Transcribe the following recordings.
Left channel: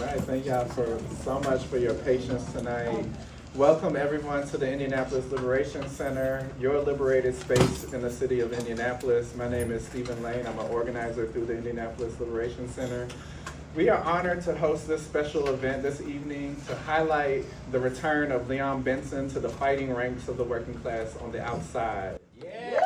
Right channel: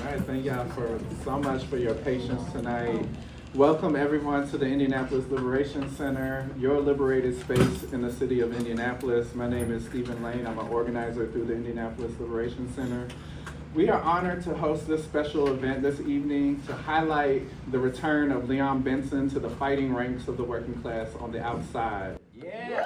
right, thank y'all so much for your patience tonight. Welcome everyone to the Indianapolis Liberation Center, your liberated space in the city of Indianapolis. My name is Stephen Lane. I'm an organizer through the Indianapolis Liberation Center. We are honored to host this special event this evening to highlight the return of Leon Benson to the fighting ranks of the working class on the outside. Yeah.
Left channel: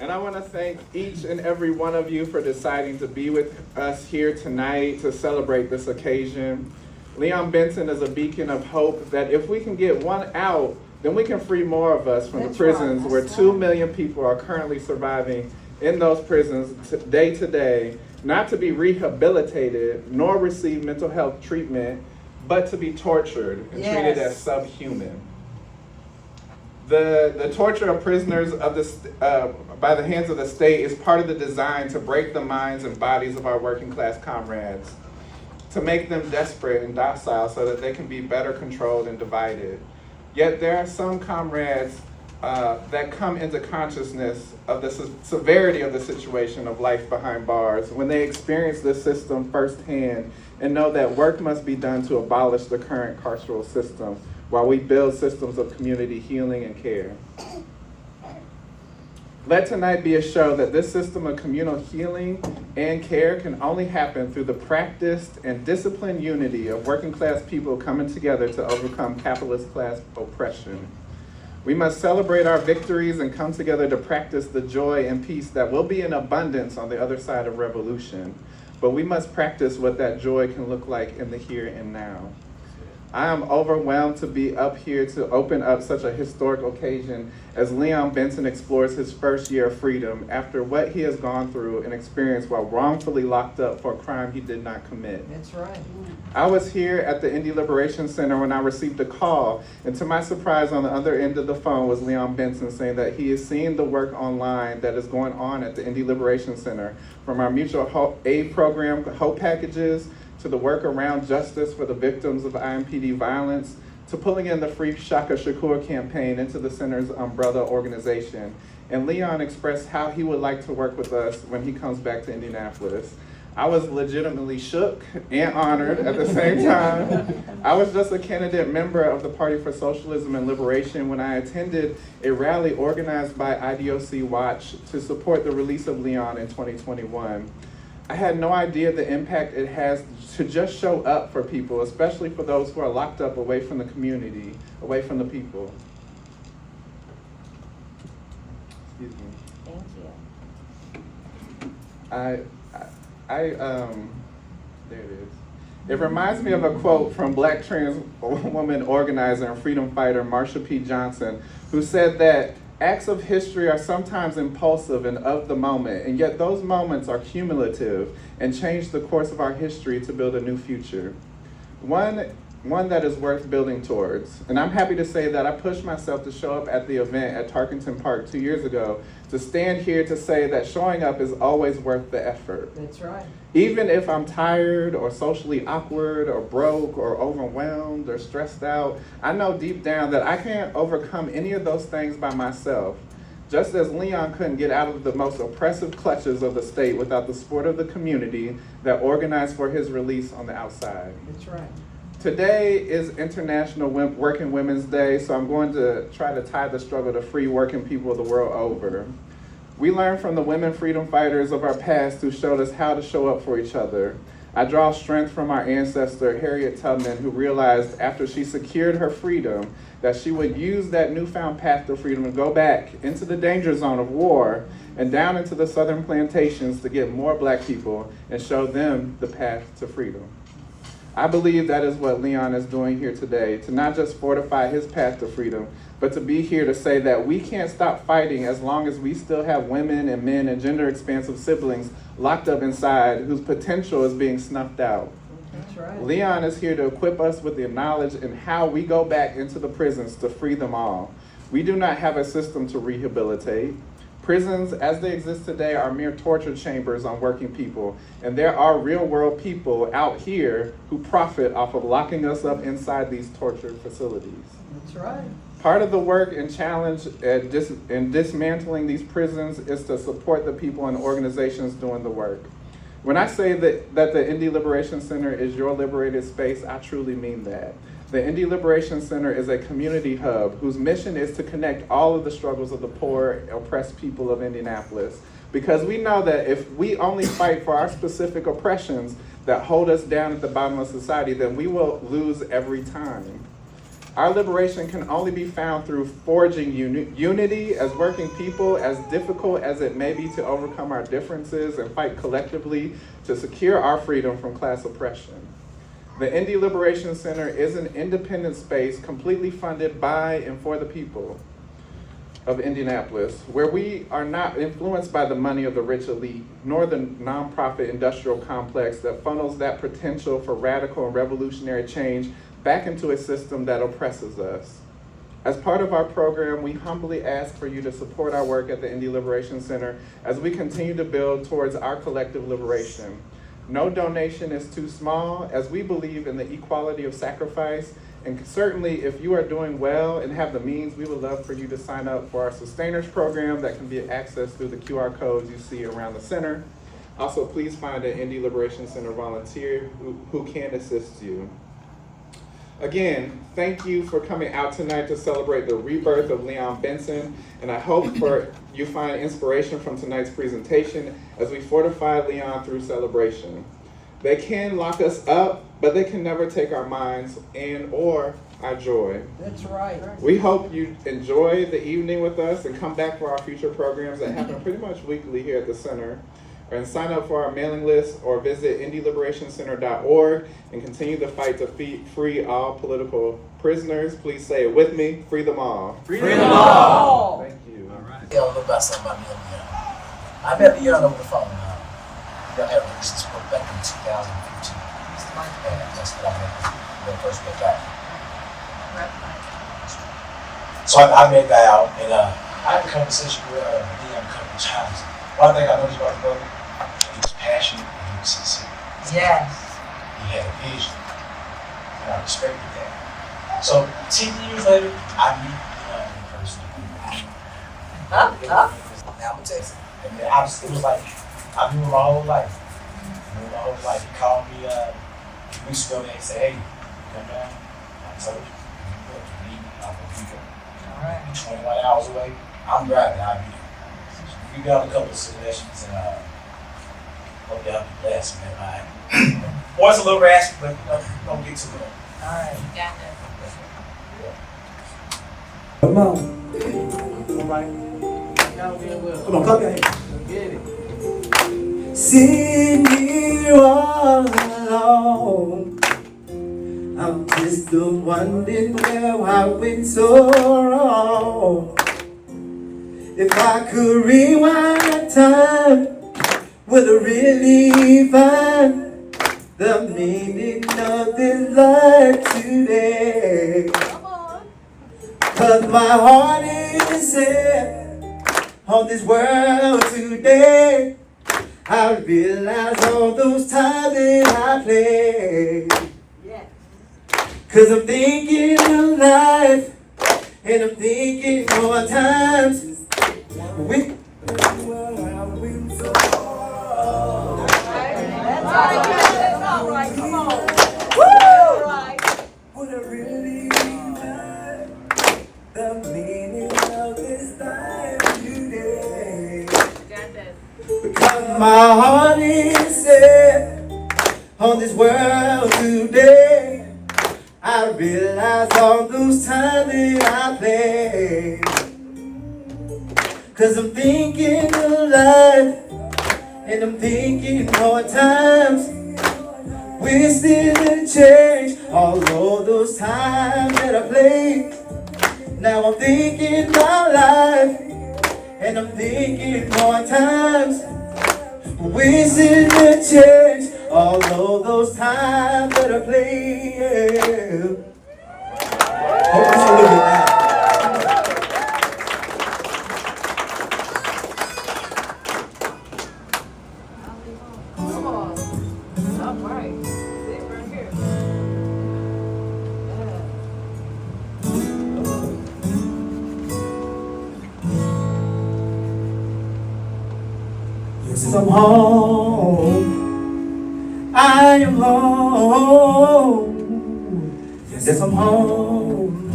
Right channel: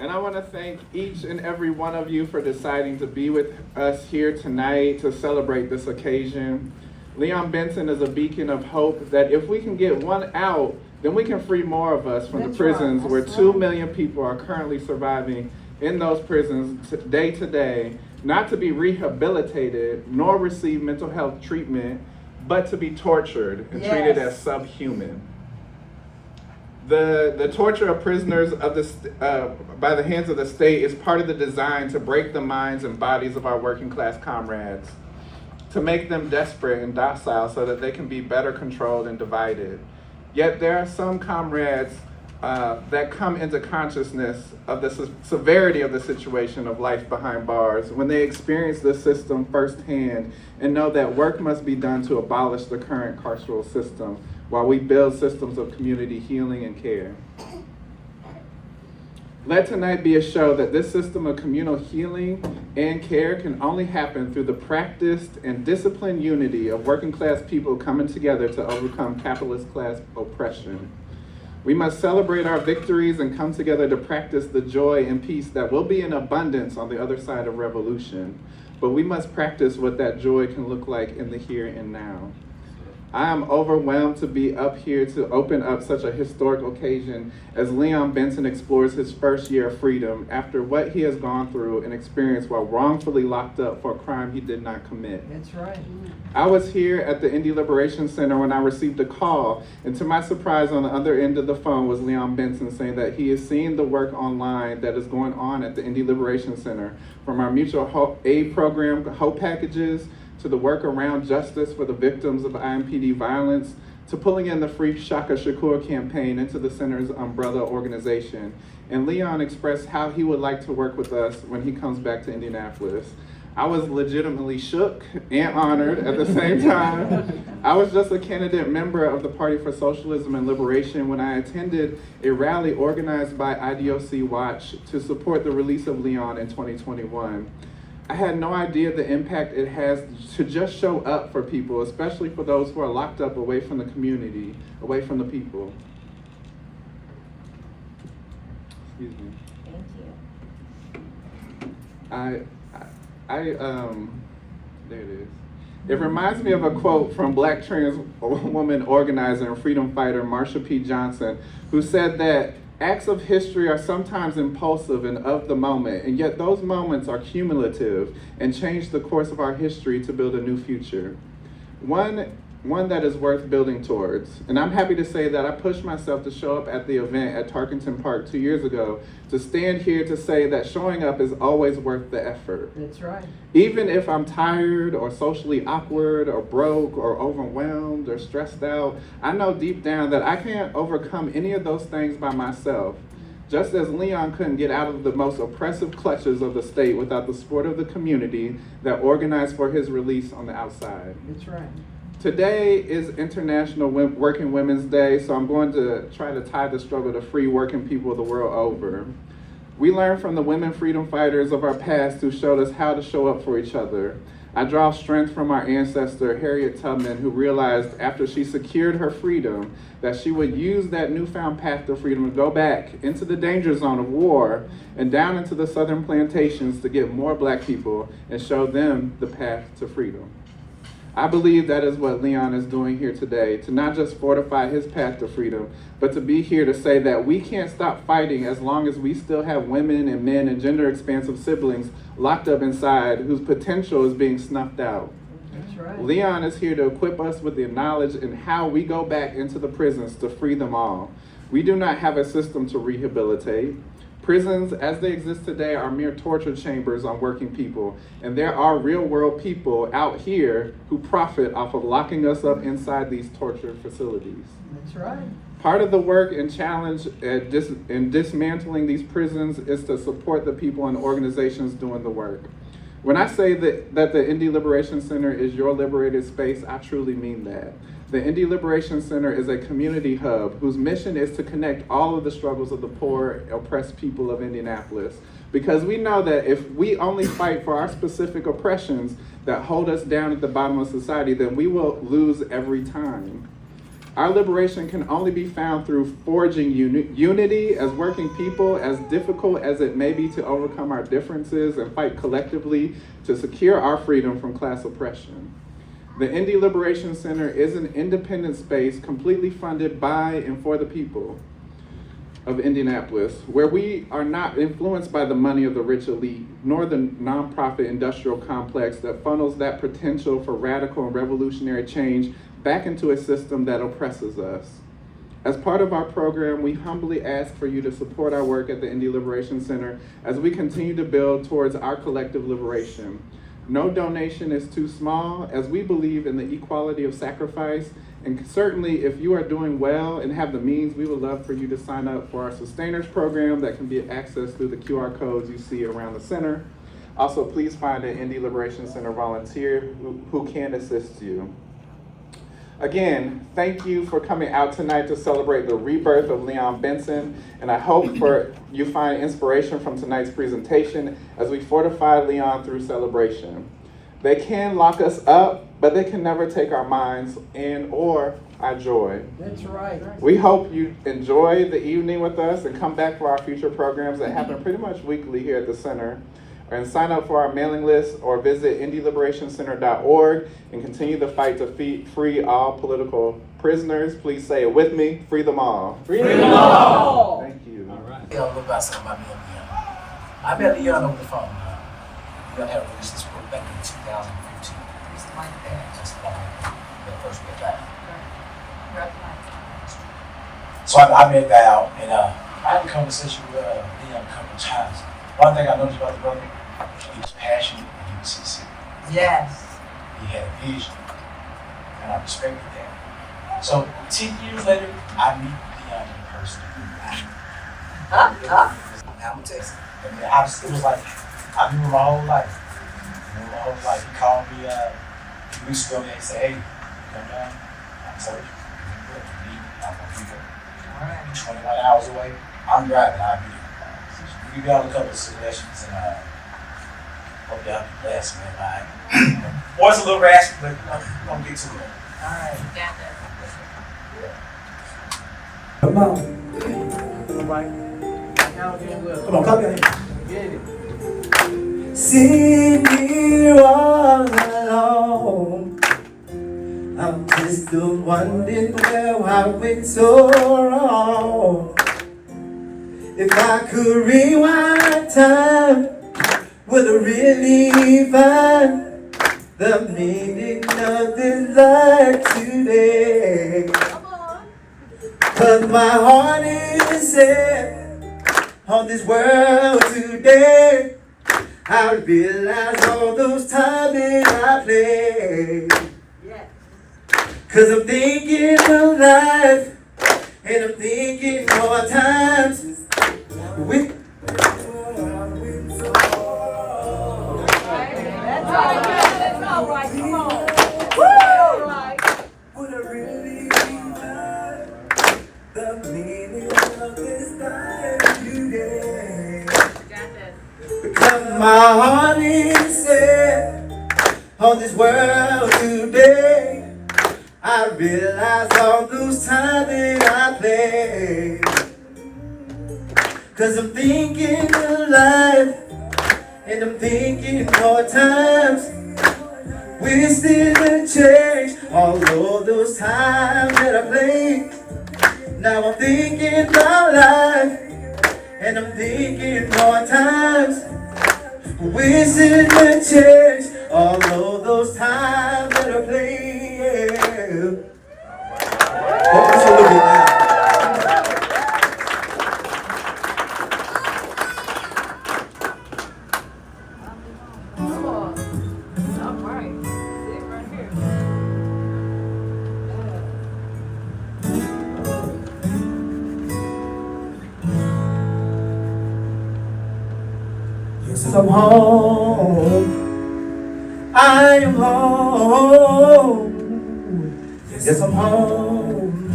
And I want to thank each and every one of you for deciding to be with us here tonight to celebrate this occasion. Leon Benson is a beacon of hope that if we can get one out, then we can free more of us from the prisons where 2 million people are currently surviving in those prisons day to day, not to be rehabilitated nor receive mental health treatment, but to be tortured and treated as subhuman. The torture of prisoners by the hands of the state is part of the design to break the minds and bodies of our working class comrades, to make them desperate and docile so that they can be better controlled and divided. Yet there are some comrades that come into consciousness of the severity of the situation of life behind bars when they experience this system firsthand and know that work must be done to abolish the current carceral system while we build systems of community healing and care. Let tonight be a show that this system of communal healing and care can only happen through the practiced and disciplined unity of working class people coming together to overcome capitalist class oppression. We must celebrate our victories and come together to practice the joy and peace that will be in abundance on the other side of revolution. But we must practice what that joy can look like in the here and now. I am overwhelmed to be up here to open up such a historic occasion as Leon Benson explores his first year of freedom after what he has gone through and experienced while wrongfully locked up for a crime he did not commit. That's right. I was here at the Indy Liberation Center when I received a call, and to my surprise on the other end of the phone was Leon Benson saying that he is seeing the work online that is going on at the Indy Liberation Center, from our mutual aid program, Hope Packages, to the work around justice for the victims of IMPD violence, to pulling in the Free Shaka Shakur campaign into the center's umbrella organization. And Leon expressed how he would like to work with us when he comes back to Indianapolis. I was legitimately shook and honored at the same time. I was just a candidate member of the Party for Socialism and Liberation when I attended a rally organized by IDOC Watch to support the release of Leon in 2021. I had no idea the impact it has to just show up for people, especially for those who are locked up away from the community, away from the people. Excuse me. Thank you. There it is. It reminds me of a quote from Black trans woman organizer and freedom fighter Marsha P. Johnson, who said that acts of history are sometimes impulsive and of the moment, and yet those moments are cumulative and change the course of our history to build a new future. One that is worth building towards. And I'm happy to say that I pushed myself to show up at the event at Tarkington Park 2 years ago to stand here to say that showing up is always worth the effort. That's right. Even if I'm tired or socially awkward or broke or overwhelmed or stressed out, I know deep down that I can't overcome any of those things by myself. Just as Leon couldn't get out of the most oppressive clutches of the state without the support of the community that organized for his release on the outside. That's right. Today is International Working Women's Day, so I'm going to try to tie the struggle to free working people the world over. We learned from the women freedom fighters of our past who showed us how to show up for each other. I draw strength from our ancestor, Harriet Tubman, who realized after she secured her freedom that she would use that newfound path to freedom to go back into the danger zone of war and down into the southern plantations to get more Black people and show them the path to freedom. I believe that is what Leon is doing here today, to not just fortify his path to freedom, but to be here to say that we can't stop fighting as long as we still have women and men and gender-expansive siblings locked up inside whose potential is being snuffed out. That's right. Leon is here to equip us with the knowledge and how we go back into the prisons to free them all. We do not have a system to rehabilitate. Prisons, as they exist today, are mere torture chambers on working people, and there are real-world people out here who profit off of locking us up inside these torture facilities. That's right. Part of the work and challenge in dismantling these prisons is to support the people and organizations doing the work. When I say that the Indy Liberation Center is your liberated space, I truly mean that. The Indy Liberation Center is a community hub whose mission is to connect all of the struggles of the poor, oppressed people of Indianapolis. Because we know that if we only fight for our specific oppressions that hold us down at the bottom of society, then we will lose every time. Our liberation can only be found through forging unity as working people, as difficult as it may be to overcome our differences and fight collectively to secure our freedom from class oppression. The Indy Liberation Center is an independent space completely funded by and for the people of Indianapolis, where we are not influenced by the money of the rich elite, nor the nonprofit industrial complex that funnels that potential for radical and revolutionary change back into a system that oppresses us. As part of our program, we humbly ask for you to support our work at the Indy Liberation Center as we continue to build towards our collective liberation. No donation is too small, as we believe in the equality of sacrifice, and certainly if you are doing well and have the means, we would love for you to sign up for our Sustainers program that can be accessed through the QR codes you see around the center. Also, please find an Indy Liberation Center volunteer who can assist you. Again, thank you for coming out tonight to celebrate the rebirth of Leon Benson, and I hope you find inspiration from tonight's presentation as we fortify Leon through celebration. They can lock us up, but they can never take our minds and or our joy. That's right. We hope you enjoy the evening with us and come back for our future programs that happen pretty much weekly here at the center. And sign up for our mailing list or visit indyliberationcenter.org and continue the fight to free all political prisoners. Please say it with me, free them all. Free them all. Thank you. All right. Tell a little about something about me and Leon. I met Leon over the phone. Leon had released this book back in 2015. That's when I first met back. So I met Guy out, and I had a conversation with Leon a couple of times. One thing I noticed about the brother, he was passionate and he was sincere. Yes. He had a vision, and I respected that. So 10 years later, I meet Leon in person. Now I'm gonna tell you, I mean, it was like I knew him my whole life. He called me a few weeks ago and he said, "Hey, come down." I told you, you need me, I'm gonna be there. All right. 21 hours away, I'm driving, I'll be there. We got a couple of suggestions and hope y'all be blessed, man. Boy's a little raspy, but we're gonna get to it. All right. Yeah. Come on. All right. Now again, Will. Come on, clap your hands. Get it. Sitting here all alone, I'm just wondering where I went so wrong. If I could rewind time, would I really find the meaning of this life today? 'Cause my heart is set on this world today. I realize all those times that I played. Yes. 'Cause I'm thinking of life, and I'm thinking more times with That's all right. Come on. Woo! All right. would I really find the meaning of this life today? Because my heart is set on this world today. I realize all those times that I played. 'Cause I'm thinking of life, and I'm thinking more times. Wasted and changed all of those times that I played. Now I'm thinking about life, and I'm thinking more times. Wasted and changed all of those times that I played. Hope it's a little bit loud. Since I'm home, I am home. Yes, I'm home.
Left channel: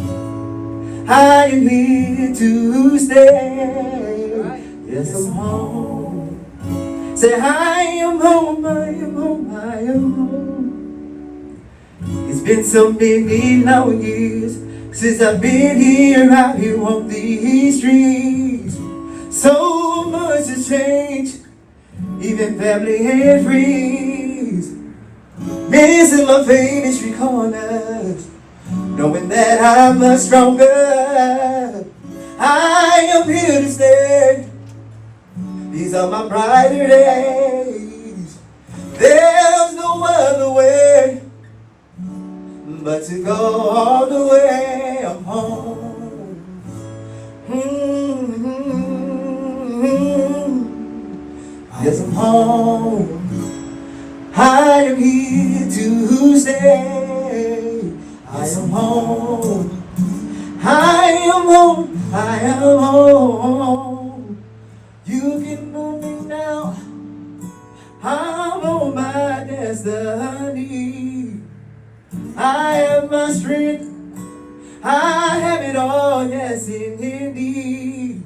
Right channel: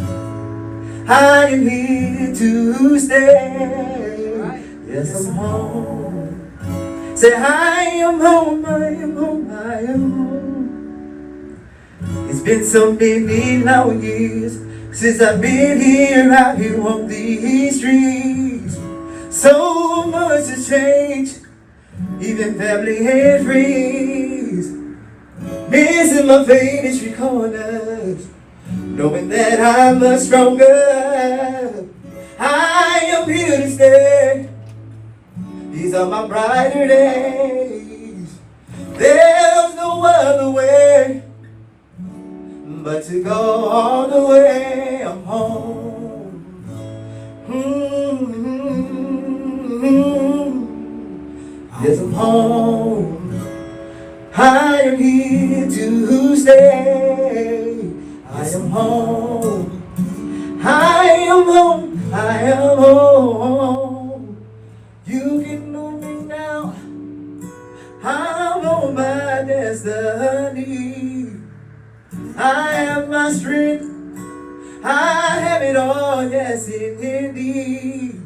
I am here to stay. Yes, I'm home. Say, I am home, I am home, I am home. It's been so many long years since I've been here out here on these streets. So much has changed, even family and friends. Missing my favorite street corners, knowing that I'm much stronger. I am here to stay. These are my brighter days. There's no other way but to go all the way. I'm home. Yes, I'm home. I am here to stay. I am home. I am home. I am home. You can move me now. I'm on my destiny. I have my strength. I have it all. Yes, indeed.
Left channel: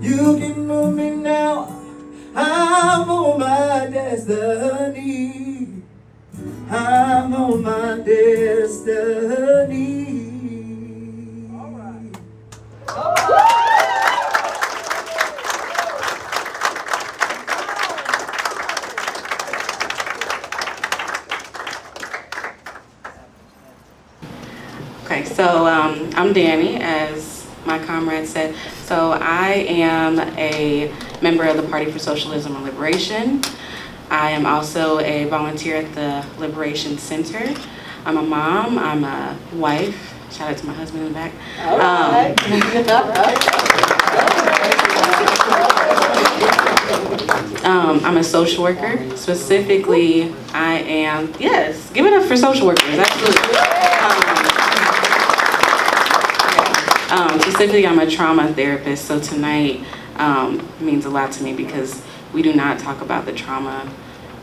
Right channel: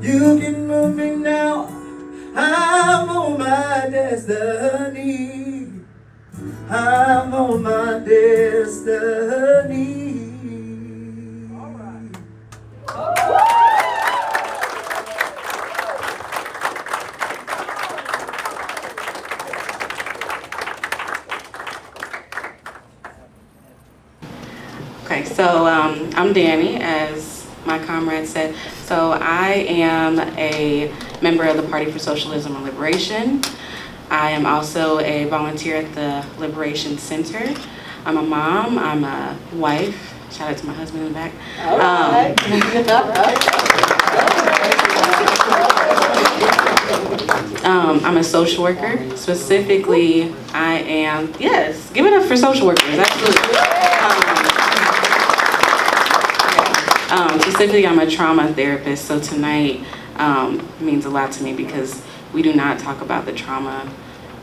You can move me now. I'm on my destiny. I'm on my destiny. Okay, so I'm Danny, as my comrade said. So I am a member of the Party for Socialism and Liberation. I am also a volunteer at the Liberation Center. I'm a mom, I'm a wife. Shout out to my husband in the back. All right. I'm a social worker. Specifically, I am, yes, give it up for social workers, absolutely. Specifically, I'm a trauma therapist, so tonight means a lot to me because we do not talk about the trauma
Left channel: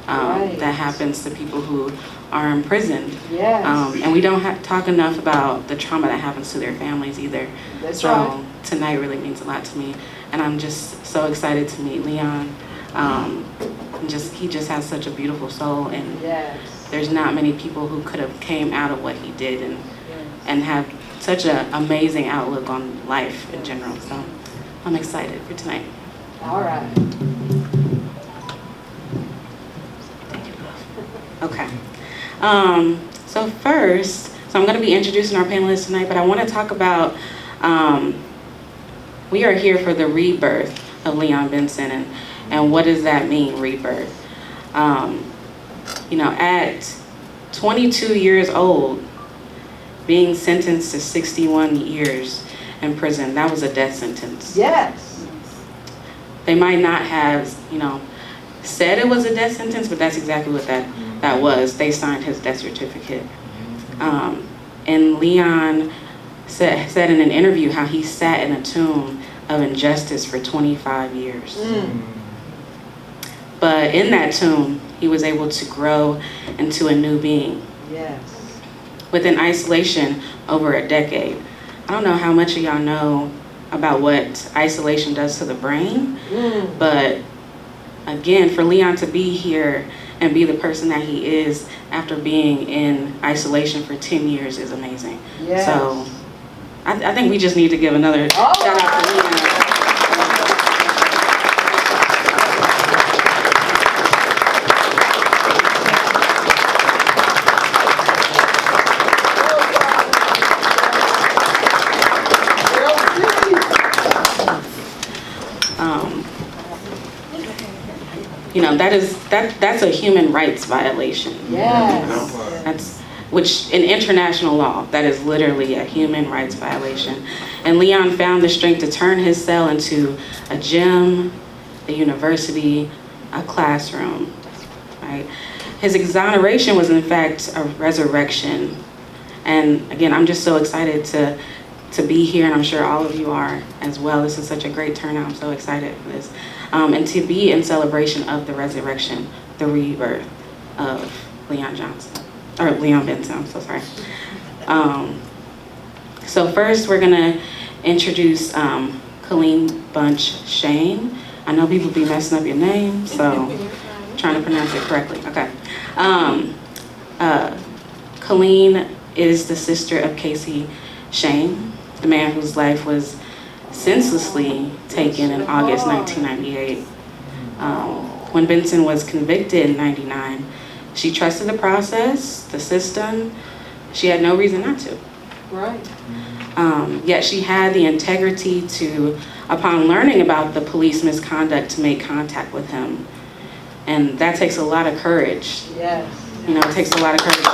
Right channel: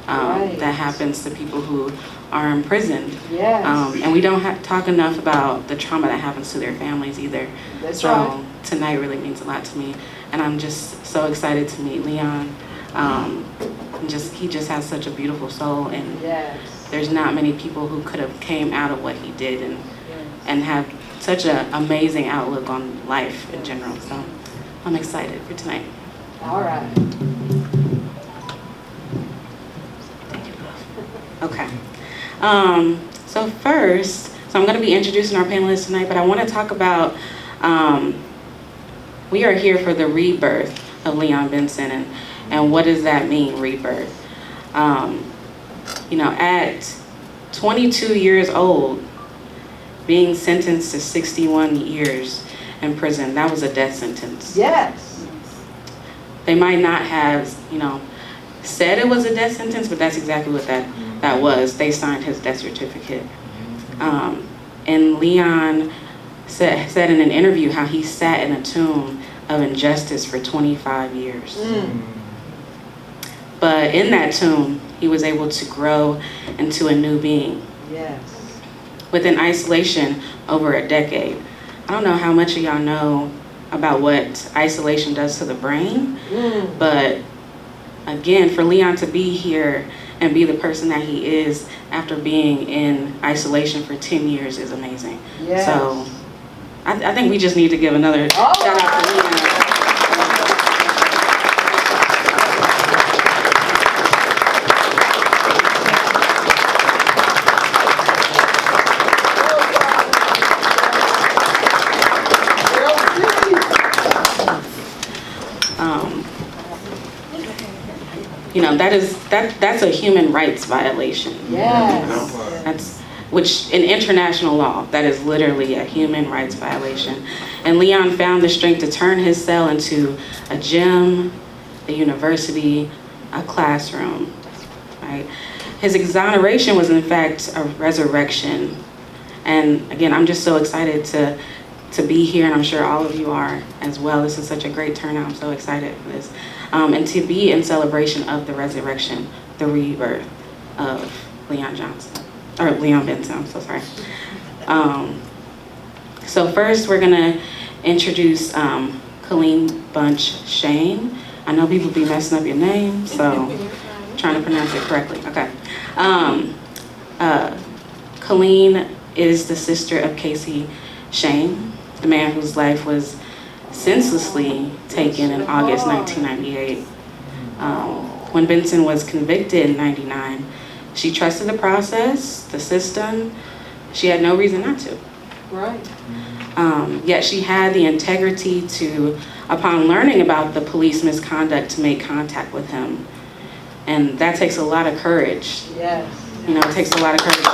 that happens to people who are imprisoned. Yes. And we don't talk enough about the trauma that happens to their families either. That's so right. Tonight really means a lot to me, and I'm just so excited to meet Leon. He just has such a beautiful soul, and Yes. there's not many people who could have came out of what he did and have such an amazing outlook on life in general. So I'm excited for tonight. All right. Thank you, love. Okay. So first, I'm going to be introducing our panelists tonight, but I want to talk about, we are here for the rebirth of Leon Benson, and what does that mean, rebirth? At 22 years old, being sentenced to 61 years in prison, that was a death sentence. Yes. They might not have, said it was a death sentence, but that's exactly what that was. They signed his death certificate. And Leon said in an interview how he sat in a tomb of injustice for 25 years. But in that tomb, he was able to grow into a new being. Yes. Within isolation over a decade. I don't know how much of y'all know about what isolation does to the brain, but again, for Leon to be here and be the person that he is after being in isolation for 10 years is amazing. Yes. So I think we just need to give another shout out to Leon. That's a human rights violation. Yes. That's which in international law, that is literally a human rights violation. And Leon found the strength to turn his cell into a gym, a university, a classroom, right? His exoneration was in fact a resurrection. And again, I'm just so excited to be here, and I'm sure all of you are as well. This is such a great turnout. I'm so excited for this. and to be in celebration of the resurrection, the rebirth of Leon Benson, I'm so sorry. So first we're gonna introduce Colleen Bunch Shane. I know people be messing up your name, so I'm trying to pronounce it correctly. Okay. Colleen is the sister of Kasey Schoen, the man whose life was senselessly taken in August 1998. When Benson was convicted in 99, she trusted the process, the system. She had no reason not to. Right. Yet she had the integrity to, upon learning about the police misconduct, to make contact with him. And that takes a lot of courage. Yes. You know, it takes a lot of courage.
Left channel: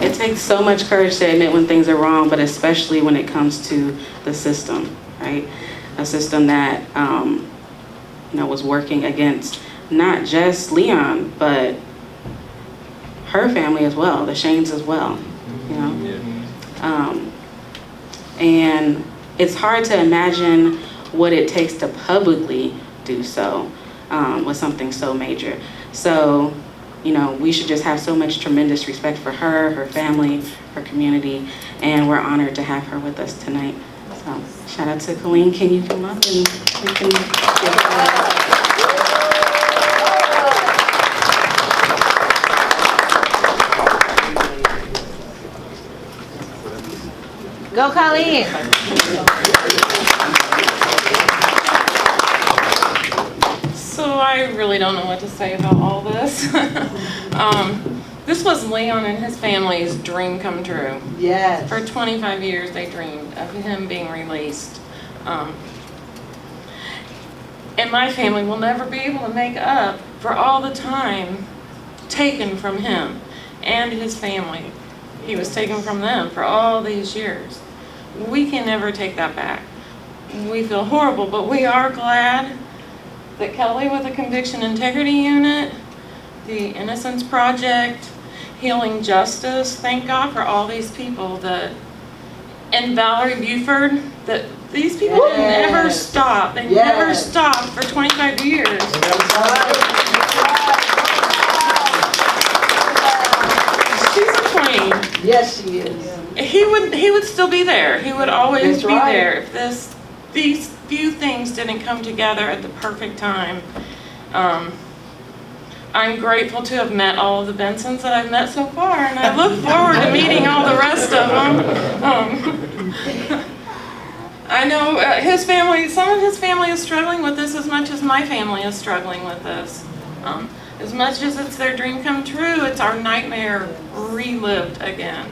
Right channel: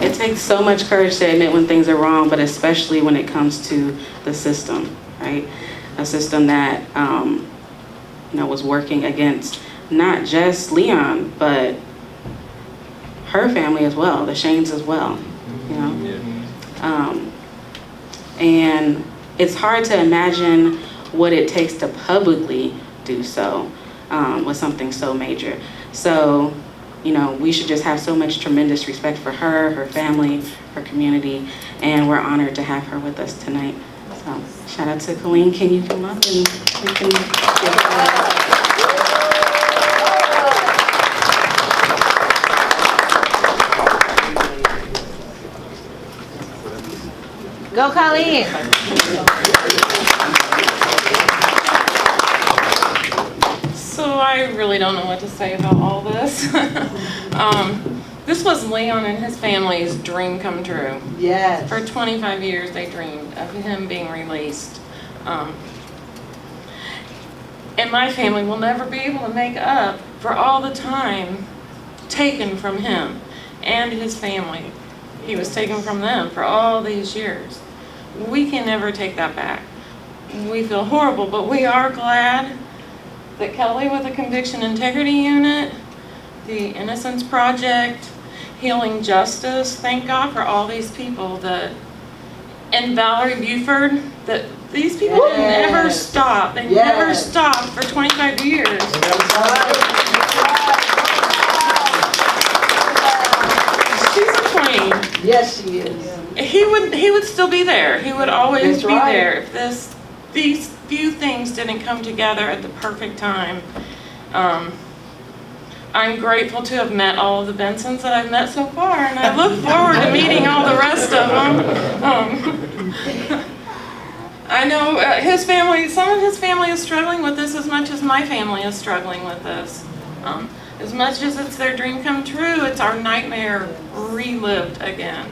It takes so much courage to admit when things are wrong, but especially when it comes to the system, right? A system that, was working against not just Leon, but her family as well, the Shanes as well, you know? And it's hard to imagine what it takes to publicly do so with something so major. So, we should just have so much tremendous respect for her, her family, her community, and we're honored to have her with us tonight. So, shout out to Colleen. Can you come up and we can give her Go, Colleen. So I really don't know what to say about all this. This was Leon and his family's dream come true. Yes. For 25 years they dreamed of him being released. And my family will never be able to make up for all the time taken from him and his family. He was taken from them for all these years. We can never take that back. We feel horrible, but we are glad that Kelly with the Conviction Integrity Unit, the Innocence Project, Healing Justice, thank God for all these people that, and Valerie Buford, that these people didn't ever stop. They never stopped for 25 years. She's a queen. Yes, she is. He would still be there. He would always That's be right. there if these few things didn't come together at the perfect time. I'm grateful to have met all of the Bensons that I've met so far, and I look forward to meeting all the rest of them. I know his family, some of his family is struggling with this as much as my family is struggling with this. As much as it's their dream come true, it's our nightmare relived again.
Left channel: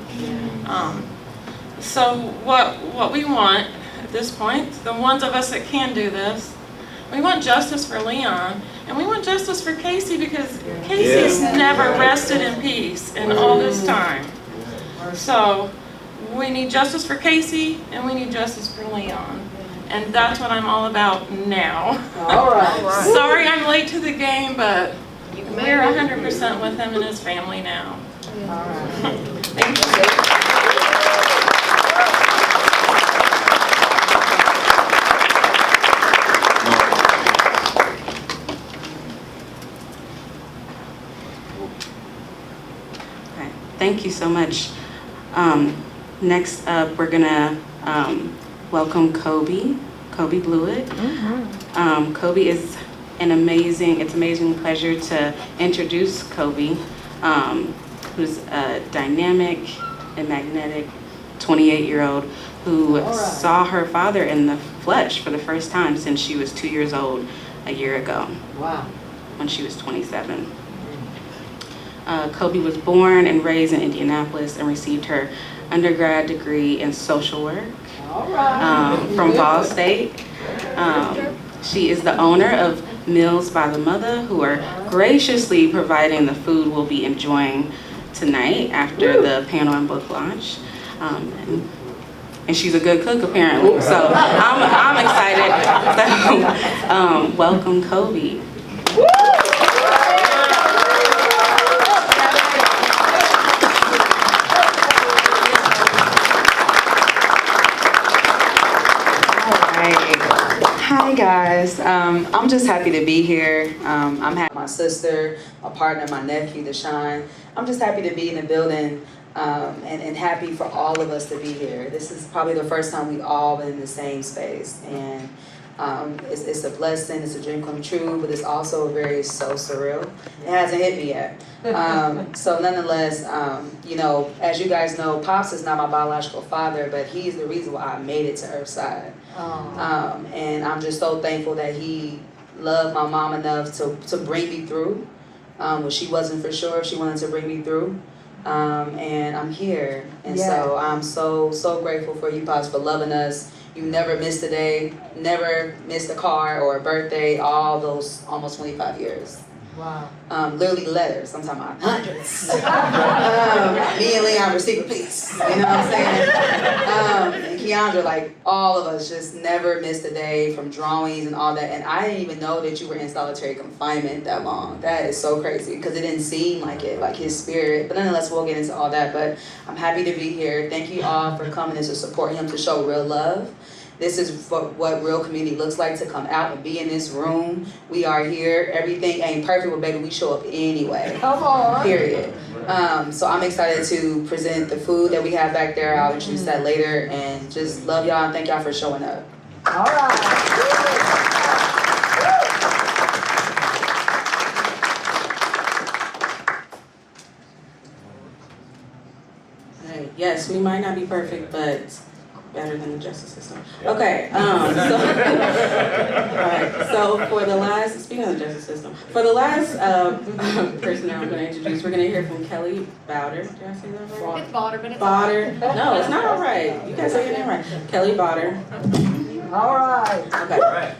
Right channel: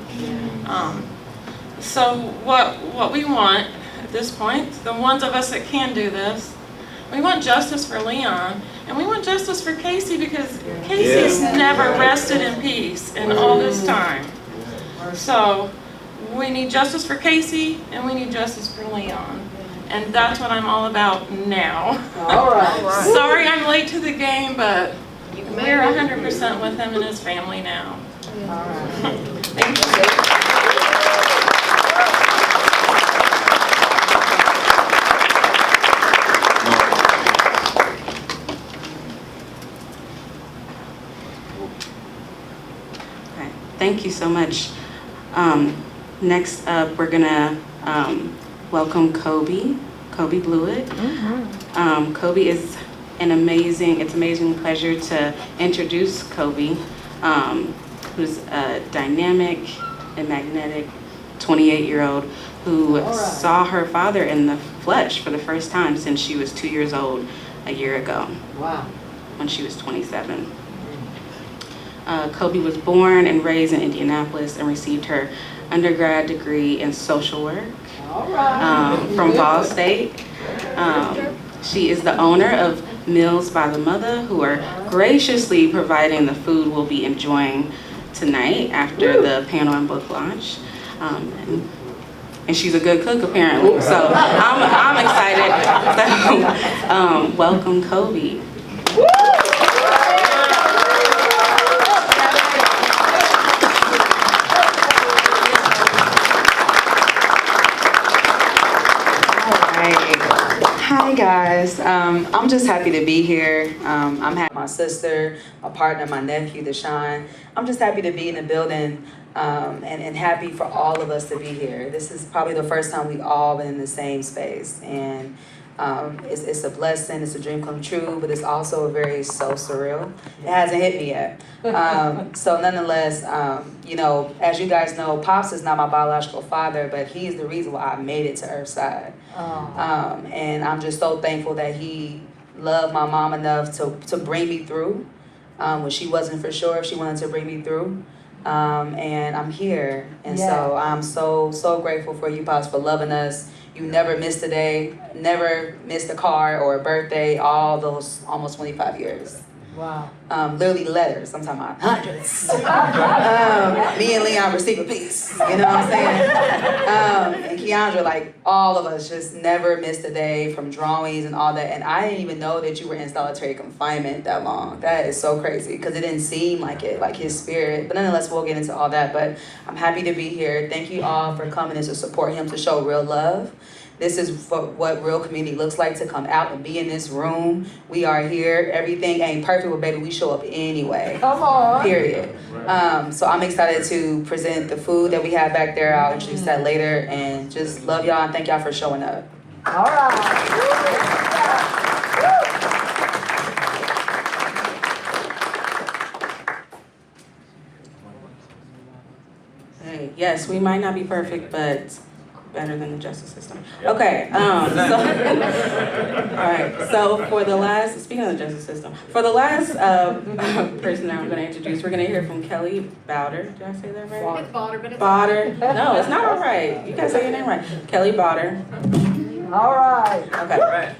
So what we want at this point, the ones of us that can do this, we want justice for Leon, and we want justice for Kasey, because Kasey's never rested in peace in all this time. So we need justice for Kasey, and we need justice for Leon. And that's what I'm all about now. All right. Sorry I'm late to the game, but we're 100% with him and his family now. All right. Thank you. Thank you so much. Next up, we're gonna welcome Kobe Blewett. Kobe is it's an amazing pleasure to introduce Kobe, who's a dynamic and magnetic 28-year-old who saw her father in the flesh for the first time since she was 2 years old a year ago. Wow. When she was 27. Kobe was born and raised in Indianapolis and received her undergrad degree in social work from Ball State. She is the owner of Meals by the Mother, who are graciously providing the food we'll be enjoying tonight after the panel and book launch. And she's a good cook apparently, so I'm excited. So, welcome Kobe. Hey guys, I'm just happy to be here. I'm happy my sister, my partner, my nephew, Deshaun. I'm just happy to be in the building and happy for all of us to be here. This is probably the first time we've all been in the same space, and it's a blessing, it's a dream come true, but it's also very so surreal. It hasn't hit me yet. So nonetheless, you know, as you guys know, Pops is not my biological father, but he's the reason why I made it to Earthside. And I'm just so thankful that he loved my mom enough to bring me through when she wasn't for sure if she wanted to bring me through. And I'm here, and so I'm so grateful for you, Pops, for loving us. You never missed a day, never missed a card or a birthday, all those almost 25 years. Wow. Literally letters, I'm talking about hundreds. Me and Leon received a piece, you know what I'm saying? And Keandra, like all of us, just never missed a day from drawings and all that. And I didn't even know that you were in solitary confinement that long. That is so crazy because it didn't seem like it, like his spirit. But nonetheless, we'll get into all that. But I'm happy to be here. Thank you all for coming in to support him, to show real love. This is for what real community looks like, to come out and be in this room. We are here. Everything ain't perfect, but baby, we show up anyway. Come on. Period. So I'm excited to present the food that we have back there. I'll introduce that later, and just love y'all and thank y'all for showing up. All right. Hey, yes, we might not be perfect, but better than the justice system. Okay, all right, so for the last, speaking of the justice system, for the last person that I'm gonna introduce, we're gonna hear from Kelly Bowder. Did I say that right? It's Bauder, but it's Bowder. No, it's not all right. You gotta say your name right. Kelly Bowder. All right. Okay.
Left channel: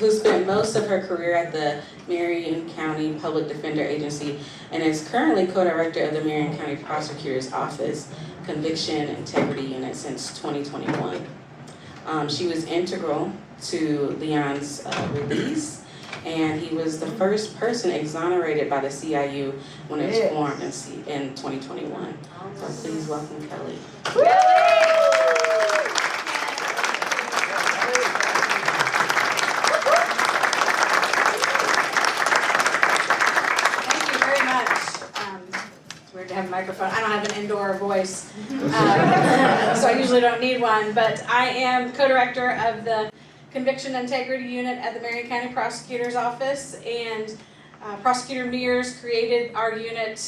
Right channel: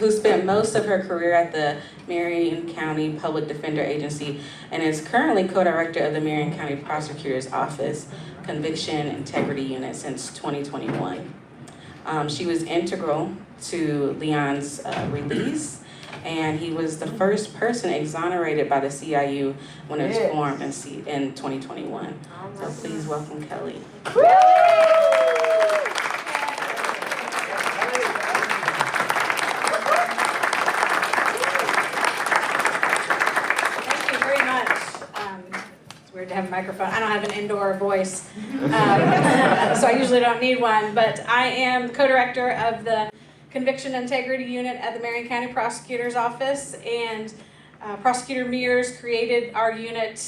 Who spent most of her career at the Marion County Public Defender Agency and is currently co-director of the Marion County Prosecutor's Office Conviction Integrity Unit since 2021. She was integral to Leon's release, and he was the first person exonerated by the CIU when it was formed in 2021. So please welcome Kelly. To have a microphone. I don't have an indoor voice, so I usually don't need one, but I am co-director of the Conviction Integrity Unit at the Marion County Prosecutor's Office, and Prosecutor Mears created our unit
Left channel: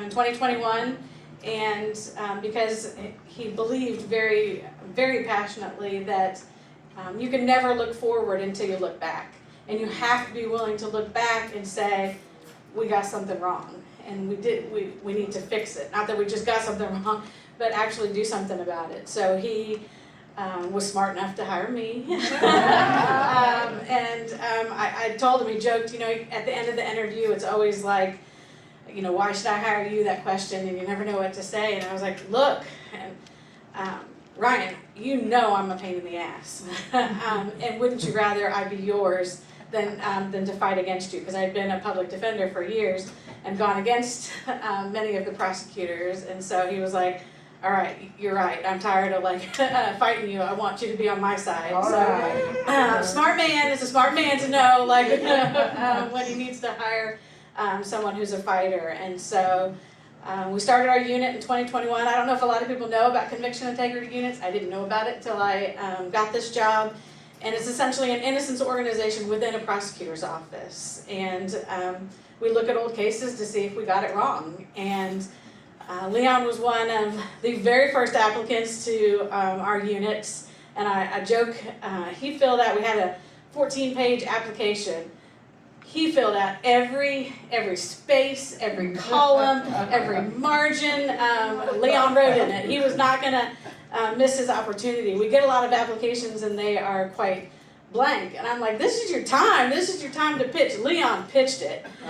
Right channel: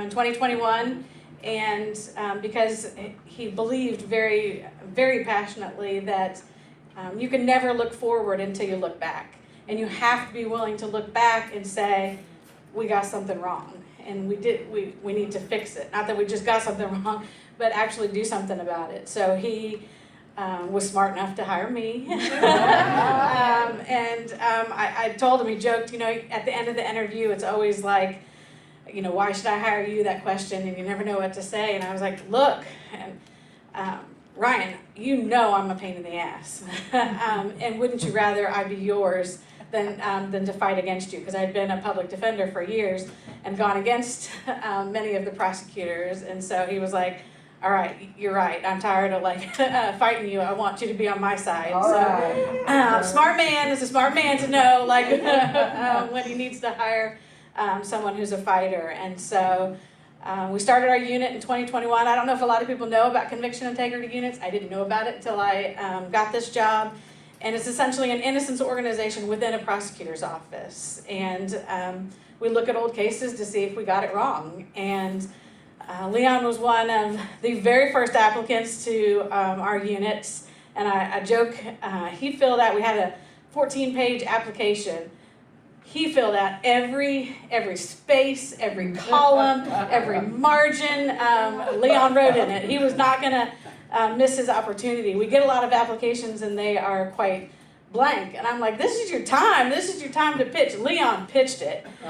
in 2021, and because he believed very, very passionately that you can never look forward until you look back, and you have to be willing to look back and say, we got something wrong. And we need to fix it. Not that we just got something wrong, but actually do something about it. So he was smart enough to hire me. I told him, he joked, you know, at the end of the interview, it's always like, you know, why should I hire you, that question, and you never know what to say. And I was like, look, Ryan, you know I'm a pain in the ass. And wouldn't you rather I be yours than to fight against you? Because I'd been a public defender for years and gone against many of the prosecutors, and so he was like, all right, you're right, I'm tired of like fighting you, I want you to be on my side. So smart man is a smart man to know like when he needs to hire someone who's a fighter. And so we started our unit in 2021. I don't know if a lot of people know about conviction integrity units. I didn't know about it until I got this job. And it's essentially an innocence organization within a prosecutor's office. And we look at old cases to see if we got it wrong. And Leon was one of the very first applicants to our units. And I joke, he filled out, we had a 14-page application. He filled out every space, every column, every margin. Leon wrote in it. He was not gonna miss his opportunity. We get a lot of applications and they are quite blank. And I'm like, this is your time. This is your time to pitch. Leon pitched it. It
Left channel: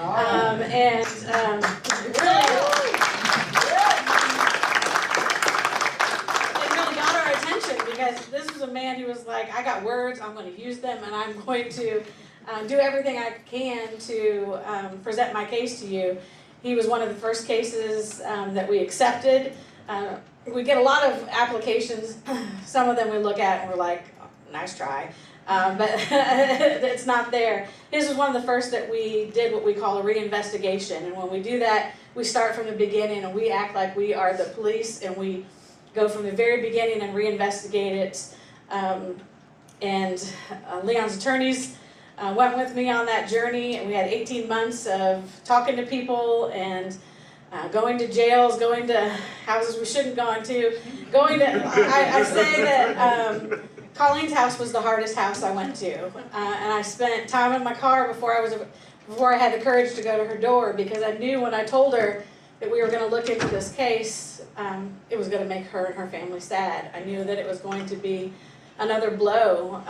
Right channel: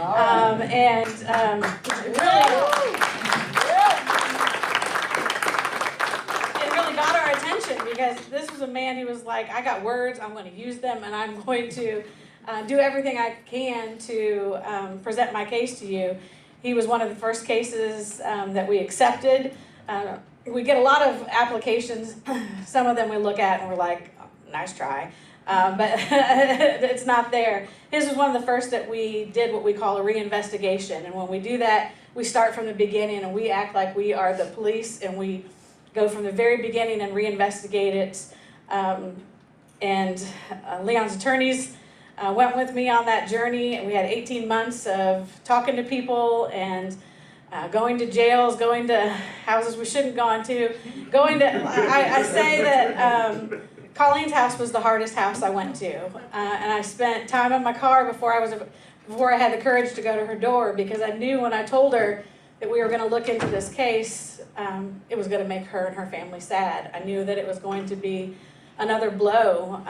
really got our attention because this was a man who was like, I got words, I'm going to use them, and I'm going to do everything I can to present my case to you. He was one of the first cases that we accepted. We get a lot of applications. Some of them we look at and we're like, nice try. But it's not there. His was one of the first that we did what we call a reinvestigation. And when we do that, we start from the beginning and we act like we are the police and we go from the very beginning and reinvestigate it. Leon's attorneys went with me on that journey, and we had 18 months of talking to people and going to jails, going to houses we shouldn't go into, I say that Colleen's house was the hardest house I went to, and I spent time in my car before I had the courage to go to her door, because I knew when I told her that we were going to look into this case, it was going to make her and her family sad. I knew that it was going to be another blow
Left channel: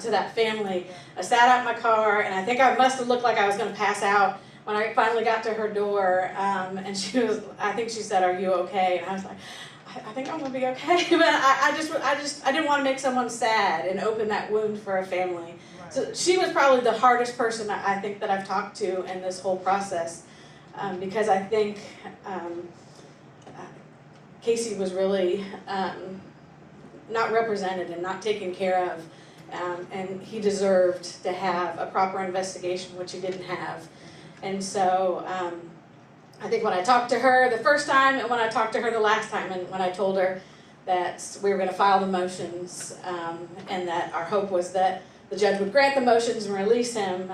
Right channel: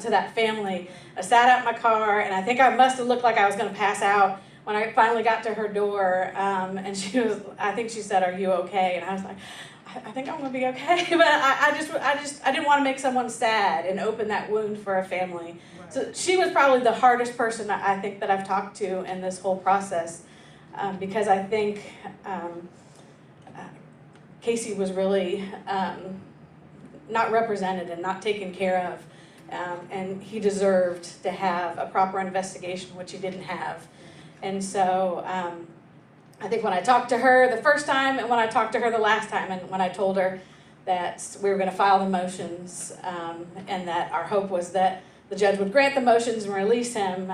to that family. I sat out in my car, and I think I must have looked like I was going to pass out when I finally got to her door, and I think she said, "Are you okay?" And I was like, I think I'm gonna be okay, but I didn't want to make someone sad and open that wound for a family. Right. So she was probably the hardest person I think that I've talked to in this whole process, because I think Kasey was really not represented and not taken care of, and he deserved to have a proper investigation, which he didn't have. And so I think when I talked to her the first time and when I talked to her the last time, and when I told her that we were going to file the motions, and that our hope was that the judge would grant the motions and release him,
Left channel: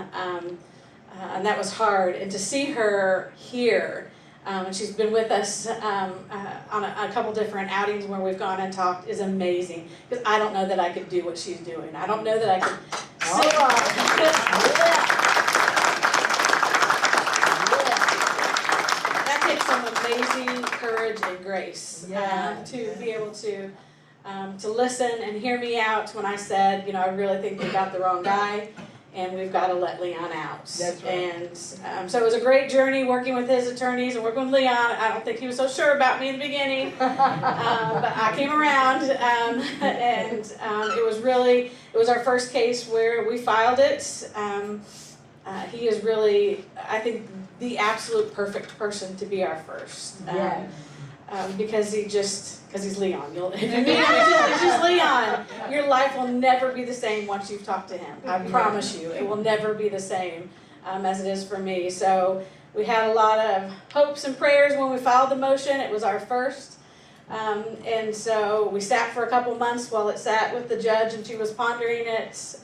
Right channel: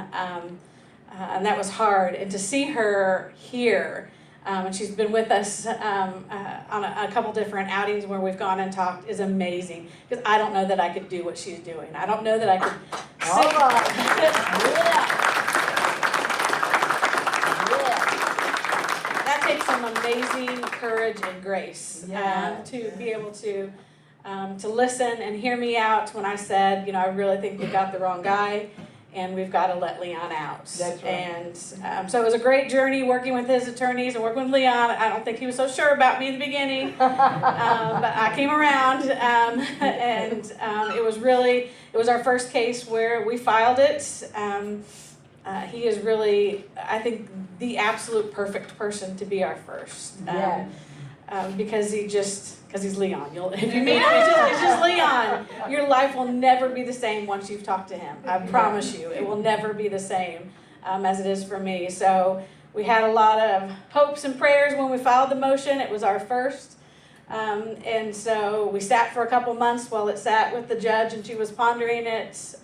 and that was hard. And to see her here, and she's been with us on a couple different outings where we've gone and talked, is amazing. Because I don't know that I could do what she's doing. I don't know that I could amazing courage and grace to be able to listen and hear me out when I said, I really think we got the wrong guy and we've got to let Leon out. That's right. And so it was a great journey working with his attorneys and working with Leon. I don't think he was so sure about me in the beginning, but I came around, and it was our first case where we filed it. He is really, I think, the absolute perfect person to be our first. Because he's Leon. If you meet him, it's just Leon. Your life will never be the same once you've talked to him. I promise you, it will never be the same as it is for me. So we had a lot of hopes and prayers when we filed the motion. It was our first. And so we sat for a couple months while it sat with the judge and she was pondering it.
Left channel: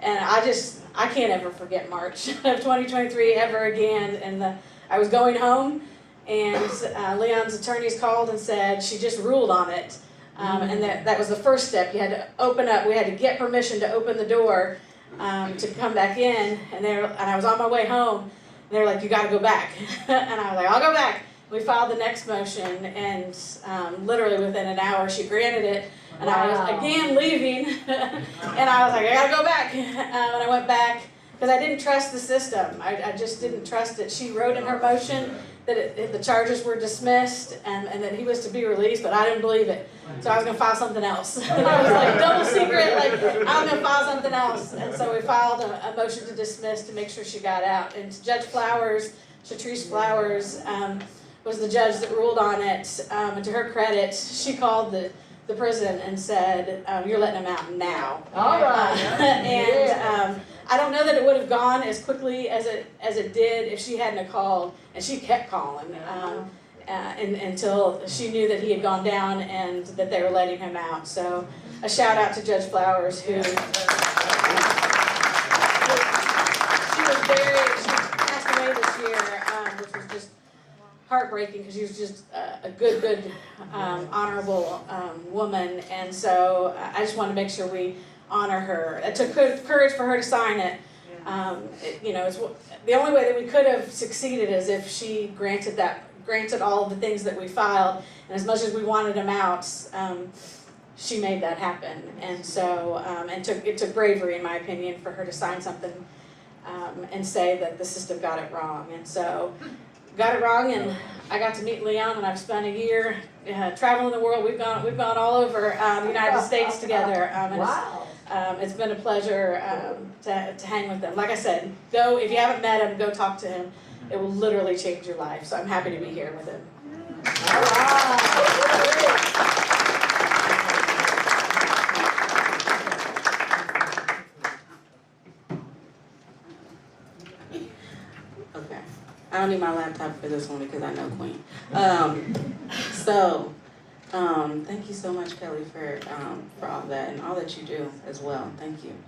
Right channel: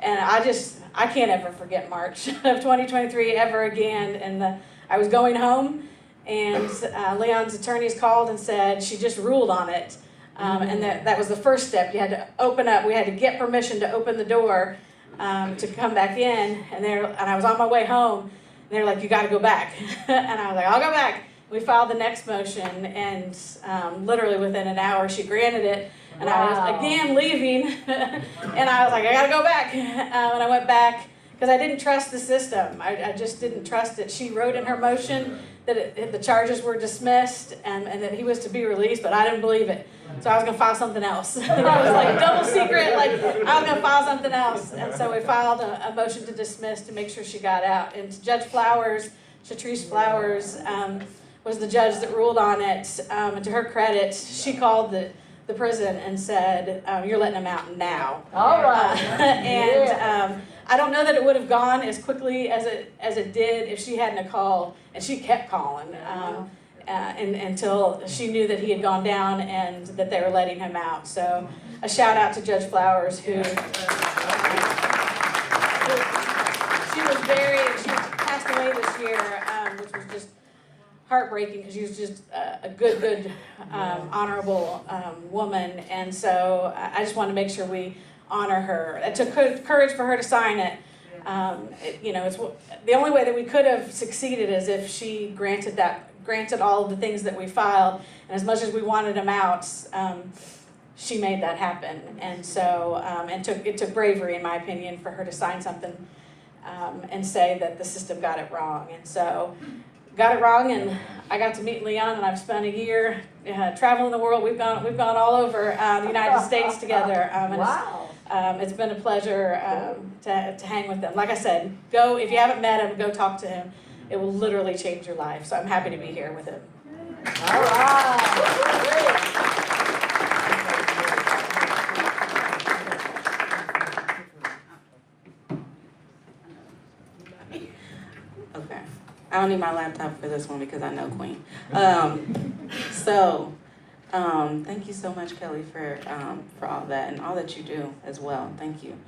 And I can't ever forget March of 2023 ever again. And I was going home, and Leon's attorneys called and said she just ruled on it. And that was the first step. You had to open up. We had to get permission to open the door to come back in. And I was on my way home. And they were like, "You got to go back." And I was like, "I'll go back." We filed the next motion, and literally within an hour, she granted it. And I was again leaving, and I was like, "I gotta go back." And I went back because I didn't trust the system. I just didn't trust it. She wrote in her motion that the charges were dismissed and that he was to be released, but I didn't believe it. So I was gonna file something else. And I was like, double secret, like I was gonna file something else. And so we filed a motion to dismiss to make sure she got out. And Judge Flowers, Shatrice Flowers, was the judge that ruled on it. And to her credit, she called the prison and said, "You're letting him out now." All right. I don't know that it would have gone as quickly as it did if she hadn't called, and she kept calling until she knew that he had gone down and that they were letting him out. So a shout out to Judge Flowers, who she passed away this year, which was just heartbreaking because she was just a good, honorable woman, and so I just want to make sure we honor her. It took courage for her to sign it. It's the only way that we could have succeeded is if she granted all of the things that we filed, and as much as we wanted them out, she made that happen. And so it took bravery, in my opinion, for her to sign something and say that the system got it wrong. And so got it wrong, and I got to meet Leon, and I've spent a year traveling the world. We've gone all over the United States together. It's been a pleasure to hang with him. Like I said, if you haven't met him, go talk to him. It will literally change your life. So I'm happy to be here with him. I don't need my laptop for this one because I know Queen. Thank you so much, Kelly, for all that and all that you do as well. Thank you.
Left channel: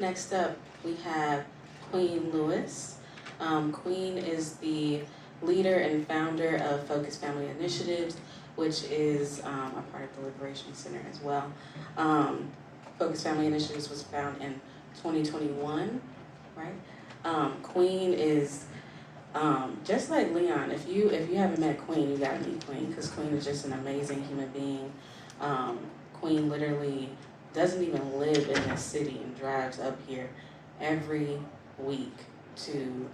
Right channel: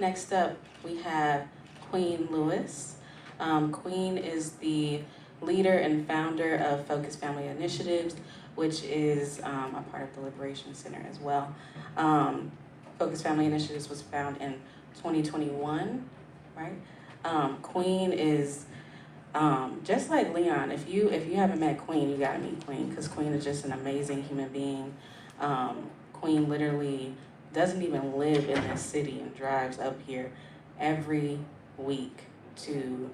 Next up, we have Queen Lewis. Queen is the leader and founder of Focus Family Initiatives, which is a part of the Liberation Center as well. Focus Family Initiatives was founded in 2021, right? Queen is just like Leon. If you haven't met Queen, you gotta meet Queen, because Queen is just an amazing human being. Queen literally doesn't even live in this city and drives up here every week to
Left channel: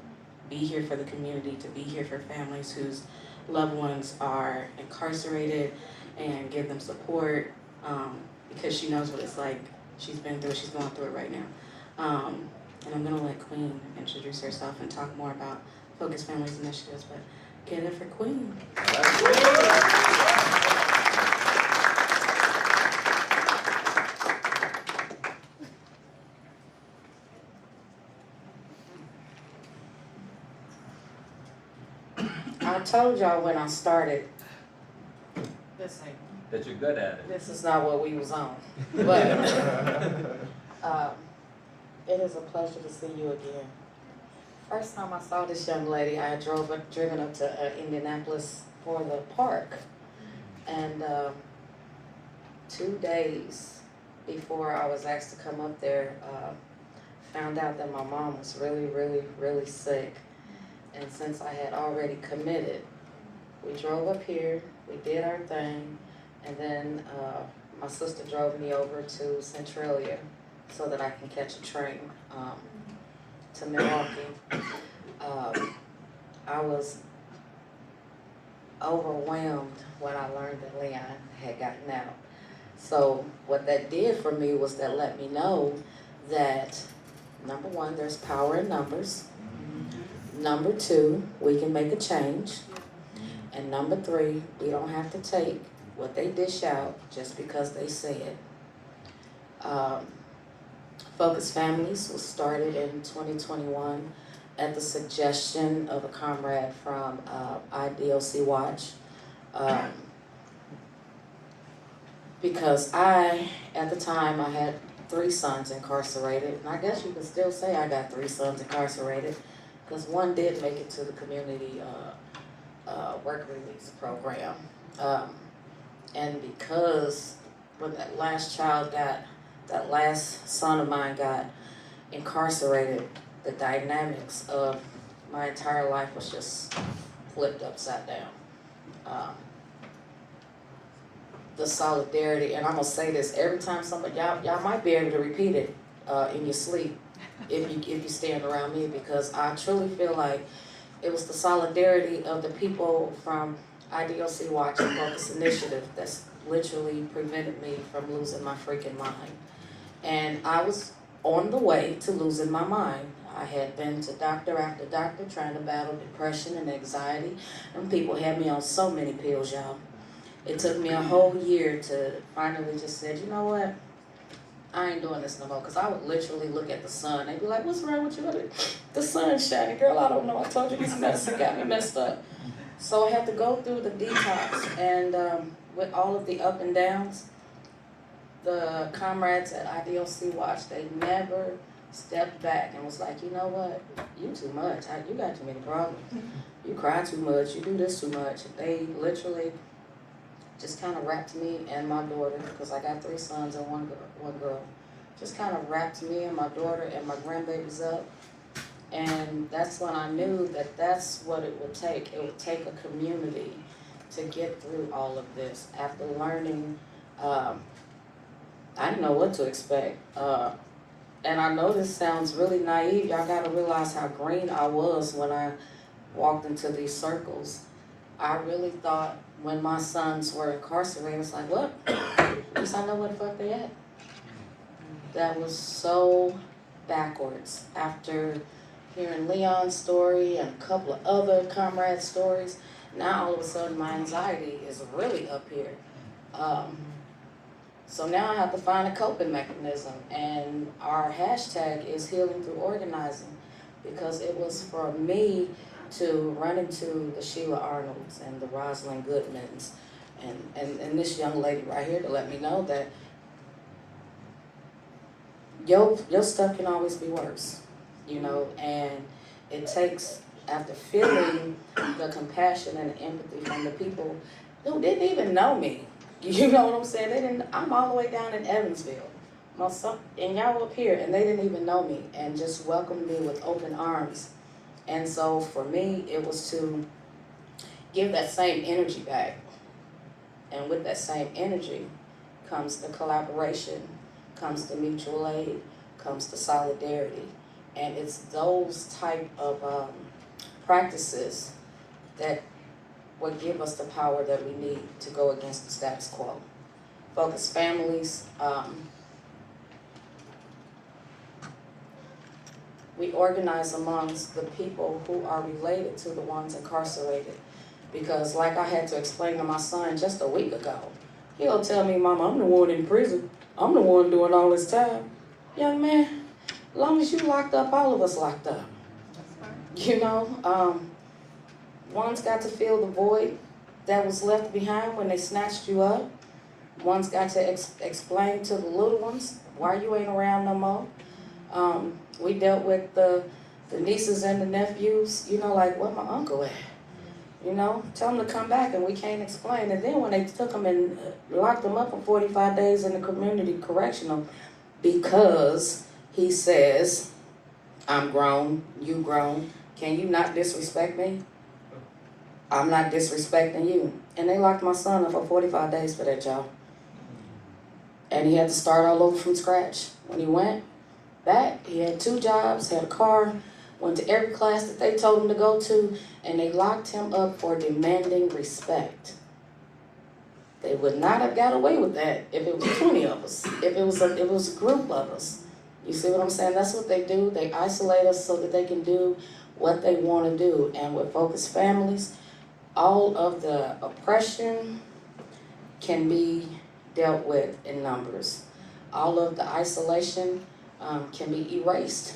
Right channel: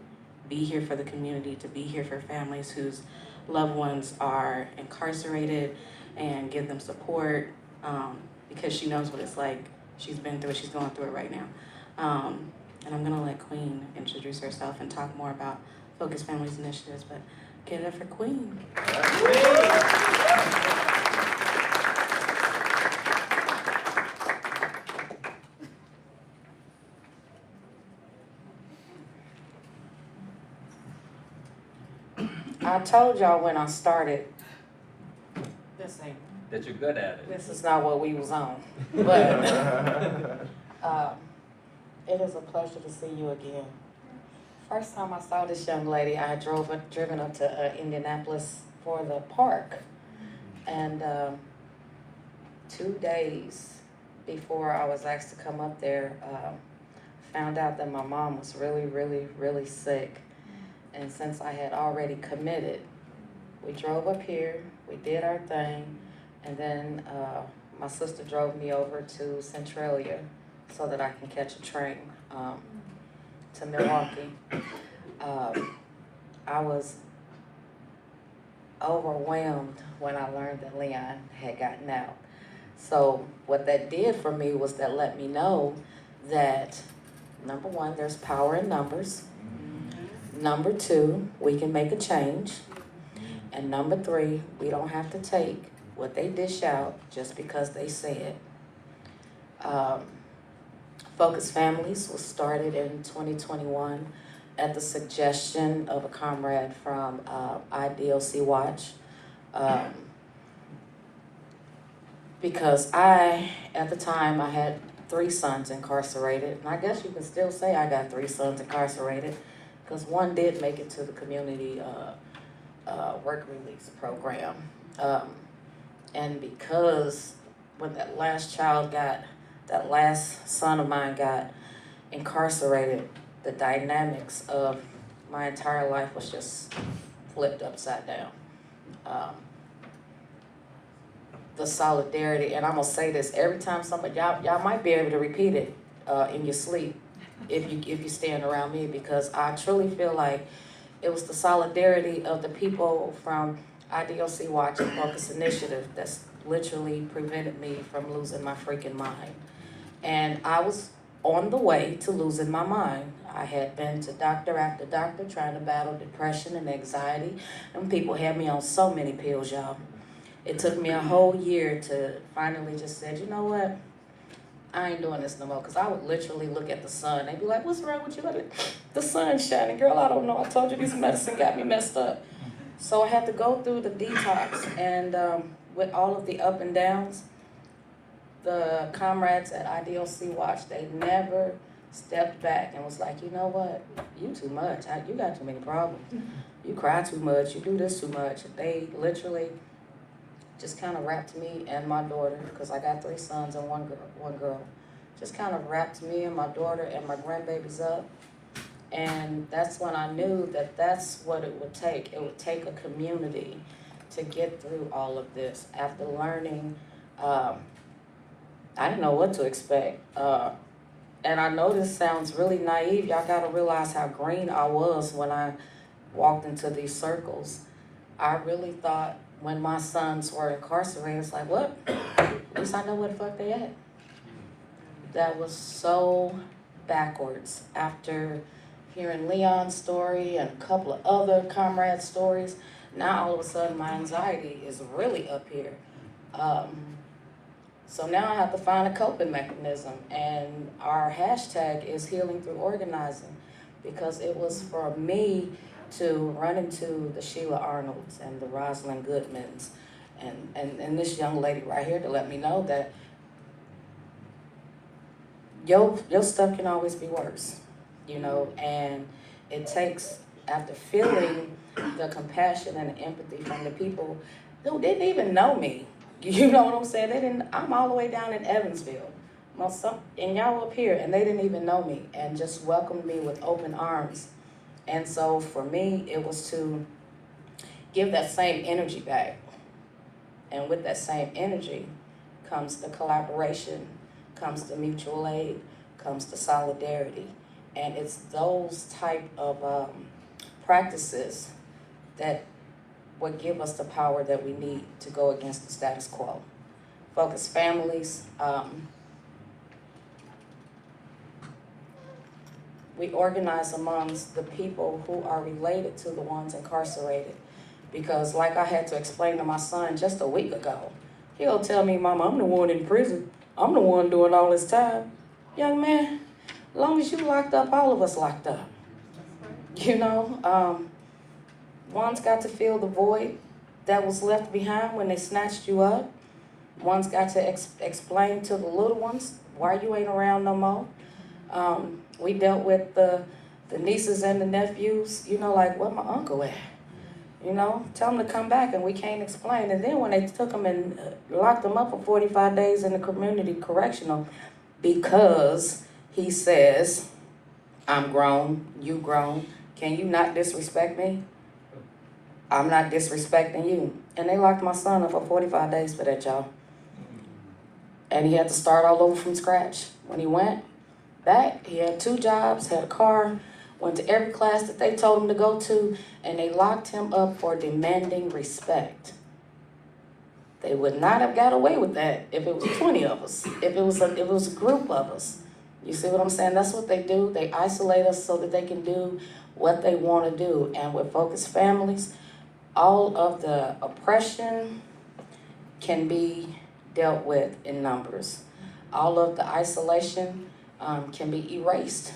be here for the community, to be here for families whose loved ones are incarcerated, and give them support, because she knows what it's like. She's been through it, she's going through it right now. And I'm gonna let Queen introduce herself and talk more about Focus Families Initiatives, but give it up for Queen. I told y'all when I started, That you're good at it. this is not what we was on. But it is a pleasure to see you again. First time I saw this young lady, I had driven up to Indianapolis for the park. And 2 days before I was asked to come up there, found out that my mom was really, really, really sick. And since I had already committed, we drove up here, we did our thing, and then my sister drove me over to Centralia so that I can catch a train to Milwaukee. I was overwhelmed when I learned that Leon had gotten out. So what that did for me was that let me know that, number one, there's power in numbers. Number two, we can make a change. And number three, we don't have to take what they dish out just because they say it. Focus Families was started in 2021 at the suggestion of a comrade from IDOC Watch. Because at the time, I had 3 sons incarcerated. And I guess you can still say I got 3 sons incarcerated, because one did make it to the community work release program. And because when that last son of mine got incarcerated, the dynamics of my entire life was just flipped upside down. The solidarity, and I'm gonna say this every time somebody, y'all might be able to repeat it in your sleep if you stand around me, because I truly feel like it was the solidarity of the people from IDOC Watch and Focus Initiative that's literally prevented me from losing my freaking mind. And I was on the way to losing my mind. I had been to doctor after doctor trying to battle depression and anxiety, and people had me on so many pills, y'all. It took me a whole year to finally just say, you know what? I ain't doing this no more, because I would literally look at the sun and be like, what's wrong with you? The sun's shining, girl, I don't know. I told you these medicine got me messed up. So I had to go through the detox, and with all of the up and downs, the comrades at IDOC Watch, they never stepped back and was like, you know what? You too much. You got too many problems. You cry too much. You do this too much. They literally just kind of wrapped me and my daughter, because I got 3 sons and one girl, just kind of wrapped me and my daughter and my grandbabies up. And that's when I knew that that's what it would take. It would take a community to get through all of this. After learning, I didn't know what to expect. And I know this sounds really naive. Y'all gotta realize how green I was when I walked into these circles. I really thought when my sons were incarcerated, it's like, what? At least I know where the fuck they at. That was so backwards. After hearing Leon's story and a couple of other comrades' stories, now all of a sudden my anxiety is really up here. So now I have to find a coping mechanism, and our hashtag is healing through organizing, because it was for me to run into the Sheila Arnolds and the Rosalind Goodmans and this young lady right here to let me know that your stuff can always be worse, you know, and it takes, after feeling the compassion and the empathy from the people who didn't even know me, you know what I'm saying? I'm all the way down in Evansville, and y'all up here, and they didn't even know me, and just welcomed me with open arms. And so for me, it was to give that same energy back. And with that same energy comes the collaboration, comes the mutual aid, comes the solidarity. And it's those type of practices that would give us the power that we need to go against the status quo. Focus families. We organize amongst the people who are related to the ones incarcerated. Because like I had to explain to my son just a week ago, he'll tell me, Mama, I'm the one in prison. I'm the one doing all this time. Young man, as long as you locked up, all of us locked up. You know, one's got to fill the void that was left behind when they snatched you up. One's got to explain to the little ones why you ain't around no more. We dealt with the nieces and the nephews, you know, like, where my uncle at? You know, tell them to come back and we can't explain. And then when they took them and locked them up for 45 days in the community correctional because he says, I'm grown, you grown, can you not disrespect me? I'm not disrespecting you. And they locked my son up for 45 days for that, y'all. And he had to start all over from scratch. When he went back, he had 2 jobs, had a car, went to every class that they told him to go to, and they locked him up for demanding respect. They would not have got away with that if it was 20 of us, if it was a group of us. You see what I'm saying? That's what they do. They isolate us so that they can do what they want to do. And with focused families, all of the oppression can be dealt with in numbers. All of the isolation can be erased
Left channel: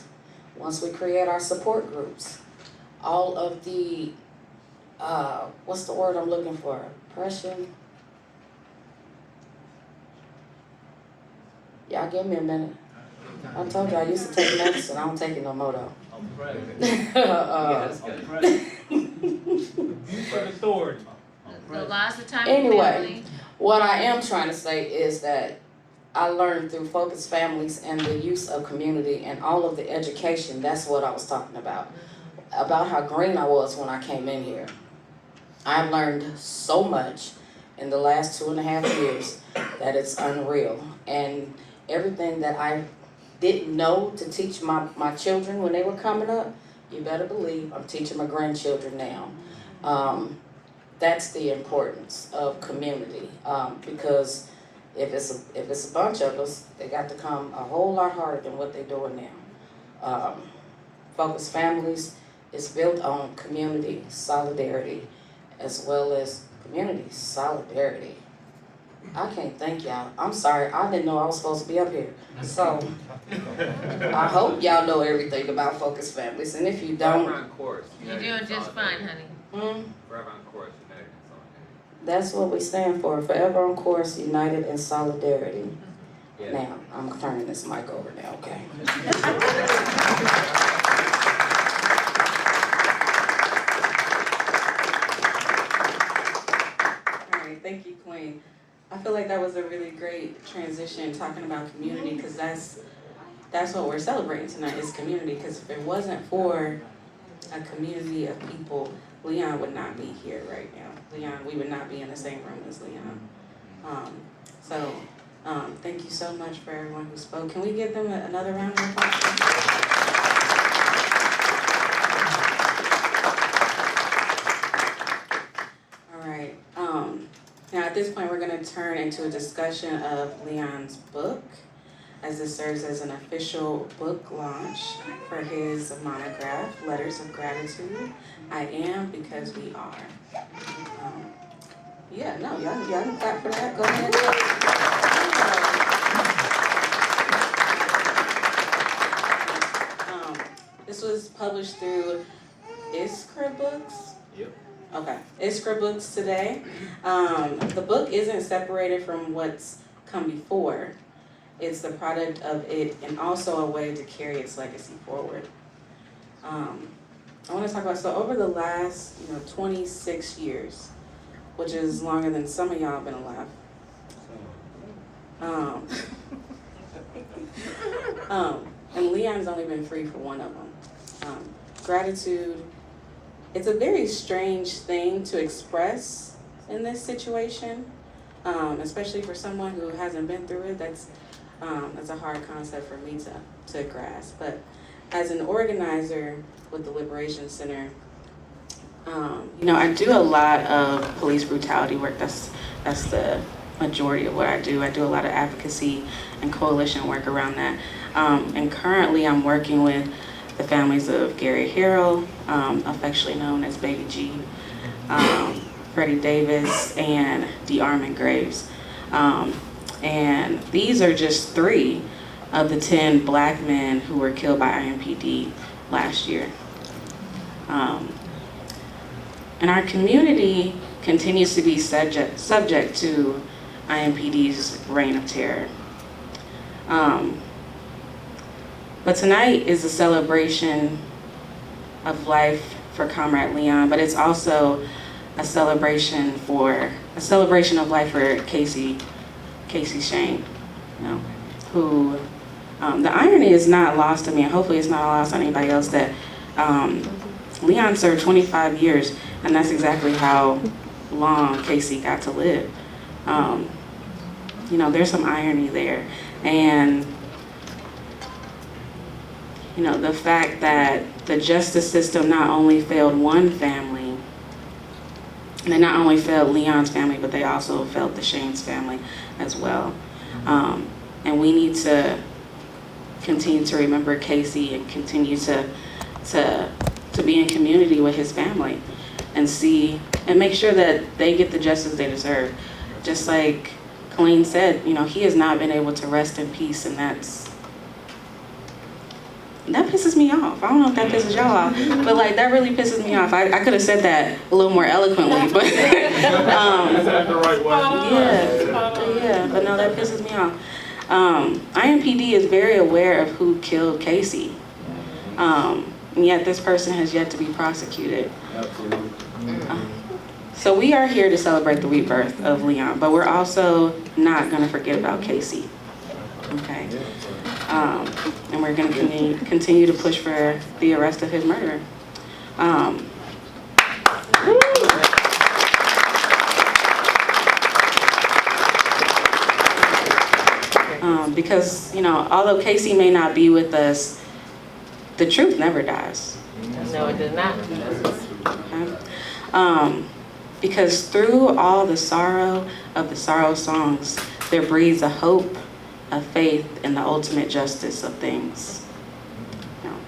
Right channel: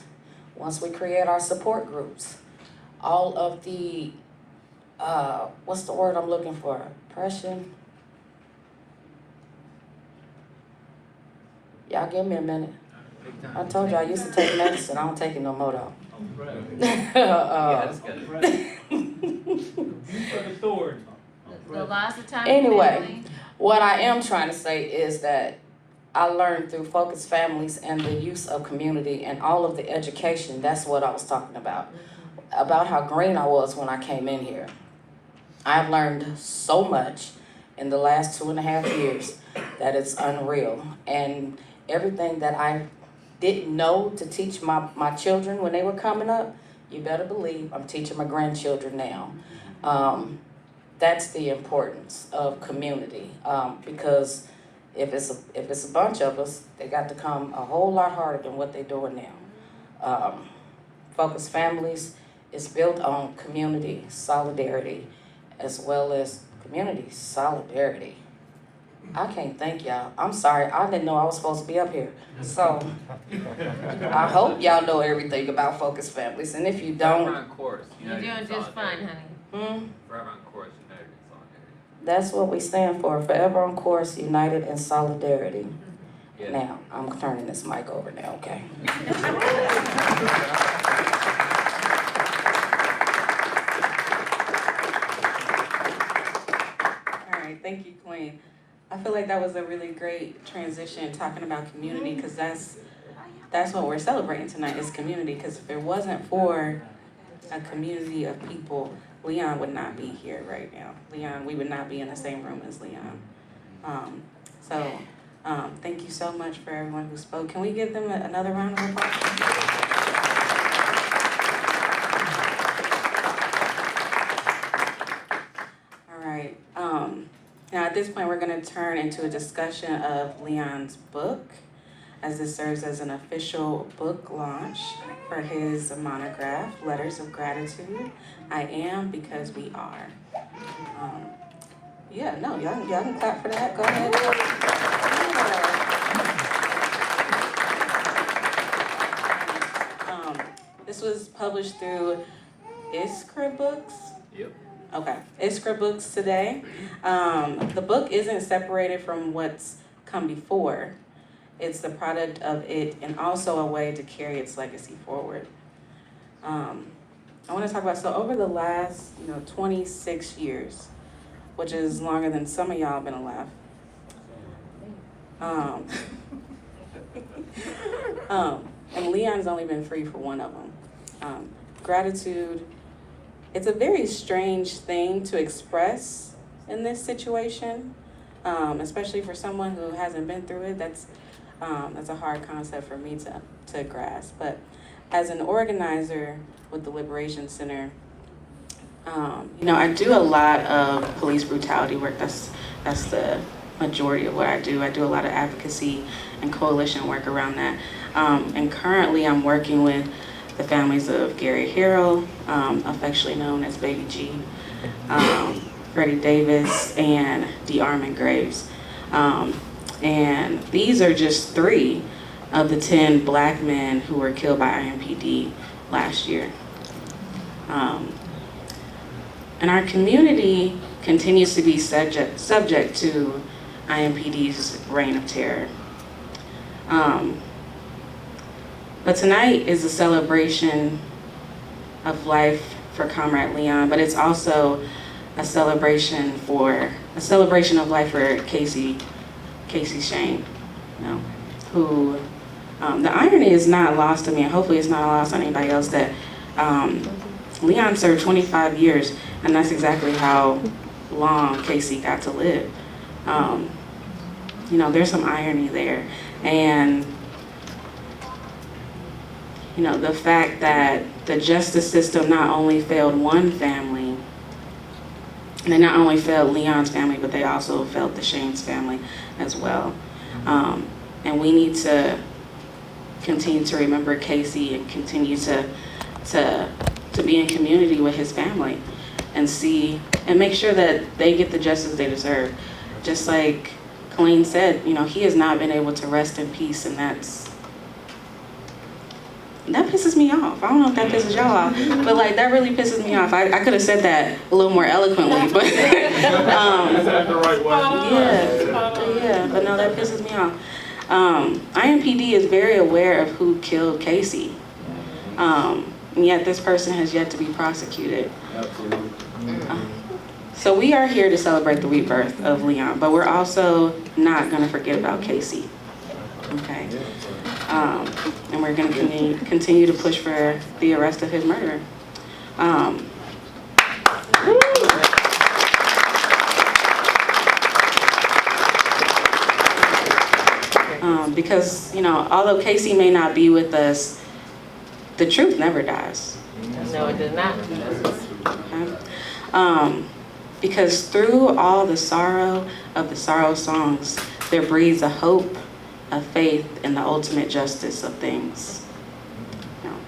once we create our support groups. All of the, what's the word I'm looking for? Oppression. Y'all give me a minute. I told you I used to take medicine. I don't take it no more though. So lots of time. Anyway, what I am trying to say is that I learned through focused families and the use of community and all of the education. That's what I was talking about how green I was when I came in here. I've learned so much in the last 2.5 years that it's unreal. And everything that I didn't know to teach my children when they were coming up, you better believe I'm teaching my grandchildren now. That's the importance of community, because if it's a bunch of us, they got to come a whole lot harder than what they're doing now. Focused families is built on community solidarity as well as community solidarity. I can't thank y'all. I'm sorry, I didn't know I was supposed to be up here. So I hope y'all know everything about focused families, and if you don't, You're doing just fine, honey. Forever on course, united and solidarity. That's what we stand for, forever on course, united in solidarity. Yeah. Now, I'm turning this mic over now, okay? All right, thank you, Queen. I feel like that was a really great transition talking about community, because that's what we're celebrating tonight is community, because if it wasn't for a community of people, Leon would not be here right now. Leon, we would not be in the same room as Leon. Thank you so much for everyone who spoke. Can we give them another round of applause? All right. Now at this point, we're going to turn into a discussion of Leon's book, as this serves as an official book launch for his monograph, Letters of Gratitude. I am because we are. Y'all can clap for that. Go ahead. This was published through is Crib Books. Yep. Okay, it's Crib Books today. The book isn't separated from what's come before. It's the product of it and also a way to carry its legacy forward. I want to talk about, so over the last, 26 years, which is longer than some of y'all been alive. And Leon's only been free for one of them. Gratitude, it's a very strange thing to express in this situation, especially for someone who hasn't been through it. That's a hard concept for me to grasp. But as an organizer with the Liberation Center, I do a lot of police brutality work. That's the majority of what I do. I do a lot of advocacy and coalition work around that. And currently I'm working with the families of Gary Harrell, affectionately known as Baby G, Freddie Davis, and DeArmond Graves. And these are just 3 of the 10 black men who were killed by IMPD last year. And our community continues to be subject to IMPD's reign of terror. But tonight is a celebration of life for Comrade Leon, but it's also a celebration of life for Kasey Schoen, who, the irony is not lost to me, and hopefully it's not lost on anybody else, that Leon served 25 years, and that's exactly how long Kasey got to live. There's some irony there. And, the fact that the justice system not only failed one family, and they not only failed Leon's family, but they also failed the Shane's family as well. And we need to continue to remember Kasey and continue to be in community with his family and make sure that they get the justice they deserve. Just like Colleen said, he has not been able to rest in peace, and that pisses me off. I don't know if that pisses y'all off, but that really pisses me off. I could have said that a little more eloquently, but Is that the right way? yeah, but no, that pisses me off. IMPD is very aware of who killed Kasey, and yet this person has yet to be prosecuted. Absolutely. So we are here to celebrate the rebirth of Leon, but we're also not going to forget about Kasey. Okay. And we're going to continue to push for the arrest of his murderer. Because, although Kasey may not be with us, the truth never dies. No, it did not. Okay? Because through all the sorrow of the sorrow songs, there breathes a hope, a faith in the ultimate justice of things.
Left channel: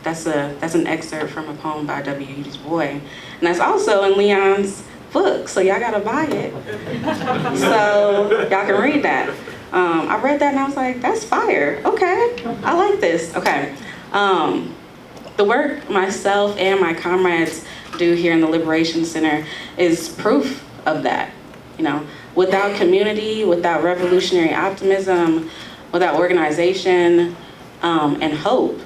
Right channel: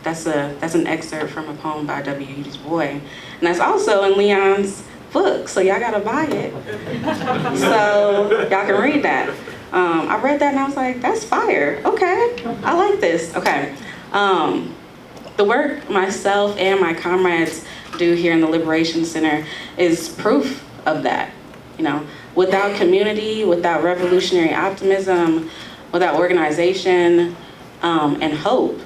That's an excerpt from a poem by W. Du Bois, and that's also in Leon's book, so y'all gotta buy it so y'all can read that. I read that and I was like, that's fire. Okay, I like this. Okay, the work myself and my comrades do here in the Liberation Center is proof of that. Without community, without revolutionary optimism, without organization and hope,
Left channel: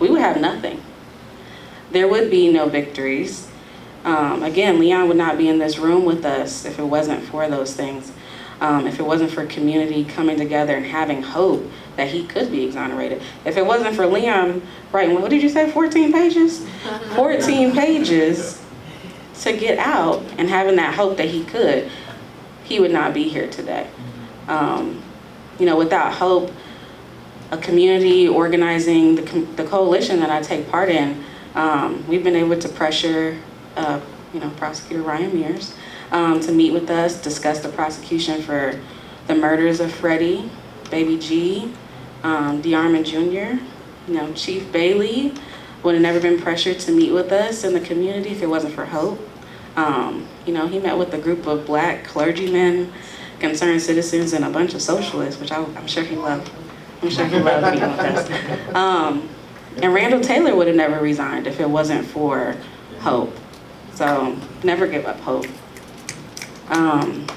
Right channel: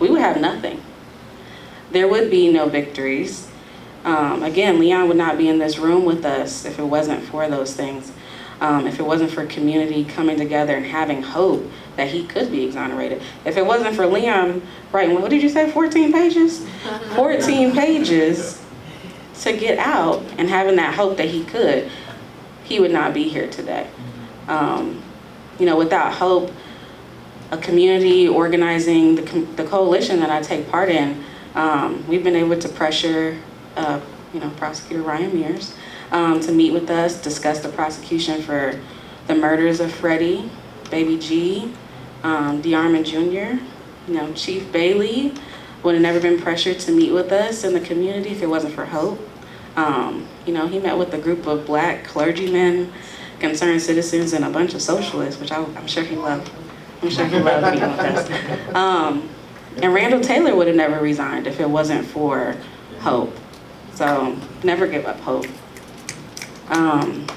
we would have nothing. There would be no victories. Again, Leon would not be in this room with us if it wasn't for those things. If it wasn't for community coming together and having hope that he could be exonerated. If it wasn't for Leon writing, what did you say, 14 pages? 14 pages to get out and having that hope that he could, he would not be here today. Without hope, a community organizing, the coalition that I take part in, we've been able to pressure, Prosecutor Ryan Mears to meet with us, discuss the prosecution for the murders of Freddie, Baby G, DeArmond Jr. Chief Bailey would have never been pressured to meet with us in the community if it wasn't for hope. He met with a group of black clergymen, concerned citizens, and a bunch of socialists, which I'm sure he loved. I'm sure he loved meeting with us. And Randall Taylor would have never resigned if it wasn't for hope. So never give up hope. And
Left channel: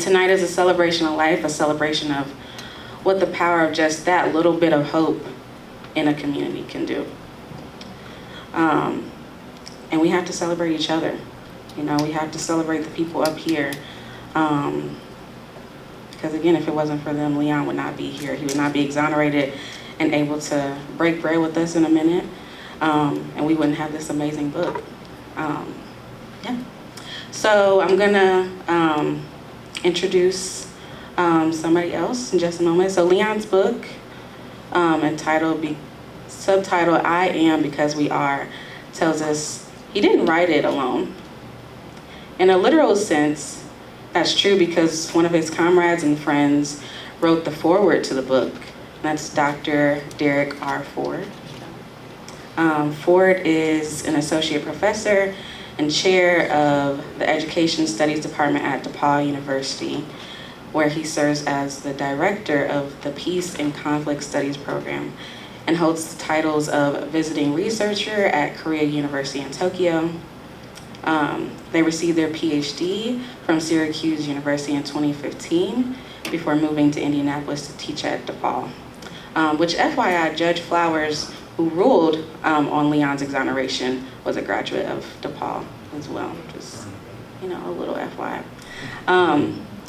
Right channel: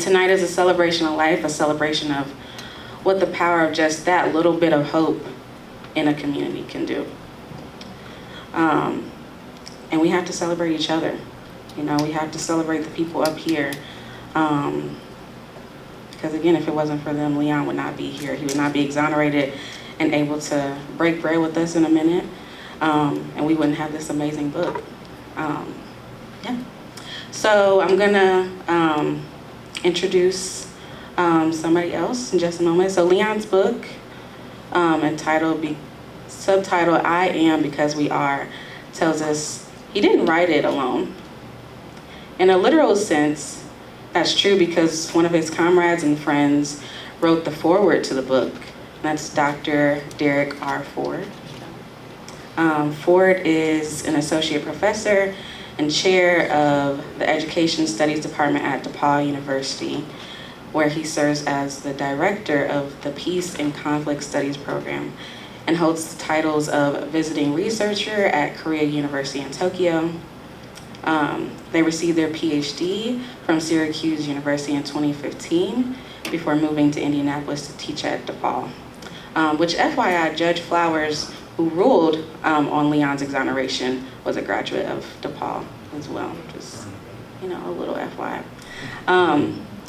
tonight is a celebration of life, a celebration of what the power of just that little bit of hope in a community can do. And we have to celebrate each other. You know, we have to celebrate the people up here. Because again, if it wasn't for them, Leon would not be here. He would not be exonerated and able to break bread with us in a minute. And we wouldn't have this amazing book. Yeah. So I'm gonna introduce somebody else in just a moment. So Leon's book, subtitled I Am Because We Are, tells us he didn't write it alone. In a literal sense, that's true because one of his comrades and friends wrote the foreword to the book. That's Dr. Derek R. Ford. Ford is an associate professor and chair of the Education Studies Department at DePaul University, where he serves as the director of the Peace and Conflict Studies program and holds the titles of visiting researcher at Korea University in Tokyo. They received their PhD from Syracuse University in 2015 before moving to Indianapolis to teach at DePaul. Which FYI, Judge Flowers, who ruled on Leon's exoneration, was a graduate of DePaul as well. Just, you know, a little FYI.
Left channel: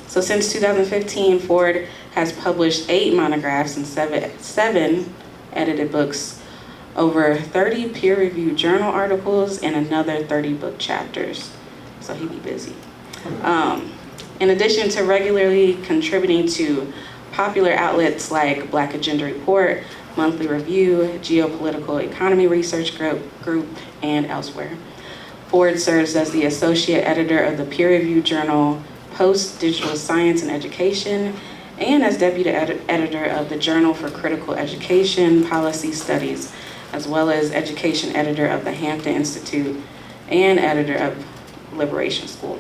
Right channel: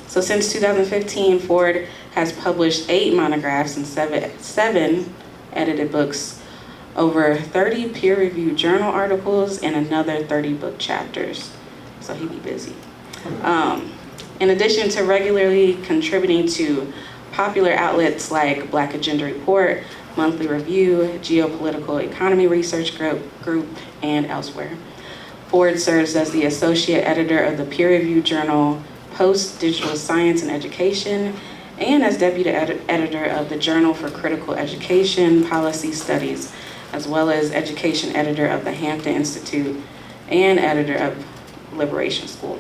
So since 2015, Ford has published 8 monographs and 7 edited books, over 30 peer-reviewed journal articles, and another 30 book chapters. So he be busy. In addition to regularly contributing to popular outlets like Black Agenda Report, Monthly Review, Geopolitical Economy Research Group, and elsewhere. Ford serves as the associate editor of the peer-reviewed journal Post Digital Science and Education, and as deputy editor of the Journal for Critical Education Policy Studies, as well as education editor of the Hampton Institute and editor of Liberation School.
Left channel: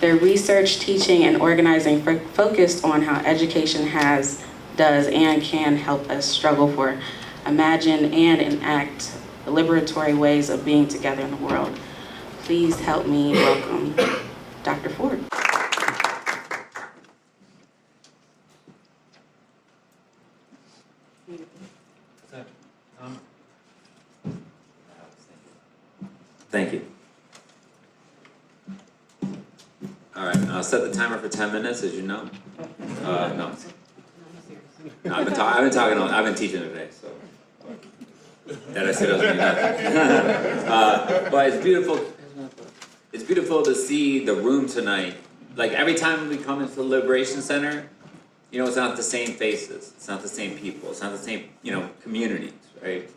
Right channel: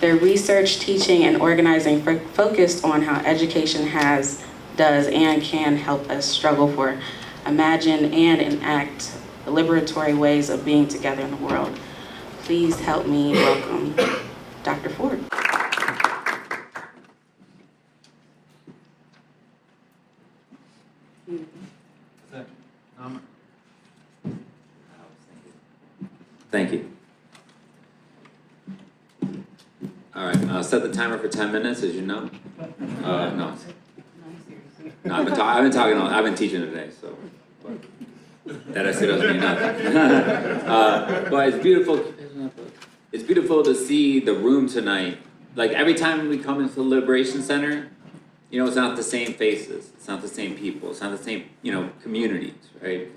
Their research, teaching, and organizing focused on how education does, and can help us struggle for, imagine, and enact liberatory ways of being together in the world. Please help me welcome Dr. Ford. Thank you. All right, I'll set the timer for 10 minutes, as you know. No, I've been teaching today, so that I said doesn't mean nothing. But it's beautiful. It's beautiful to see the room tonight. Like every time we come into the Liberation Center, you know, it's not the same faces, it's not the same people, it's not the same, you know, communities, right?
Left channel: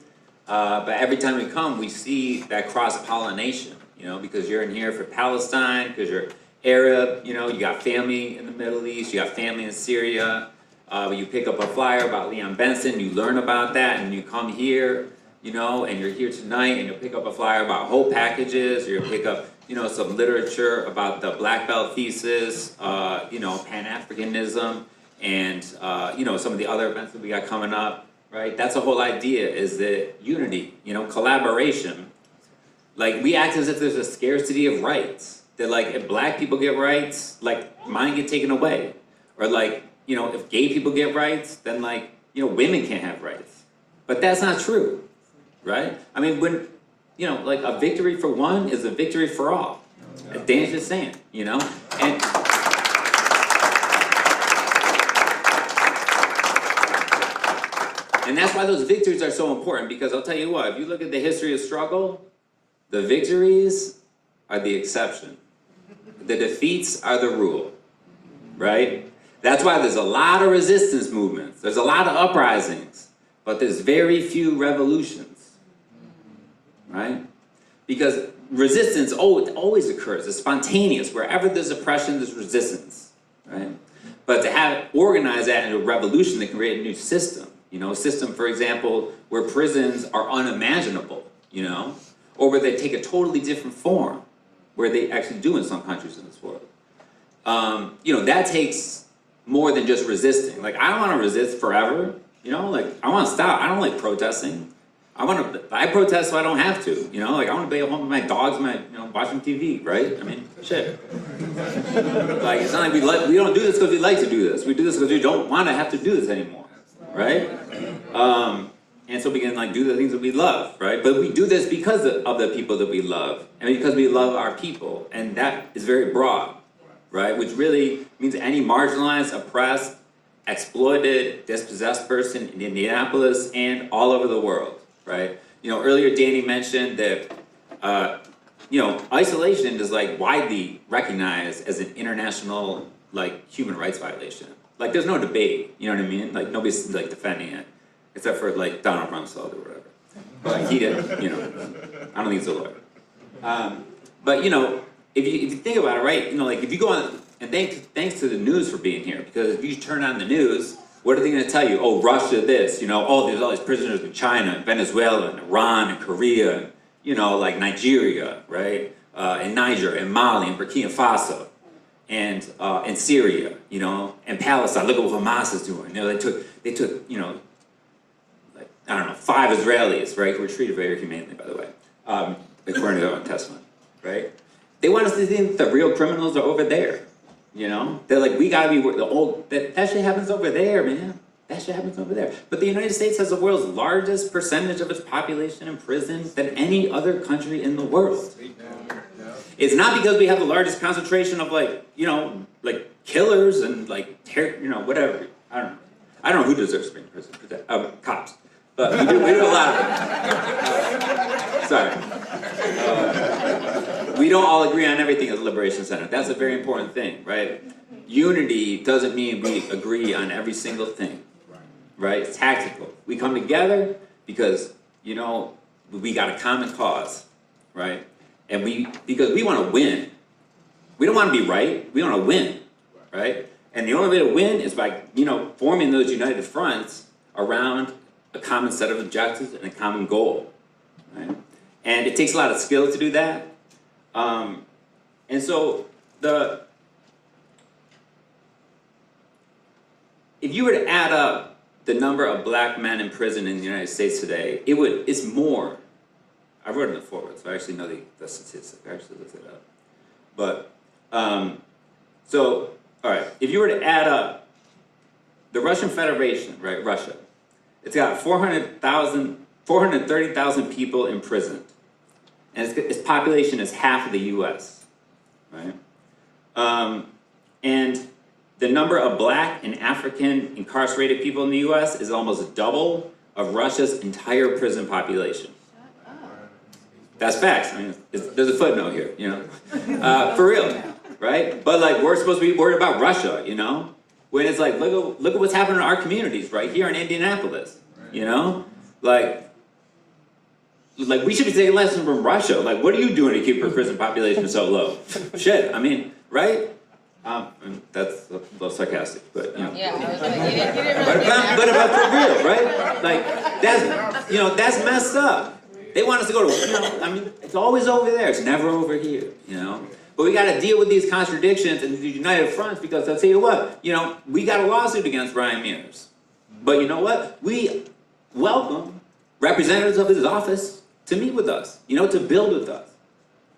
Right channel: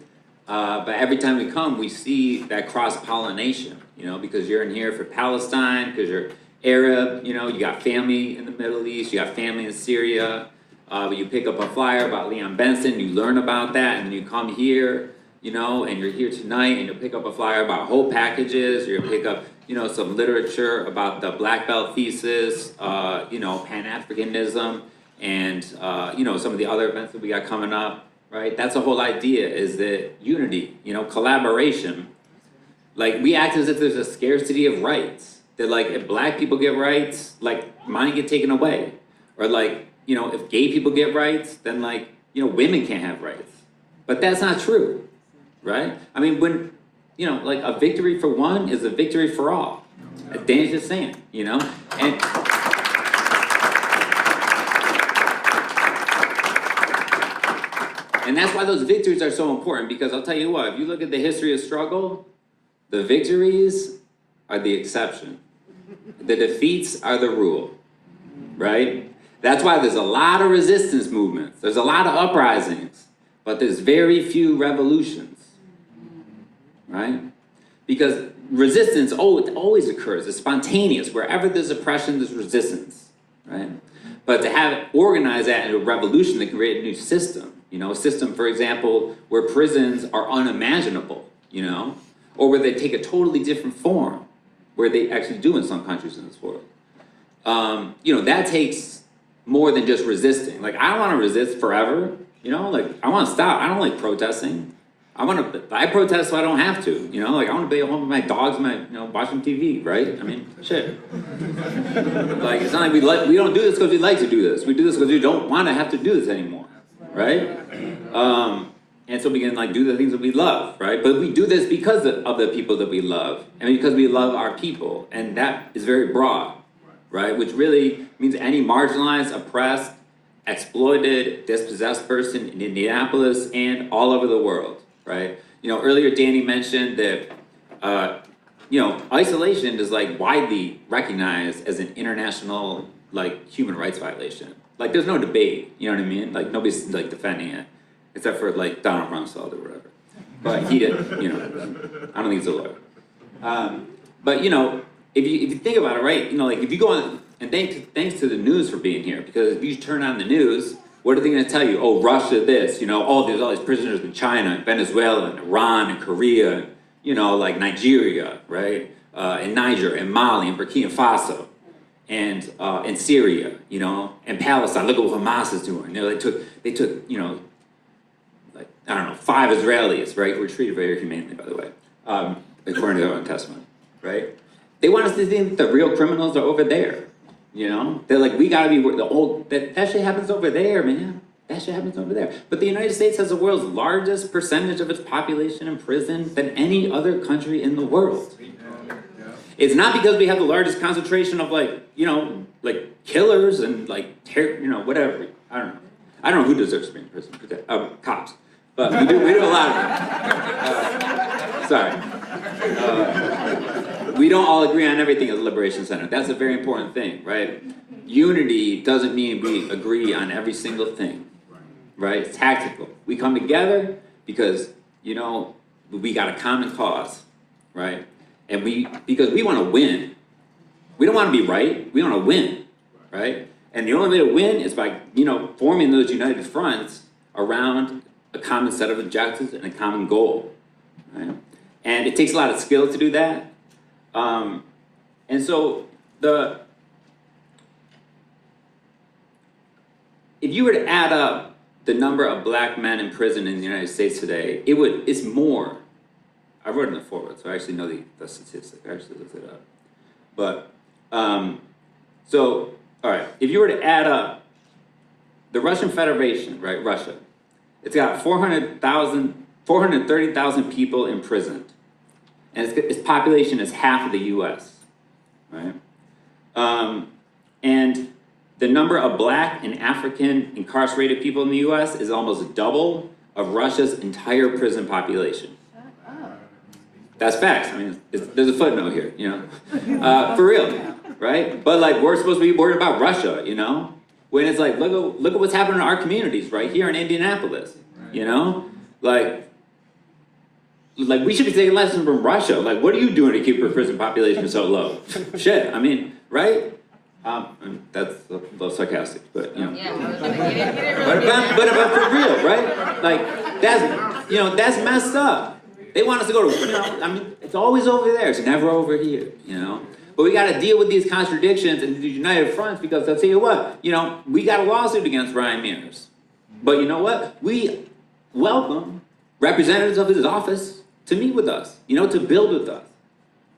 But every time we come, we see that cross-pollination, you know, because you're in here for Palestine, because you're Arab, you know, you got family in the Middle East, you got family in Syria. You pick up a flyer about Leon Benson, you learn about that, and you come here, you know, and you're here tonight, and you pick up a flyer about whole packages, you're gonna pick up, you know, some literature about the Black Belt thesis, you know, Pan-Africanism, and, you know, some of the other events that we got coming up, right? That's the whole idea, is that unity, you know, collaboration. Like, we act as if there's a scarcity of rights. That, like, if Black people get rights, like, mine get taken away. Or, like, you know, if gay people get rights, then, like, you know, women can't have rights. But that's not true, right? I mean, when, you know, like, a victory for one is a victory for all. Dan's the same, you know? And that's why those victories are so important, because I'll tell you what, if you look at the history of struggle, the victories are the exception. The defeats are the rule, right? That's why there's a lot of resistance movements. There's a lot of uprisings, but there's very few revolutions, right? Because resistance always occurs. It's spontaneous. Wherever there's oppression, there's resistance, right? But to organize that into a revolution that can create a new system, you know, a system, for example, where prisons are unimaginable, you know, or where they take a totally different form, where they actually do in some countries in this world. You know, that takes more than just resisting. Like, I don't want to resist forever, You know, like, I want to stop. I don't like protesting. I protest so I don't have to, you know? Like, I want to be at home with my dogs and watching TV, right? I mean, shit. Like, it's not like we don't do this because we like to do this. We do this because we don't want to have to do this anymore, right? And so we can, like, do the things that we love, right? But we do this because of the people that we love, and because we love our people, and that is very broad, right? Which really means any marginalized, oppressed, exploited, dispossessed person in Indianapolis and all over the world, right? You know, earlier Danny mentioned that, you know, isolation is like widely recognized as an international, like, human rights violation. Like, there's no debate, you know what I mean? Like, nobody's, like, defending it, except for, like, Donald Rumsfeld or whatever. But he didn't, you know, I don't think he's a lawyer. But, you know, if you think about it, right, you know, like, if you go on, and thanks to the news for being here, because if you turn on the news, what are they going to tell you? Oh, Russia this, you know, oh, there's all these prisoners in China, and Venezuela, and Iran, and Korea, you know, like Nigeria, right? And Niger, and Mali, and Burkina Faso, and Syria, you know, and Palestine. Look at what Hamas is doing. You know, they took, you know, like, I don't know, 5 Israelis, right? Who were treated very humanely, by the way, according to their own testimony, right? They want us to think that the real criminals are over there. You know, they're like, we gotta be that shit happens over there, man. That shit happens over there. But the United States has the world's largest percentage of its population in prison than any other country in the world. It's not because we have the largest concentration of, like, you know, like killers and, like, you know, whatever. I don't know who deserves to be in prison. Cops. But we do a lot of them. Sorry. We don't all agree on everything at the Liberation Center. That's a very important thing, right? Unity doesn't mean we agree on every single thing, right? It's tactical. We come together because, you know, we got a common cause, right? And because we want to win. We don't want to be right. We want to win, right? And the only way to win is by, you know, forming those united fronts around a common set of objectives and a common goal, right? And it takes a lot of skill to do that. And so if you were to add up the number of black men in prison in the United States today, it's more. I wrote it in the forward, so I actually know the statistic. I actually looked it up. But, so, all right, if you were to add up the Russian Federation, right, Russia, it's got 430,000 people in prison. And its population is half of the U.S., right? And the number of black and African incarcerated people in the U.S. is almost double of Russia's entire prison population. That's facts. I mean, there's a footnote here, you know? For real, right? But, like, we're supposed to be worried about Russia, you know? When it's like, look at what's happening in our communities right here in Indianapolis, you know? Like, we should be taking lessons from Russia. Like, what are you doing to keep your prison population so low? Shit, I mean, right? That's a little sarcastic, but, you know. Yeah, But about for real, right? Like, that's messed up. They want us to go to, you know, I mean, it's always over there. It's never over here, you know? But we got to deal with these contradictions and these united fronts because they'll tell you what, you know, we got a lawsuit against Ryan Mears. But you know what? We welcome representatives of his office to meet with us, you know, to build with us.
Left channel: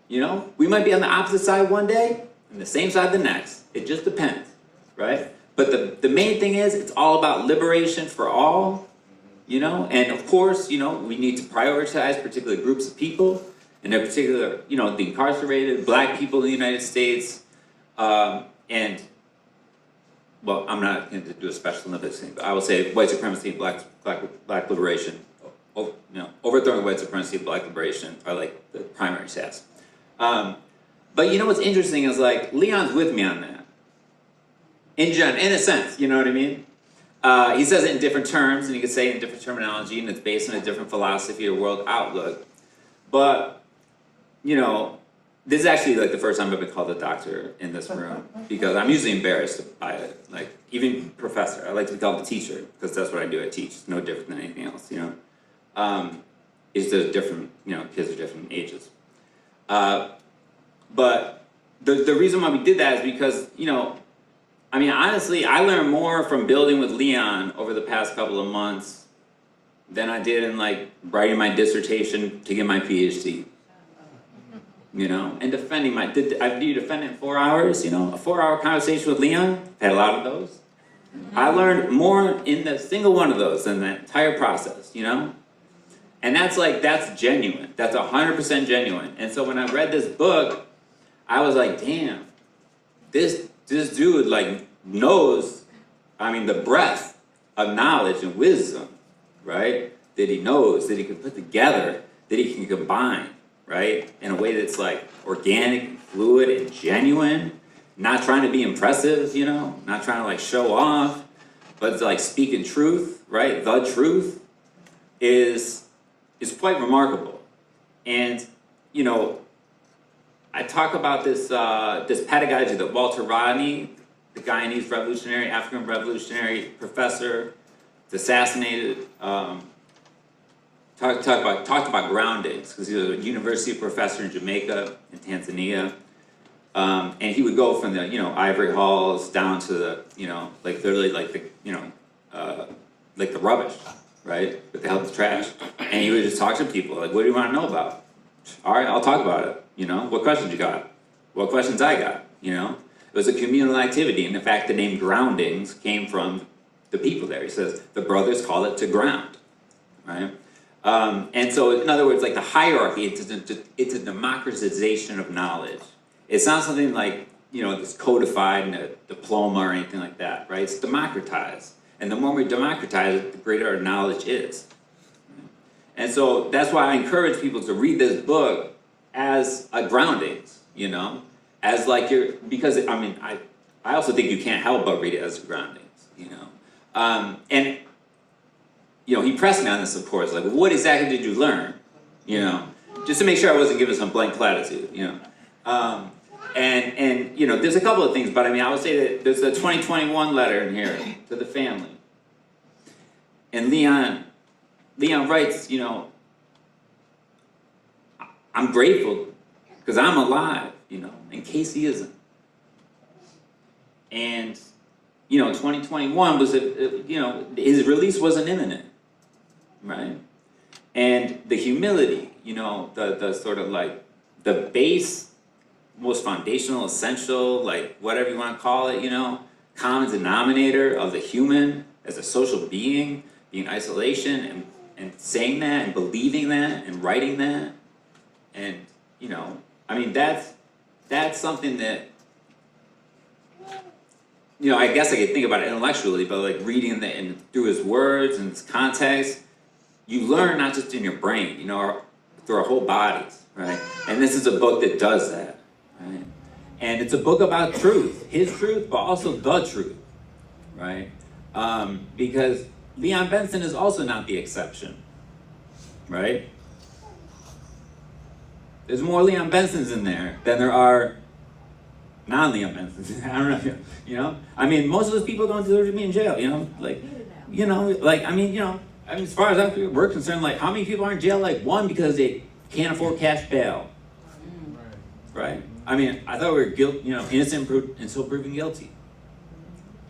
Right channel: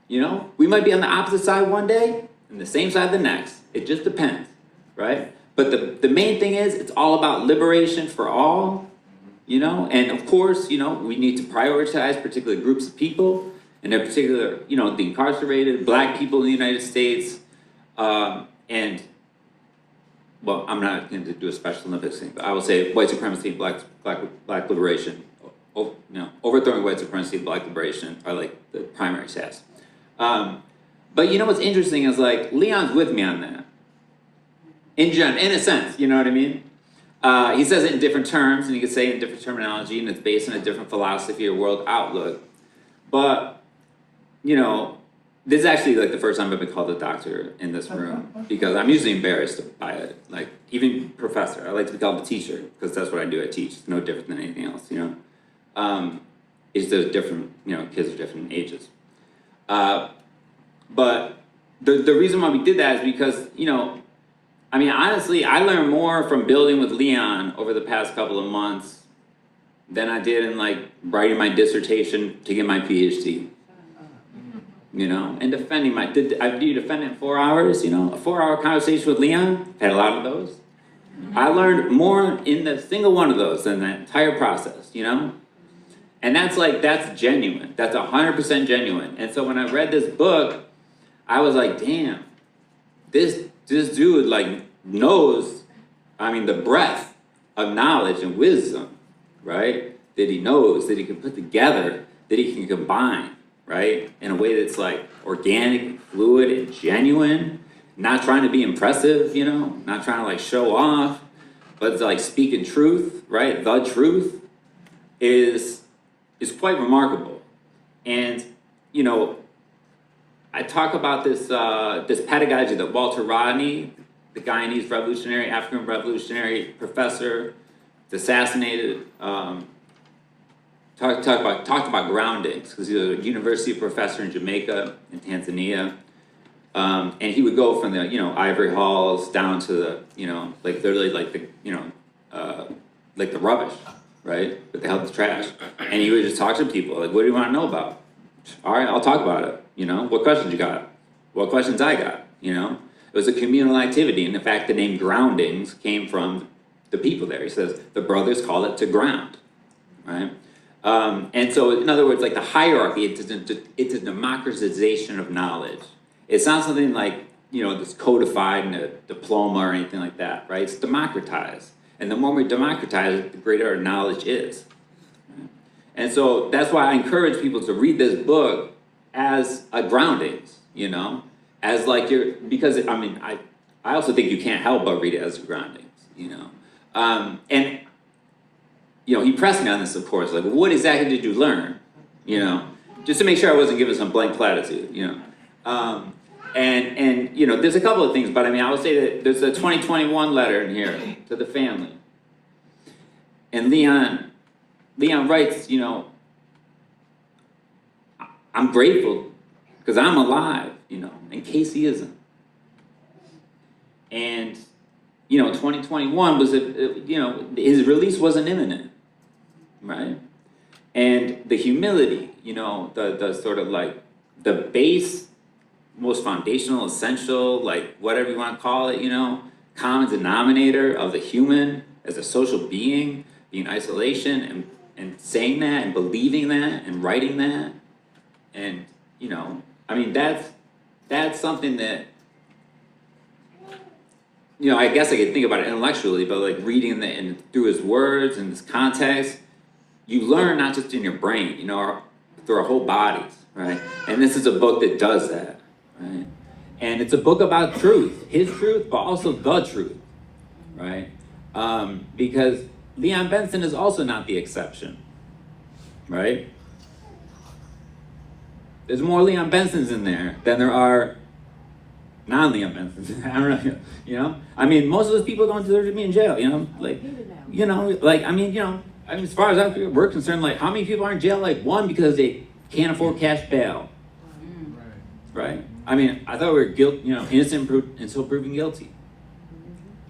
You know, we might be on the opposite side one day and the same side the next. It just depends, right? But the main thing is it's all about liberation for all, you know, and of course, you know, we need to prioritize particular groups of people, and in particular, you know, the incarcerated, black people in the United States, and, well, I'm not going to do a special Olympics thing, but I will say white supremacy and black liberation. You know, overthrowing white supremacy and black liberation are like the primary stats. But you know what's interesting is, like, Leon's with me on that. In a sense, you know what I mean? He says it in different terms, and you could say it in different terminology, and it's based on a different philosophy or world outlook. But, you know, this is actually, like, the first time I've been called a doctor in this room, because I'm usually embarrassed by it. Like, even professor, I like to be called a teacher, because that's what I do, I teach. It's no different than anything else, you know? It's just different, you know, kids are different ages. But the reason why we did that is because, you know, I mean, honestly, I learned more from building with Leon over the past couple of months than I did in like writing my dissertation to get my PhD. You know, and defending do you defend in 4 hours? You know, a 4-hour conversation with Leon, had a lot of those. I learned more in the single one of those than that entire process, you know? And that's genuine. That's 100% genuine. And so when I read this book, I was like, damn, this dude like knows, I mean, the breadth of knowledge and wisdom, right? That he knows, that he can put together, that he can combine, right? In a way that's like organic, and fluid, and genuine, not trying to be impressive, you know, not trying to like show off, but it's like speaking truth, right? The truth is quite remarkable. And, you know, I talk about this pedagogy that Walter Rodney, the Guyanese revolutionary, African revolutionary professor, assassinated, talked about groundings, because he was a university professor in Jamaica and Tanzania. And he would go from the, you know, ivory halls down to the, you know, like literally like the, you know, like the rubbish, right? With the help of the trash. And he would just talk to people, like, what do you want to know about? All right, I'll talk about it. You know, what questions you got? What questions I got? You know, it was a communal activity. And in fact, the name groundings came from the people there. He says, the brothers call it to ground, right? And so, in other words, like the hierarchy, it's a democratization of knowledge. It's not something like, you know, that's codified in a diploma or anything like that, right? It's democratized. And the more we democratize it, the greater our knowledge is. And so that's why I encourage people to read this book as a groundings, you know? As like because, I mean, I also think you can't help but read it as a groundings, you know? And, you know, he pressed me on this, of course, like, what exactly did you learn? You know, just to make sure I wasn't giving some blank platitude, you know? And you know, there's a couple of things, but I mean, I would say that there's a 2021 letter in here to the family. And Leon writes, you know, I'm grateful because I'm alive, you know, and Kasey isn't. And, you know, 2021 was, you know, his release wasn't imminent, right? And the humility, you know, the sort of like the base, most foundational, essential, like whatever you want to call it, you know, common denominator of the human as a social being, being isolation and saying that and believing that and writing that. And, you know, I mean, that's something that, you know, I guess I could think about it intellectually, but like reading and through his words and his context, you learn not just in your brain, you know, through our whole bodies, right? And this is a book that does that. Right? And it's a book about truth, his truth, but also the truth, right? Because Leon Benson is also not the exception, right? There's more Leon Bensons in there than there are non-Leon Bensons. I don't know, you know? I mean, most of those people don't deserve to be in jail, you know? Like, you know, like, I mean, you know, I mean, as far as we're concerned, like, how many people are in jail? Like, one, because they can't afford cash bail, right? I mean, I thought we were you know, innocent until proven guilty.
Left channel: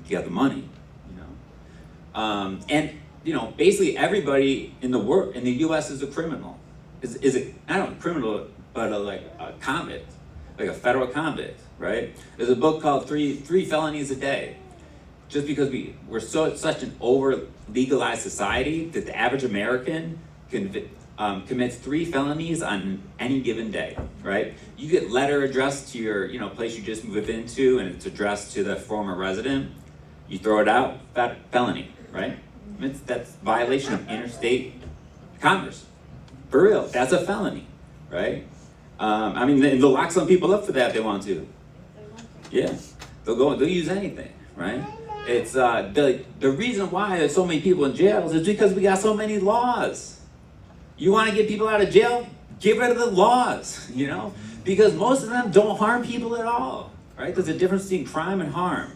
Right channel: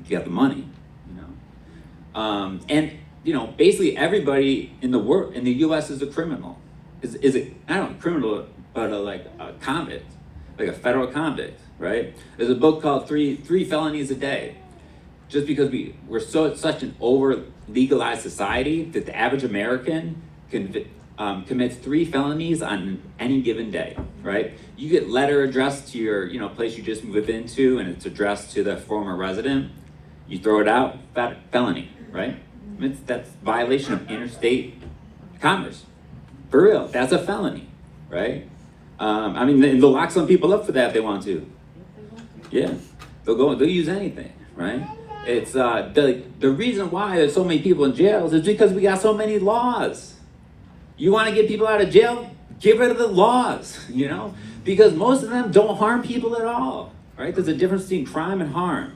You got the money, you know. And you know, basically everybody in the world, in the U.S. is a criminal. Is it? I don't know, criminal, but like a convict, like a federal convict, right? There's a book called Three Felonies a Day. Just because we're such an over legalized society that the average American commits 3 felonies on any given day, right? You get letter addressed to your, you know, place you just moved into, and it's addressed to the former resident. You throw it out, felony, right? That's violation of interstate commerce. For real, that's a felony, right? I mean, they'll lock some people up for that if they want to. Yeah, they'll use anything, right? It's the reason why there's so many people in jails is because we got so many laws. You want to get people out of jail? Get rid of the laws, you know? Because most of them don't harm people at all, right? There's a difference between crime and harm,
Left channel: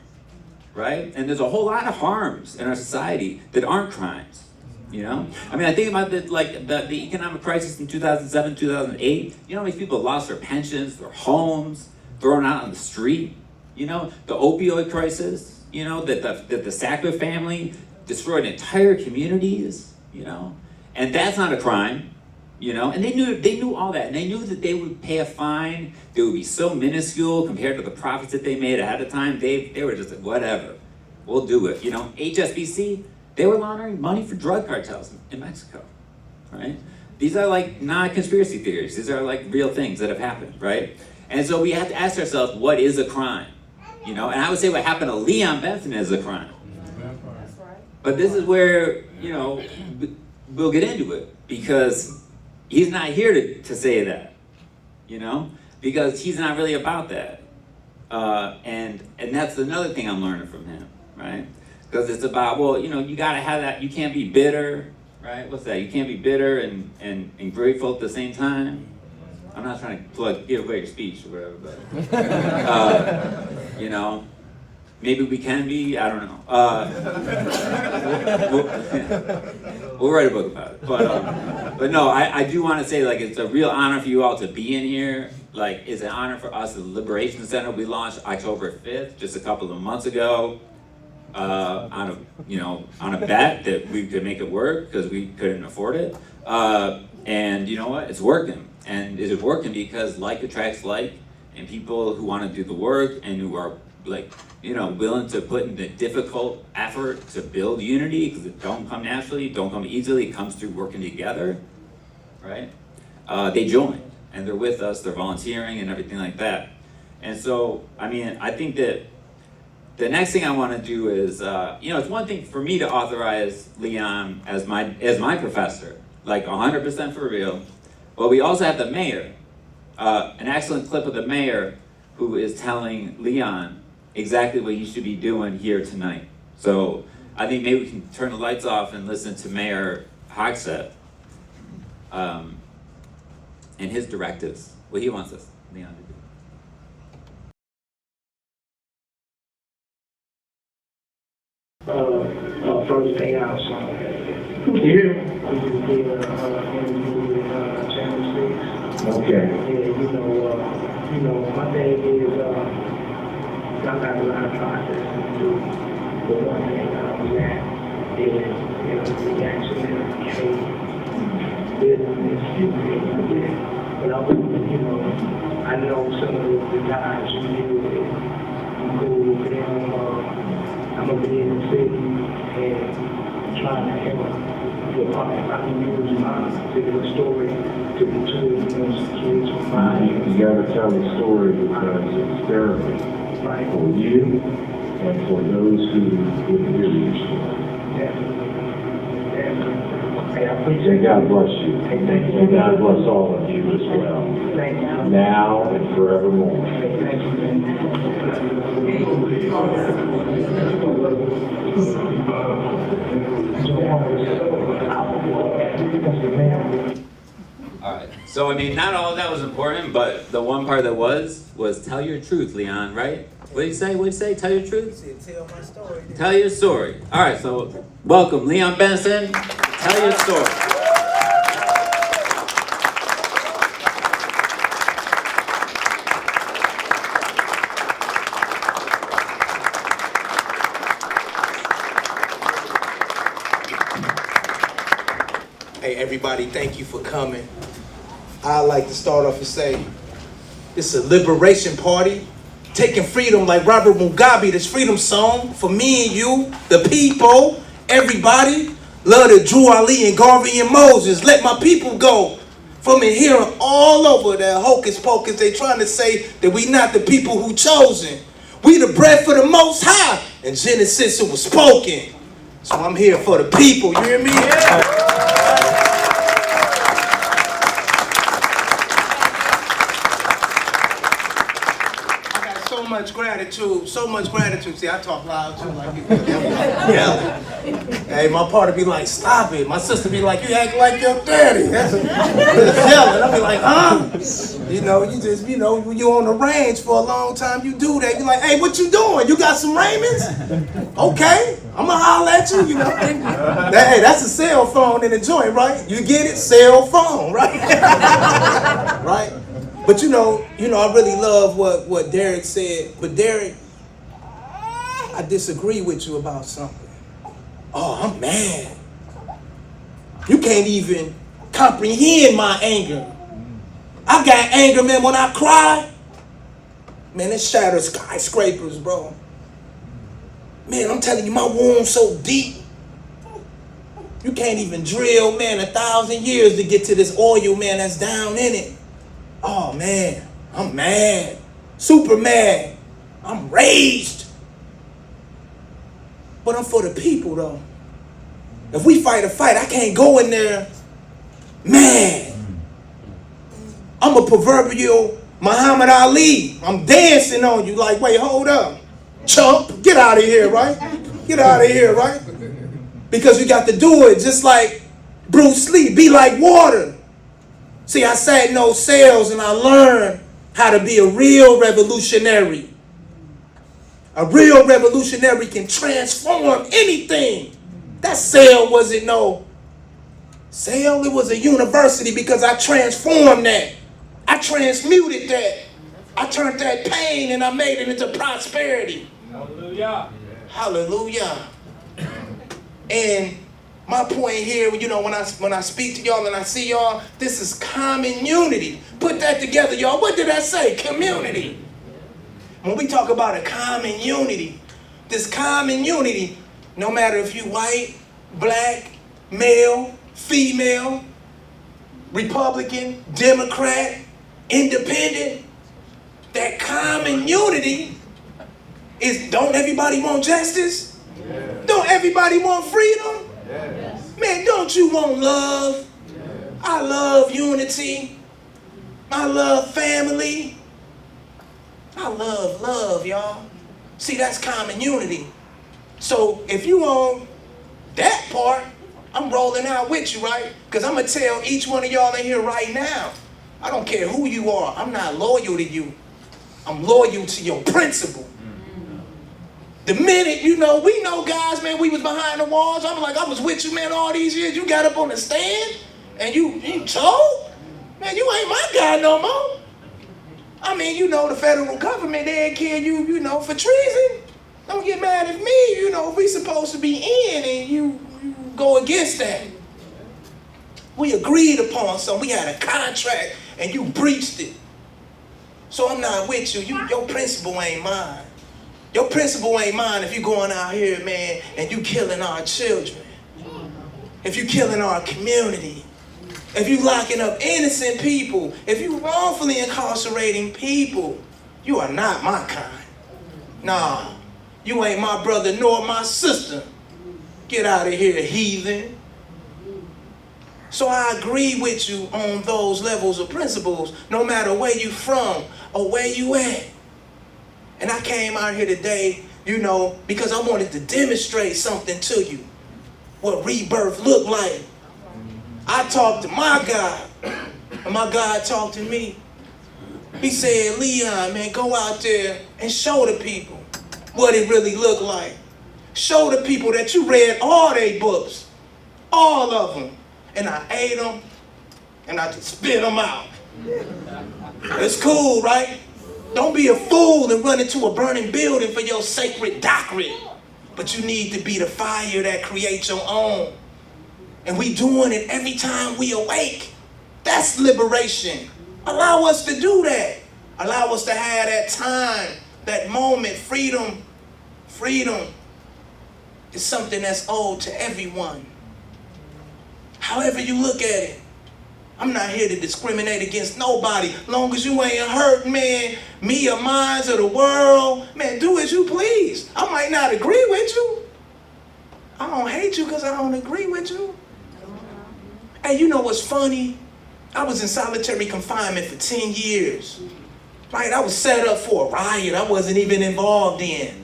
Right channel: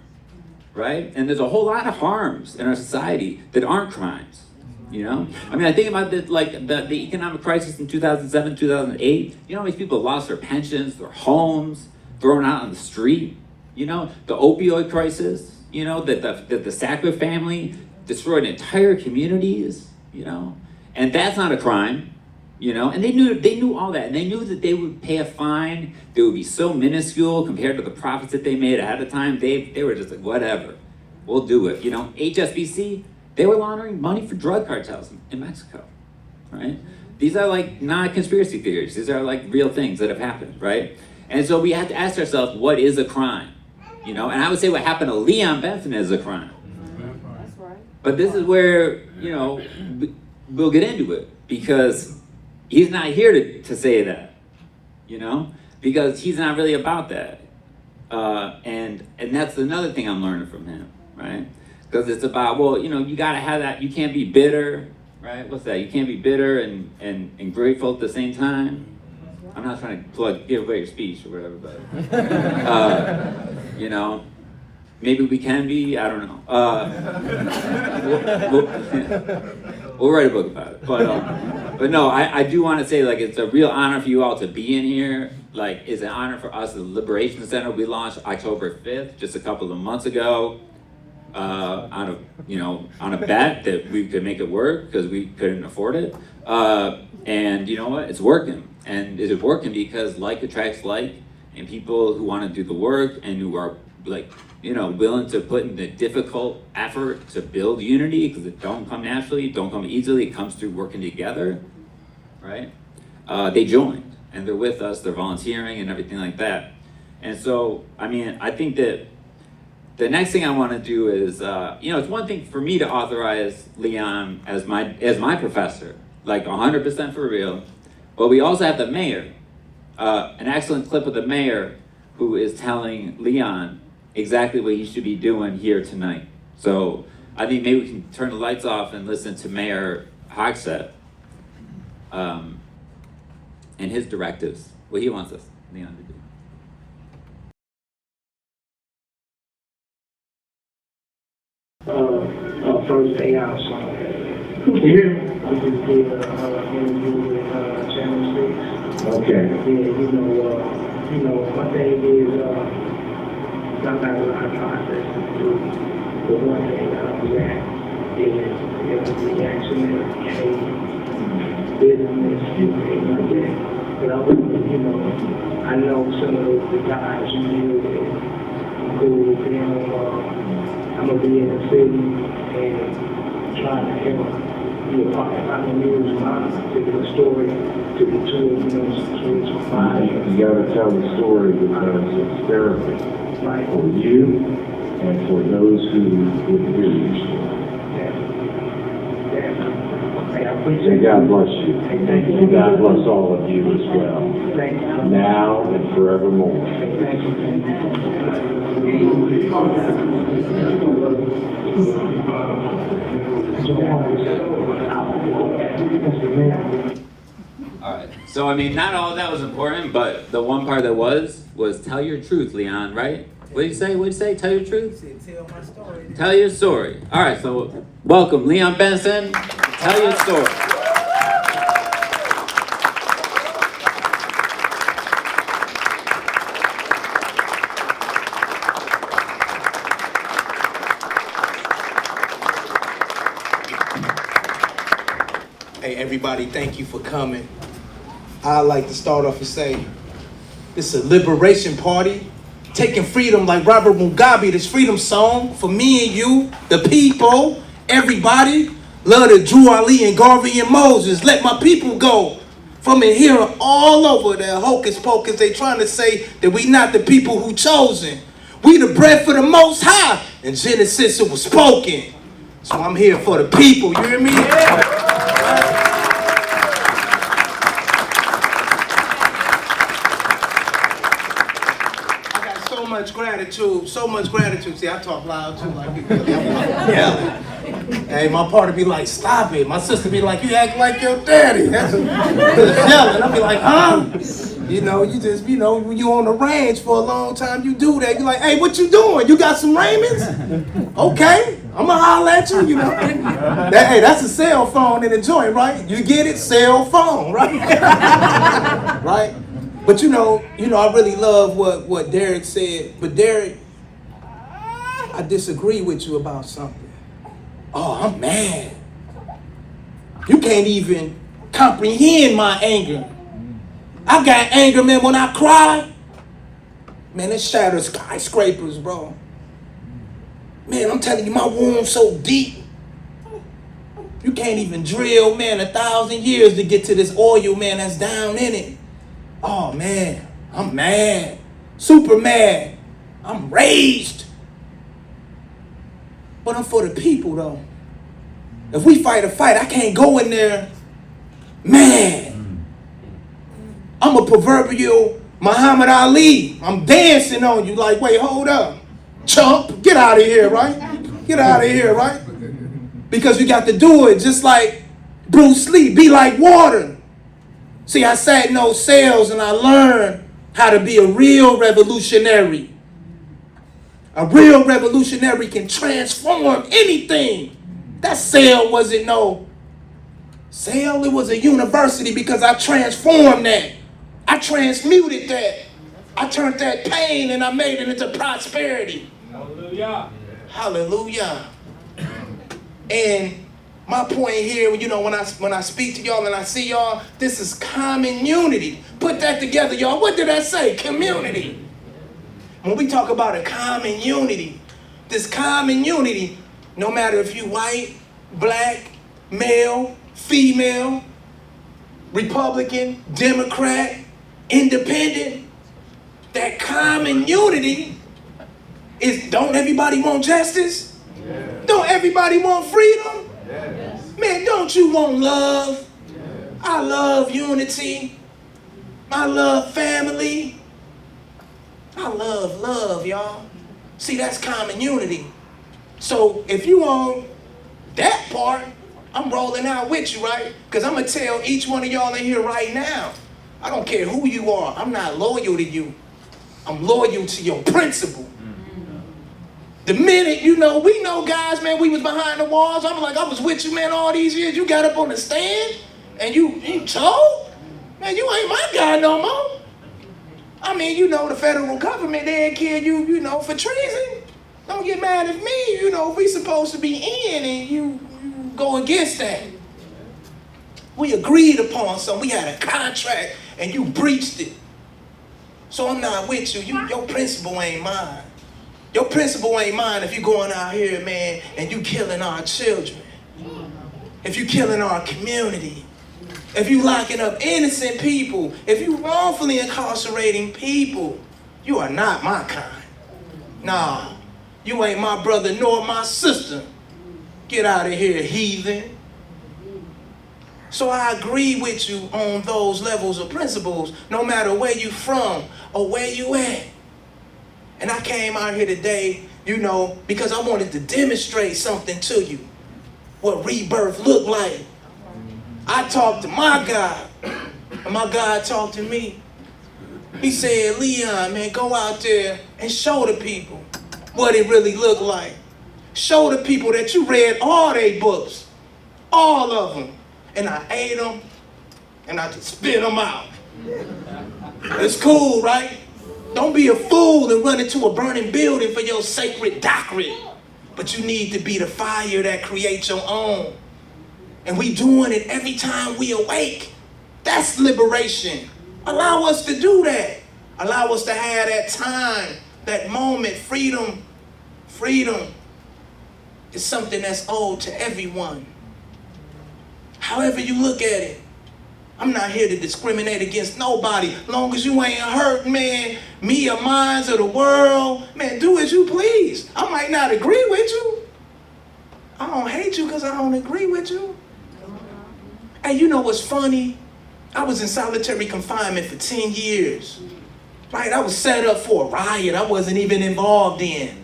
right? And there's a whole lot of harms in our society that aren't crimes, you know? I mean, I think about the economic crisis in 2007, 2008. You know how many people lost their pensions, their homes, thrown out on the street, You know, the opioid crisis, you know, that the Sackler family destroyed entire communities, you know, and that's not a crime, you know, and they knew all that, and they knew that they would pay a fine that would be so minuscule compared to the profits that they made ahead of time. They were just like, whatever, we'll do it, you know. HSBC, they were laundering money for drug cartels in Mexico, right? These are like not conspiracy theories. These are like real things that have happened, right? And so we have to ask ourselves, what is a crime? You know, and I would say what happened to Leon Benson is a crime. That's right. But this is where, you know, we'll get into it, because he's not here to say that, you know, because he's not really about that. And that's another thing I'm learning from him, right? Because it's about, well, you know, you gotta have that, you can't be bitter, right? What's that? You can't be bitter and grateful at the same time. I'm not trying to give away your speech or whatever, but you know, maybe we can be. I don't know. We'll write a book about it. But no, I do want to say, like, it's a real honor for you all to be in here. Like, it's an honor for us. The Liberation Center we launched October 5th, just a couple of months ago, on a bet that we could make it work because we couldn't afford it. And you know what? It's working. And is it working because like attracts like, and people who want to do the work and who are, like, you know, willing to put in the difficult effort to build unity, because it don't come naturally, it don't come easily, it comes through working together, right? They joined, and they're with us, they're volunteering and everything like that. And so, I mean, I think that the next thing I want to do is, you know, it's one thing for me to authorize Leon as my professor, like 100% for real. But we also have the mayor, an excellent clip of the mayor who is telling Leon exactly what he should be doing here tonight. So I think maybe we can turn the lights off and listen to Mayor Hogsett and his directives, what he wants us, Leon, to do. First day out, so here we just did interview with Channel 6. Okay. Yeah, you know, my thing is I got a lot of process to do. But one thing was that is, you know, the reactionary trade, business, things like that. But I was, you know, I know some of the guys you deal with, who, you know, I'm gonna be in the city and trying to help be a part. I can use my particular story to the two, you know, stories for fire. You gotta tell the story because it's therapy for you and for those who would hear your story. Hey, I appreciate May God bless you. Hey, thank you. And God bless all of you as well. Thank you. Now and forevermore. Hey, thank you. All right. So, I mean, not all of that was important, but the one part that was tell your truth, Leon, right? What did you say? What did you say? Tell your truth? He said, tell my story. Tell your story. All right, so welcome, Leon Benson. Tell your story. Hey, everybody, thank you for coming. I'd like to start off and say, this is a liberation party, taking freedom like Robert Mugabe, this freedom song for me and you, the people, everybody. Love that Drew Ali and Garvey and Moses, let my people go. From in here all over that hocus pocus, they trying to say that we not the people who chosen. We the bread for the most high, and Genesis it was spoken. So I'm here for the people, you hear me? Yeah. So much gratitude. See, I talk loud too, like you. Yeah. Hey, my partner be like, stop it. My sister be like, you act like your daddy. That's yelling. I be like, huh? You know, you just, you know, when you on the range for a long time, you do that. You like, hey, what you doing? You got some Raymonds? Okay, I'm gonna holler at you, you know. Hey, that's a cell phone in the joint, right? You get it? Cell phone, right? Right? But you know, I really love what Derek said. But Derek, I disagree with you about something. Oh, I'm mad. You can't even comprehend my anger. I got anger, man, when I cry. Man, it shatters skyscrapers, bro. Man, I'm telling you, my wound's so deep. You can't even drill, man, 1,000 years to get to this oil, man, that's down in it. Oh, man, I'm mad. Super mad. I'm raged. But I'm for the people, though. If we fight a fight, I can't go in there mad. I'm a proverbial Muhammad Ali. I'm dancing on you like, wait, hold up. Chump, get out of here, right? Get out of here, right? Because you got to do it just like Bruce Lee, be like water. See, I sat in those cells and I learned how to be a real revolutionary. A real revolutionary can transform anything. That cell wasn't no cell, it was a university because I transformed that. I transmuted that. I turned that pain and I made it into prosperity. Hallelujah. Hallelujah. And my point here, you know, when I speak to y'all and I see y'all, this is common unity. Put that together, y'all. What did I say? Community. When we talk about a common unity, this common unity, no matter if you white, black, male, female, Republican, Democrat, independent, that common unity is, don't everybody want justice? Yes. Don't everybody want freedom? Yes. Man, don't you want love? Yes. I love unity. I love family. I love love, y'all. See, that's common unity. So if you on that part, I'm rolling out with you, right? Because I'm going to tell each one of y'all in here right now, I don't care who you are. I'm not loyal to you. I'm loyal to your principle. The minute, you know, we know guys, man, we was behind the walls. I'm like, I was with you, man, all these years. You got up on the stand and you told? Man, you ain't my guy no more. I mean, you know, the federal government, they ain't kill you, you know, for treason. Don't get mad at me, you know, we supposed to be in and you go against that. We agreed upon something. We had a contract and you breached it. So I'm not with you. Your principle ain't mine. Your principle ain't mine if you going out here, man, and you killing our children. If you killing our community. If you locking up innocent people. If you wrongfully incarcerating people. You are not my kind. Nah, you ain't my brother nor my sister. Get out of here, heathen. So I agree with you on those levels of principles, no matter where you from or where you at. And I came out here today, you know, because I wanted to demonstrate something to you, what rebirth looked like. I talked to my God, and my God talked to me. He said, Leon, man, go out there and show the people what it really looked like. Show the people that you read all their books, all of them. And I ate them, and I just spit them out. It's cool, right? Don't be a fool and run into a burning building for your sacred doctrine. But you need to be the fire that creates your own. And we doing it every time we awake. That's liberation. Allow us to do that. Allow us to have that time, that moment, freedom. Freedom is something that's owed to everyone. However you look at it. I'm not here to discriminate against nobody. Long as you ain't hurt, man, me or mine or the world, man, do as you please. I might not agree with you. I don't hate you because I don't agree with you. Hey, you know what's funny? I was in solitary confinement for 10 years. Right, I was set up for a riot I wasn't even involved in.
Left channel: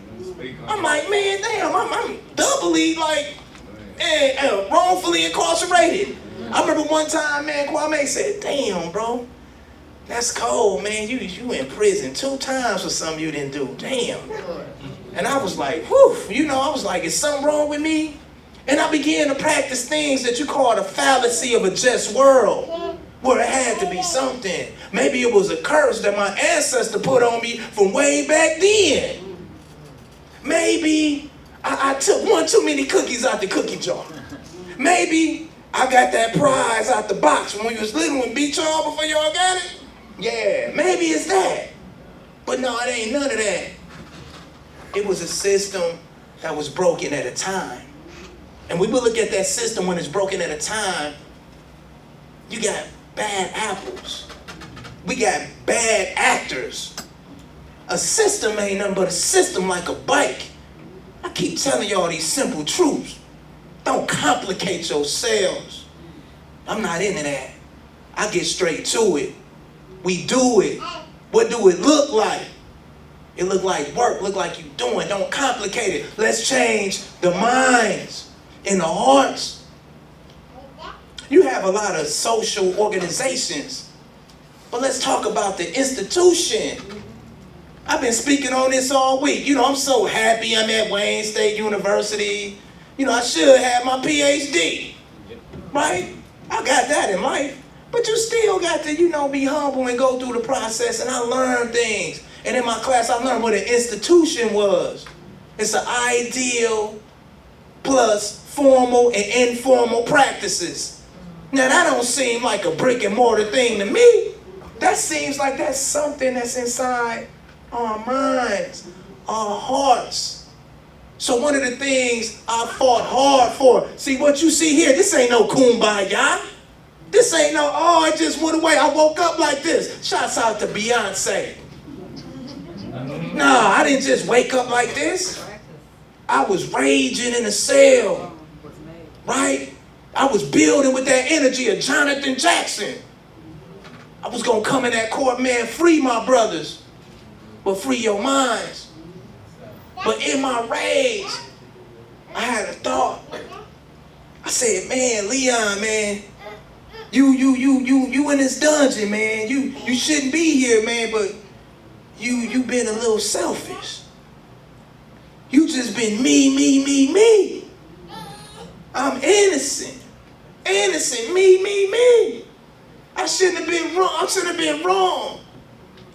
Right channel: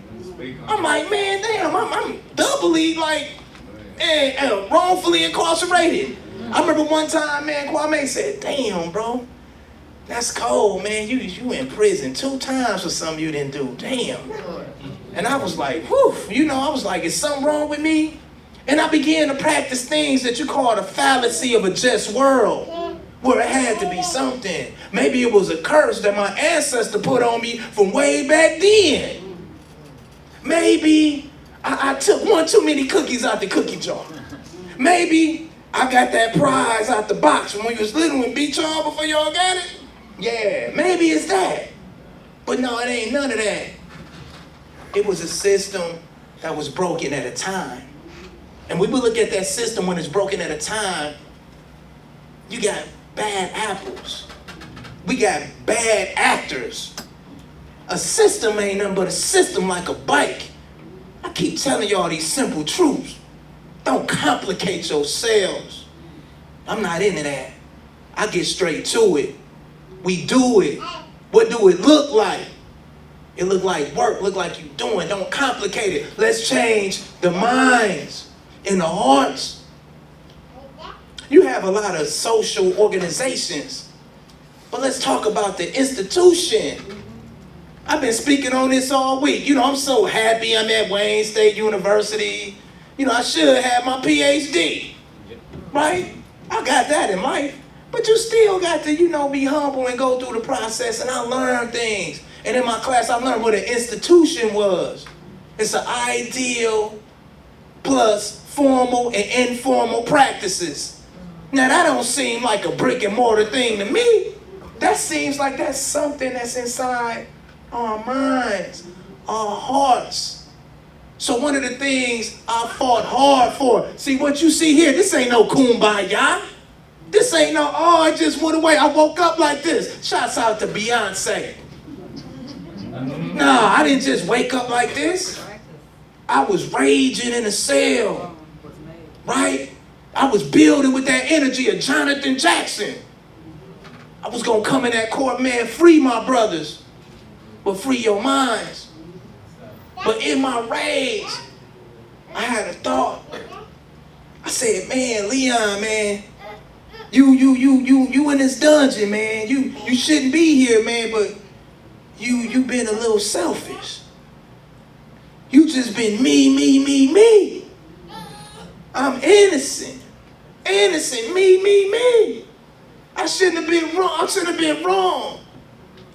I'm like, man, damn, I'm doubly like, wrongfully incarcerated. I remember one time, man, Kwame said, damn, bro, that's cold, man. You in prison 2 times for something you didn't do. Damn. And I was like, whew, you know, I was like, is something wrong with me? And I began to practice things that you call the fallacy of a just world. Well, it had to be something. Maybe it was a curse that my ancestor put on me from way back then. Maybe I took one too many cookies out the cookie jar. Maybe I got that prize out the box from when you was little and beat y'all before y'all got it. Yeah, maybe it's that. But no, it ain't none of that. It was a system that was broken at a time. And when we look at that system when it's broken at a time, you got bad apples. We got bad actors. A system ain't nothing but a system like a bike. I keep telling y'all these simple truths. Don't complicate yourselves. I'm not into that. I get straight to it. We do it. What do it look like? It look like work, look like you doing. Don't complicate it. Let's change the minds and the hearts. You have a lot of social organizations, but let's talk about the institution. I've been speaking on this all week. You know, I'm so happy I'm at Wayne State University. You know, I should have my PhD, right? I got that in life. But you still got to, you know, be humble and go through the process. And I learned things. And in my class, I learned what an institution was. It's an ideal plus formal and informal practices. Now, that don't seem like a brick and mortar thing to me. That seems like that's something that's inside our minds, our hearts. So one of the things I fought hard for, see what you see here, this ain't no kumbaya. This ain't no, oh, it just went away. I woke up like this. Shouts out to Beyonce. No, I didn't just wake up like this. I was raging in a cell, right? I was building with that energy of Jonathan Jackson. I was gonna come in that court, man, free my brothers, but free your minds. But in my rage, I had a thought. I said, man, Leon, man, you in this dungeon, man. You shouldn't be here, man, but you been a little selfish. You just been me. I'm innocent. Me. I shouldn't have been wrong.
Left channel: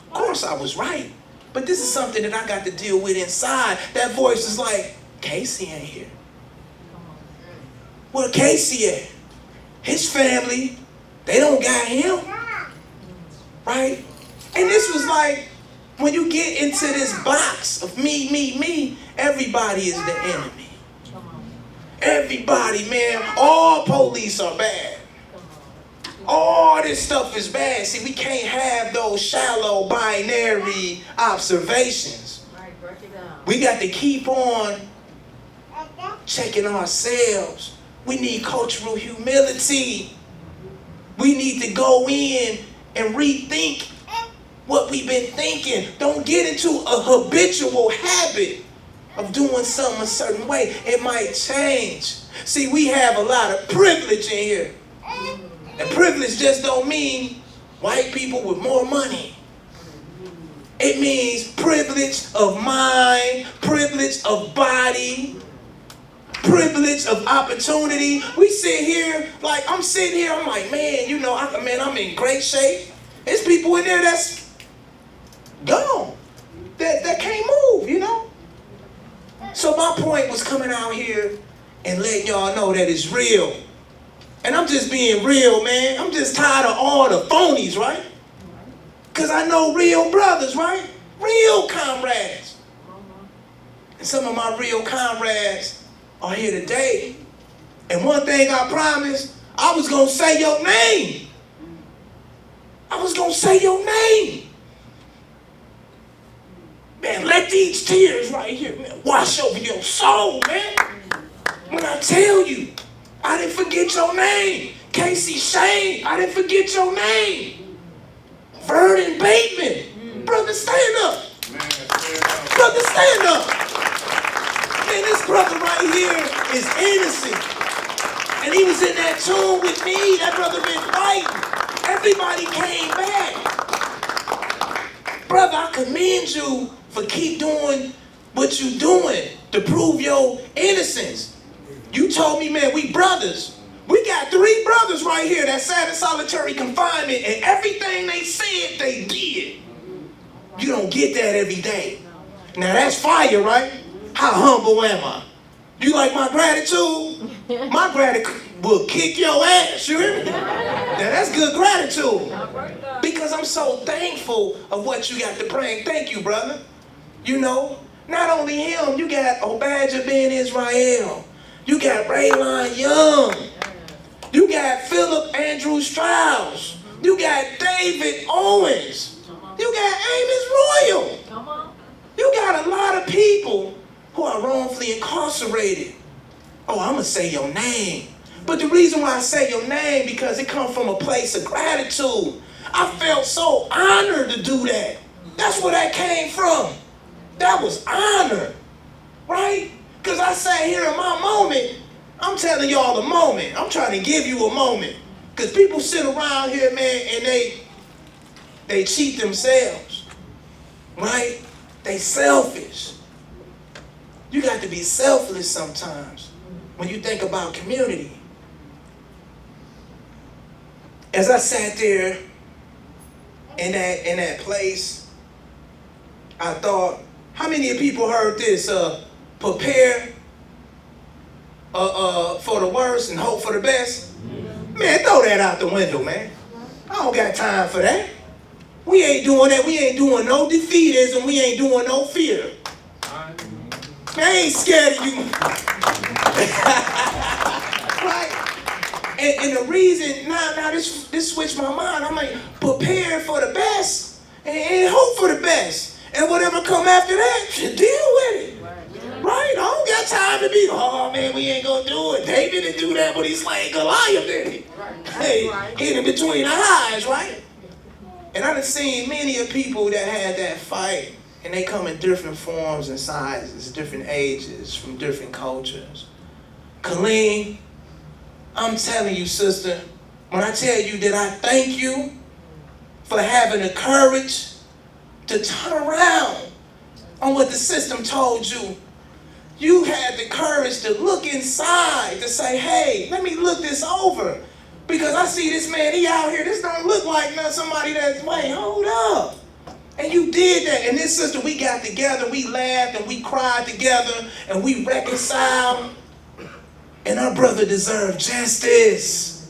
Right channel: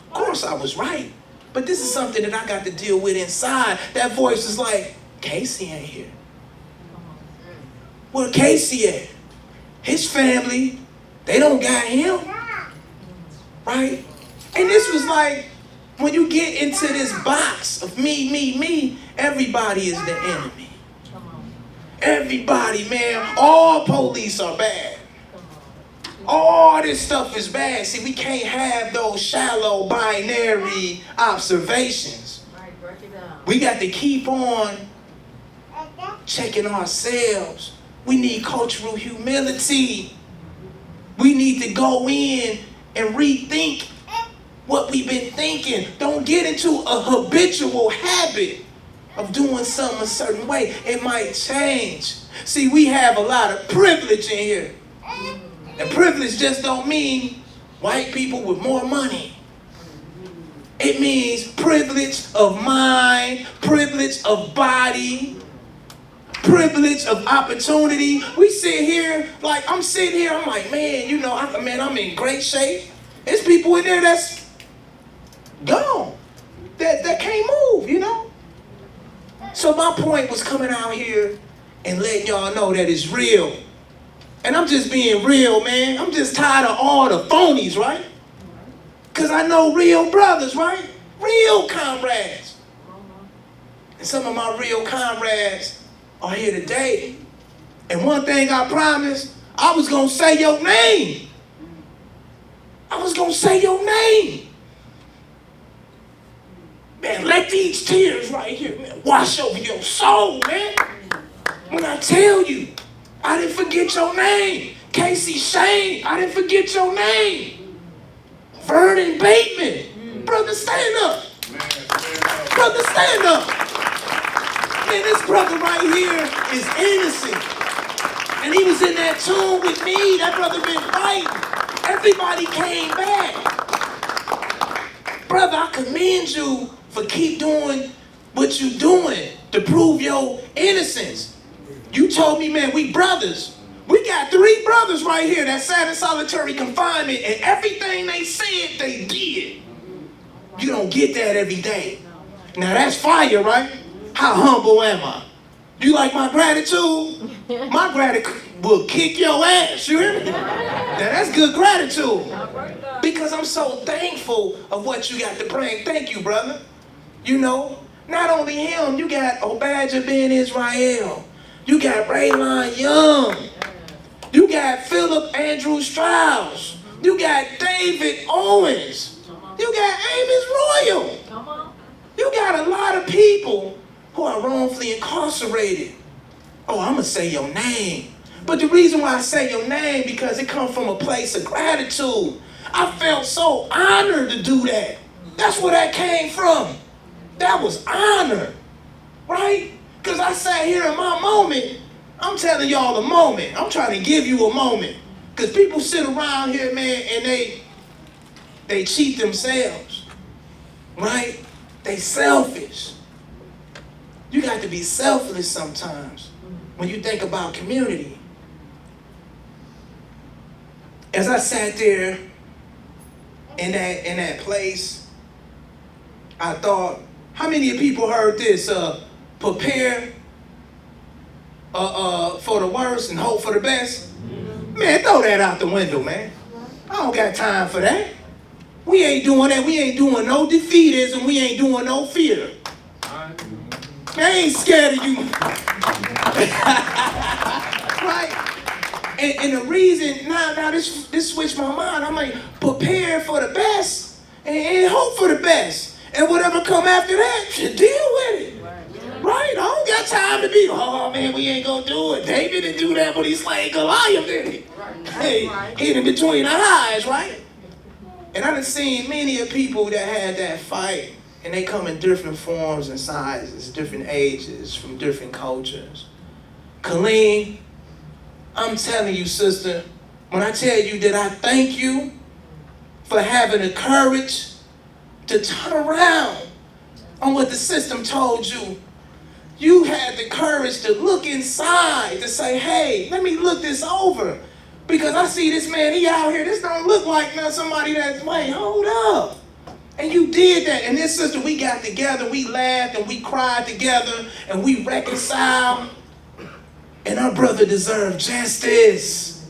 Of course I was right. But this is something that I got to deal with inside. That voice is like, Kasey ain't here. Where Kasey at? His family, they don't got him. Right? And this was like, when you get into this box of me, everybody is the enemy. Everybody, man, all police are bad. All this stuff is bad. See, we can't have those shallow binary observations. We got to keep on checking ourselves. We need cultural humility. We need to go in and rethink what we've been thinking. Don't get into a habitual habit of doing something a certain way. It might change. See, we have a lot of privilege in here. And privilege just don't mean white people with more money. It means privilege of mind, privilege of body, privilege of opportunity. We sit here, like I'm sitting here, I'm like, man, you know, I'm in great shape. There's people in there that's gone, that can't move, you know? So my point was coming out here and letting y'all know that it's real. And I'm just being real, man. I'm just tired of all the phonies, right? Because I know real brothers, right? Real comrades. And some of my real comrades are here today. And one thing I promised, I was going to say your name. I was going to say your name. Man, let these tears right here, man, wash over your soul, man. When I tell you, I didn't forget your name. Kasey Schoen, I didn't forget your name. Vernon Bateman. Brother, stand up. Brother, stand up. Man, this brother right here is innocent. And he was in that tomb with me. That brother been fighting. Everybody came back. Brother, I commend you for keep doing what you doing to prove your innocence. You told me, man, we brothers. We got 3 brothers right here that sat in solitary confinement, and everything they said, they did. You don't get that every day. Now that's fire, right? How humble am I? You like my gratitude? My gratitude will kick your ass, you hear me? Now that's good gratitude. Because I'm so thankful of what you got to bring. Thank you, brother. You know, not only him, you got Obadja Ben Israel. You got Raylon Young. You got Philip Andrew Strauss. You got David Owens. You got Amos Royal. You got a lot of people who are wrongfully incarcerated. Oh, I'm going to say your name. But the reason why I say your name, because it comes from a place of gratitude. I felt so honored to do that. That's where that came from. That was honor, right? Because I sat here in my moment. I'm telling y'all a moment. I'm trying to give you a moment. Because people sit around here, man, and they cheat themselves, right? They selfish. You got to be selfless sometimes when you think about community. As I sat there in that place, I thought, how many people heard this? Prepare for the worst and hope for the best. Man, throw that out the window, man. I don't got time for that. We ain't doing that. We ain't doing no defeatism. We ain't doing no fear. Man, I ain't scared of you. Right? And the reason, now this switched my mind. I'm like, prepare for the best and hope for the best. And whatever come after that, deal with it. Right? I don't got time to be, oh man, we ain't gonna do it. David didn't do that, but he slayed Goliath, didn't he? Hey, hit him between the eyes, right? And I done seen many of people that had that fight, and they come in different forms and sizes, different ages, from different cultures. Colleen, I'm telling you, sister, when I tell you that I thank you for having the courage to turn around on what the system told you. You had the courage to look inside, to say, hey, let me look this over. Because I see this man, he out here, this don't look like somebody that's, wait, hold up. And you did that. And this sister, we got together, we laughed and we cried together and we reconciled. And our brother deserved justice.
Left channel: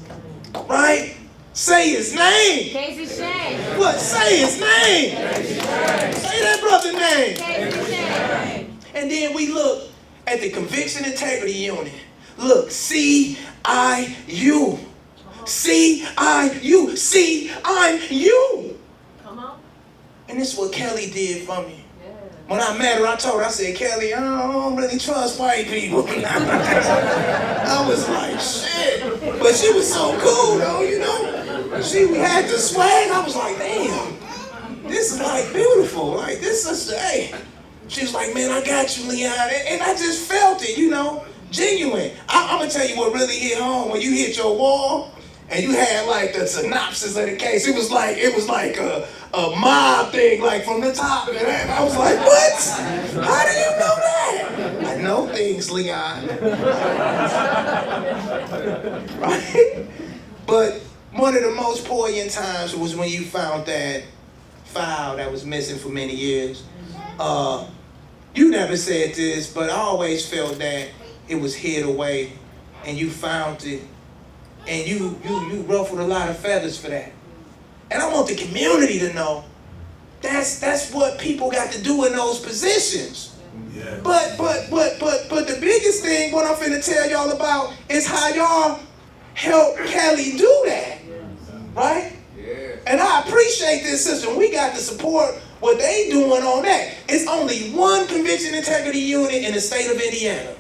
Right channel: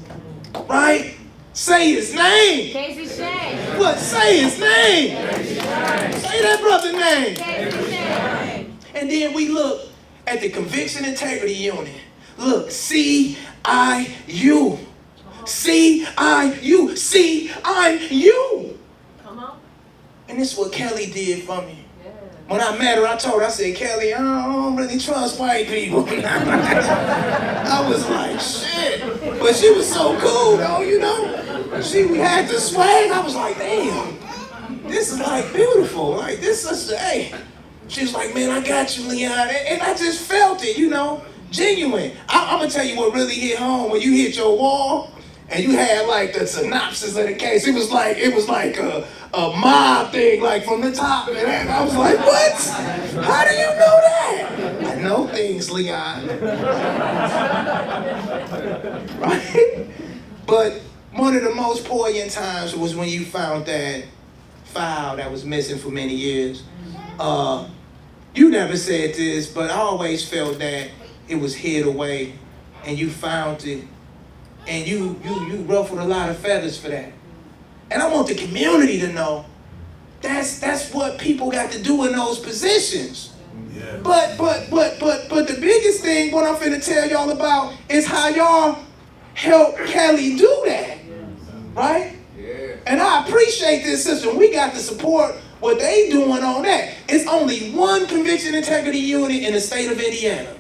Right? Say his name. Kasey Schoen. What? Say his name. Say that brother's name. Kasey Schoen. And then we look at the Conviction Integrity Unit. Look, C-I-U. C-I-U. C-I-U. Come on. And this is what Kelly did for me. When I met her, I told her, I said, Kelly, I don't really trust white people. I was like, shit. But she was so cool, though, you know. We had the swag. I was like, damn, this is like beautiful. Like, this sister, hey. She was like, man, I got you, Leon. And I just felt it, you know, genuine. I'm going to tell you what really hit home. When you hit your wall and you had like the synopsis of the case, it was like a mob thing, like from the top. And I was like, what? How do you know that? I know things, Leon. Right? But one of the most poignant times was when you found that file that was missing for many years. You never said this, but I always felt that it was hid away and you found it. And you ruffled a lot of feathers for that. And I want the community to know that's what people got to do in those positions. Yeah. But the biggest thing, what I'm finna tell y'all about, is how y'all helped Kelly do that. Right? Yeah. And I appreciate this system. We got to support what they doing on that. It's only one Conviction Integrity Unit in the state of Indiana.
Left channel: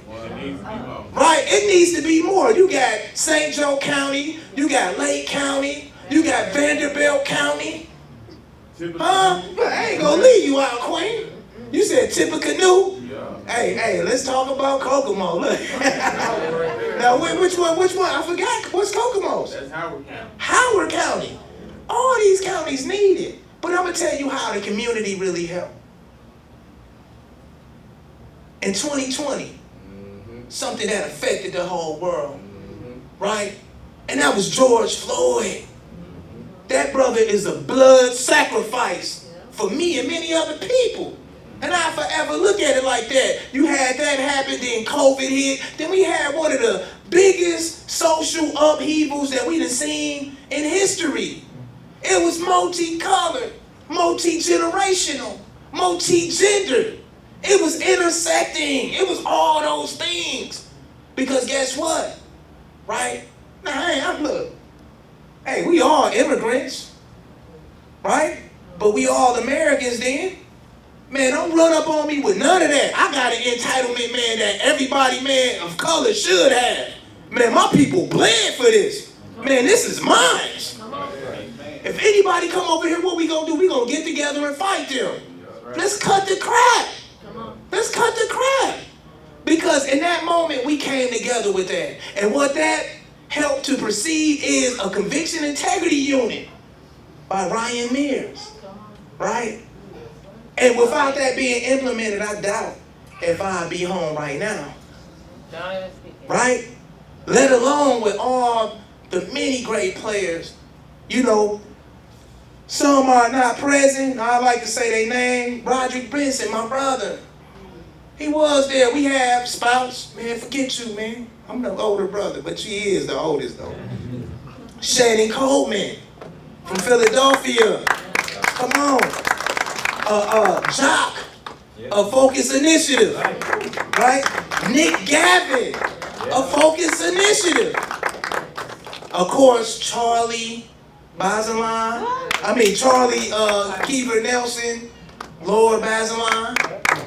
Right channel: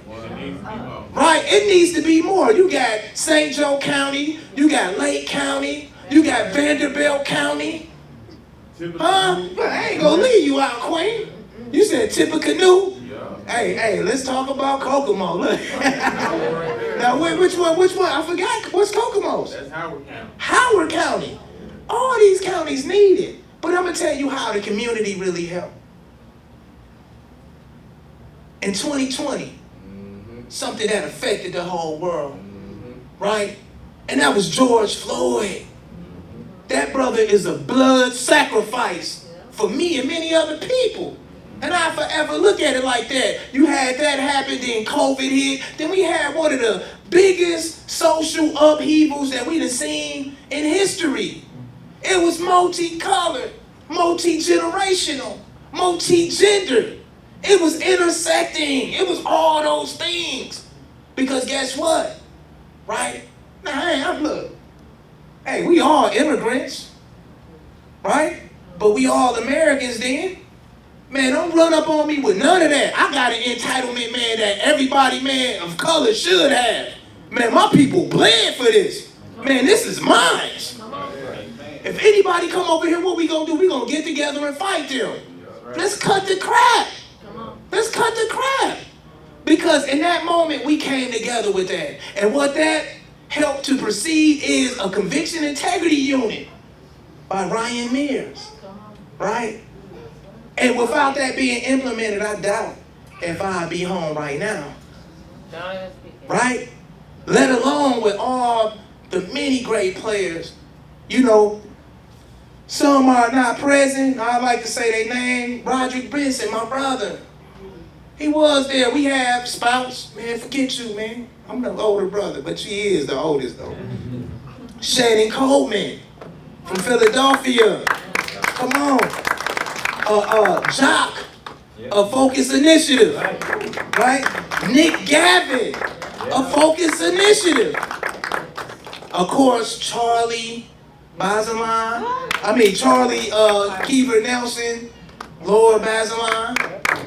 Right? It needs to be more. You got St. Joe County, you got Lake County, you got Vanderbilt County. Huh? I ain't gonna leave you out, Queen. You said Tippecanoe? Yeah. Hey, let's talk about Kokomo. Look. Now, which one? I forgot. What's Kokomo's? That's Howard County. Howard County. All these counties need it. But I'm gonna tell you how the community really helped. In 2020, something that affected the whole world right? And that was George Floyd. That brother is a blood sacrifice for me and many other people. And I forever look at it like that. You had that happen, then COVID hit. Then we had one of the biggest social upheavals that we've seen in history. It was multicolored, multi-generational, multi-gendered. It was intersecting. It was all those things. Because guess what? Right? Now, look. Hey, we all immigrants. Right? But we all Americans then. Man, don't run up on me with none of that. I got an entitlement, man, that everybody, man, of color should have. Man, my people bled for this. Man, this is mine. If anybody come over here, what we gonna do? We gonna get together and fight them. Let's cut the crap. Let's cut the crap. Because in that moment, we came together with that. And what that helped to proceed is a conviction integrity unit by Ryan Mears. Right? And without that being implemented, I doubt if I'd be home right now. Right? Let alone with all the many great players. You know, some are not present. I like to say their name. Benson, my brother. He was there. We have Spouse. Man, forget you, man. I'm the older brother, but she is the oldest, though. Shannon Coleman from Philadelphia. Come on. Jock of Focus Initiative, right? Nick Gavin of Focus Initiative. Of course, Charlie Kiever Nelson, Lord Bazelon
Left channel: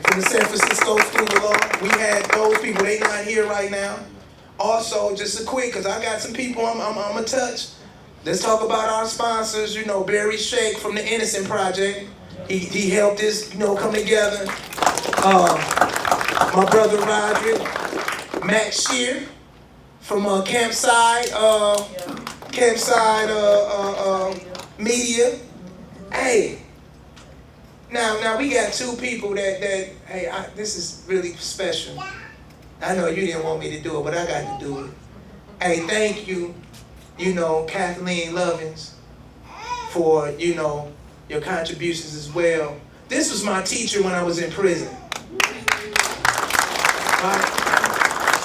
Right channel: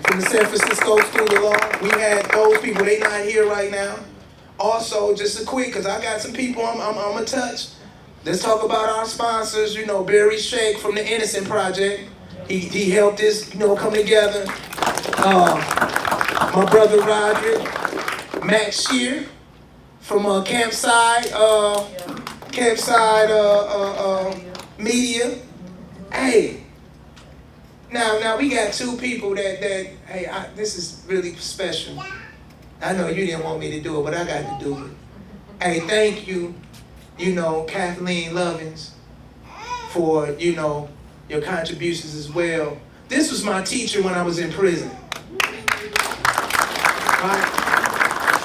from the San Francisco School of Law. We had those people, they not here right now. Also, just a quick, because I got some people I'm gonna touch. Let's talk about our sponsors, you know, Barry Shake from the Innocent Project. He helped this, you know, come together. My brother Roderick, Matt Shear from Campside Media. Hey, now we got two people that this is really special. I know you didn't want me to do it, but I got to do it. Hey, thank you, you know, Kathleen Lovins, for, you know, your contributions as well. This was my teacher when I was in prison. Right?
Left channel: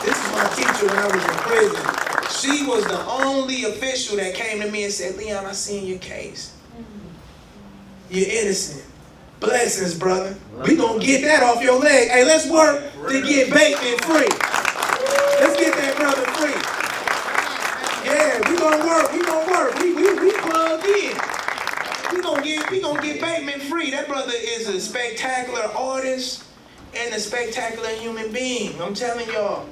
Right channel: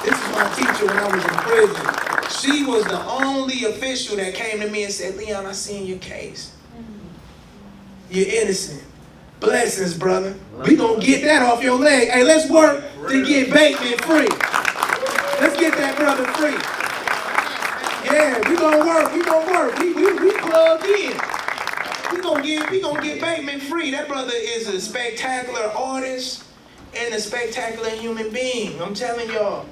This was my teacher when I was in prison. She was the only official that came to me and said, Leon, I seen your case. You're innocent. Blessings, brother. We gonna get that off your leg. Hey, let's work to get Bateman free. Let's get that brother free. Yeah, we gonna work. We plugged in. We gonna get Bateman free. That brother is a spectacular artist and a spectacular human being. I'm telling y'all,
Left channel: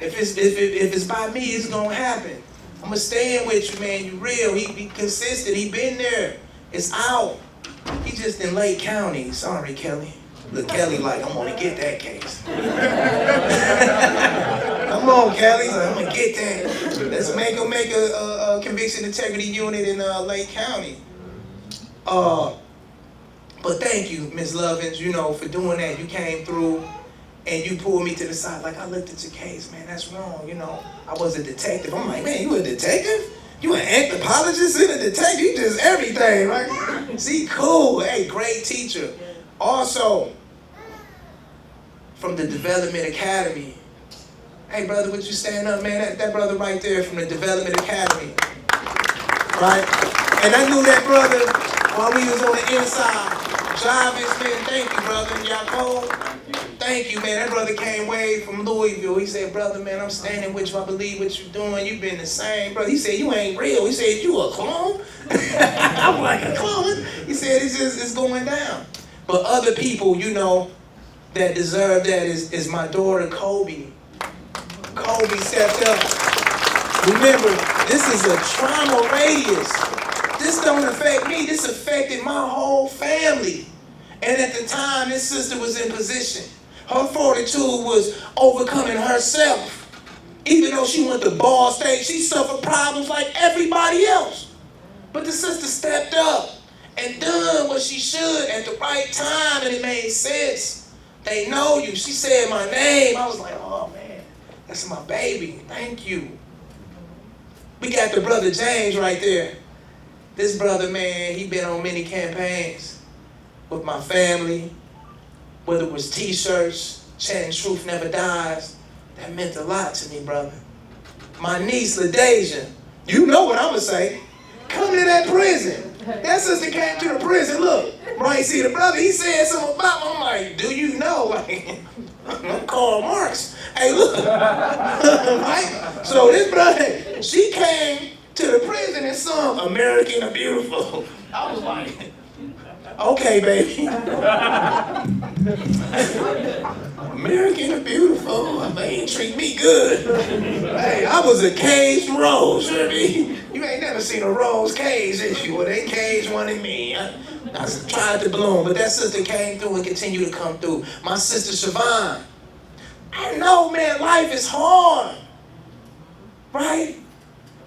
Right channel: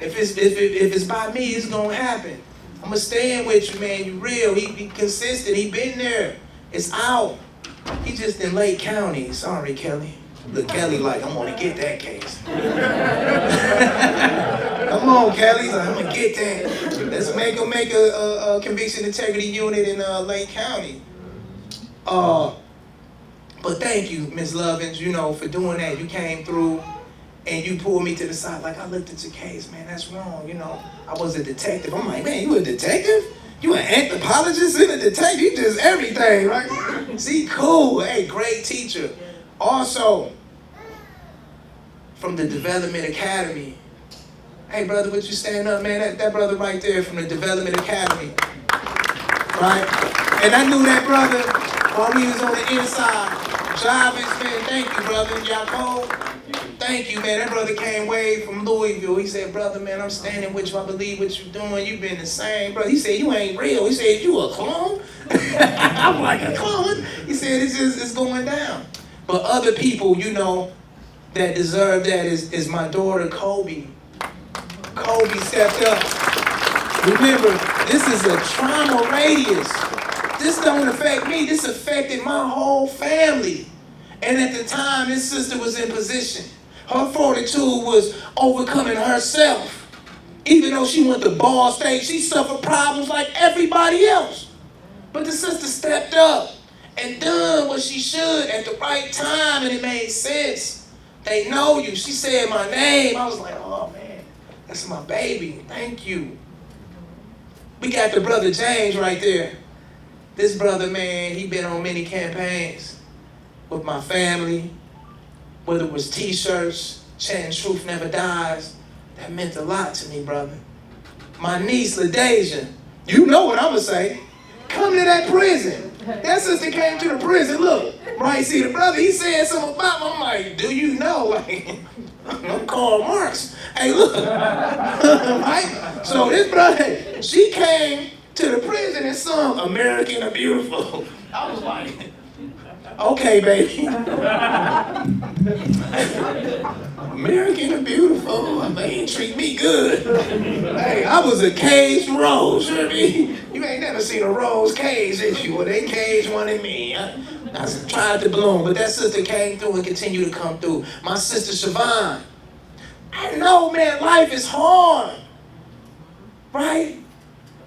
if it's by me, it's gonna happen. I'm gonna stand with you, man. You real. He consistent. He been there. It's out. He just in Lake County. Sorry, Kelly. Look, Kelly like, I'm gonna get that case. Come on, Kelly. Like, I'm gonna get that. Let's make a conviction integrity unit in Lake County. But thank you, Ms. Lovins, you know, for doing that. You came through and you pulled me to the side. Like, I looked at your case, man, that's wrong, you know. I was a detective. I'm like, man, you a detective? You an anthropologist and a detective? You just everything, right? See, cool. Hey, great teacher. Also, from the Development Academy. Hey, brother, would you stand up, man? That brother right there from the Development Academy. Right? And I knew that brother while we was on the inside. Jarvis, man, thank you, brother. Y'all cold? Thank you, man. That brother came way from Louisville. He said, brother, man, I'm standing with you. I believe what you're doing. You've been the same, brother. He said, you ain't real. He said, you a clone? I'm like, a clone? He said, it's going down. But other people, you know, that deserve that is my daughter, Kobe. Kobe stepped up. Remember, this is a trauma radius. This don't affect me. This affected my whole family. And at the time, this sister was in position. Her fortitude was overcoming herself. Even though she went to Ball State, she suffered problems like everybody else. But the sister stepped up and done what she should at the right time, and it made sense. They know you. She said my name. I was like, oh man, that's my baby. Thank you. We got the brother James right there. This brother, man, he been on many campaigns with my family, whether it was t-shirts, chanting Truth Never Dies. That meant a lot to me, brother. My niece, LaDeja, you know what I'ma say. Come to that prison. That sister came to the prison, look, right, see the brother, he said something about me. I'm like, do you know? Like, I'm Karl Marx. Hey, look, right? So this brother, she came to the prison and sung American the Beautiful. I was like, okay, baby. American the Beautiful, man, treat me good. Hey, I was a caged rose, you know what I mean? You ain't never seen a rose caged, did you? Well, they caged one in me. I tried to bloom, but that sister came through and continued to come through. My sister Siobhan. I know, man, life is hard, right?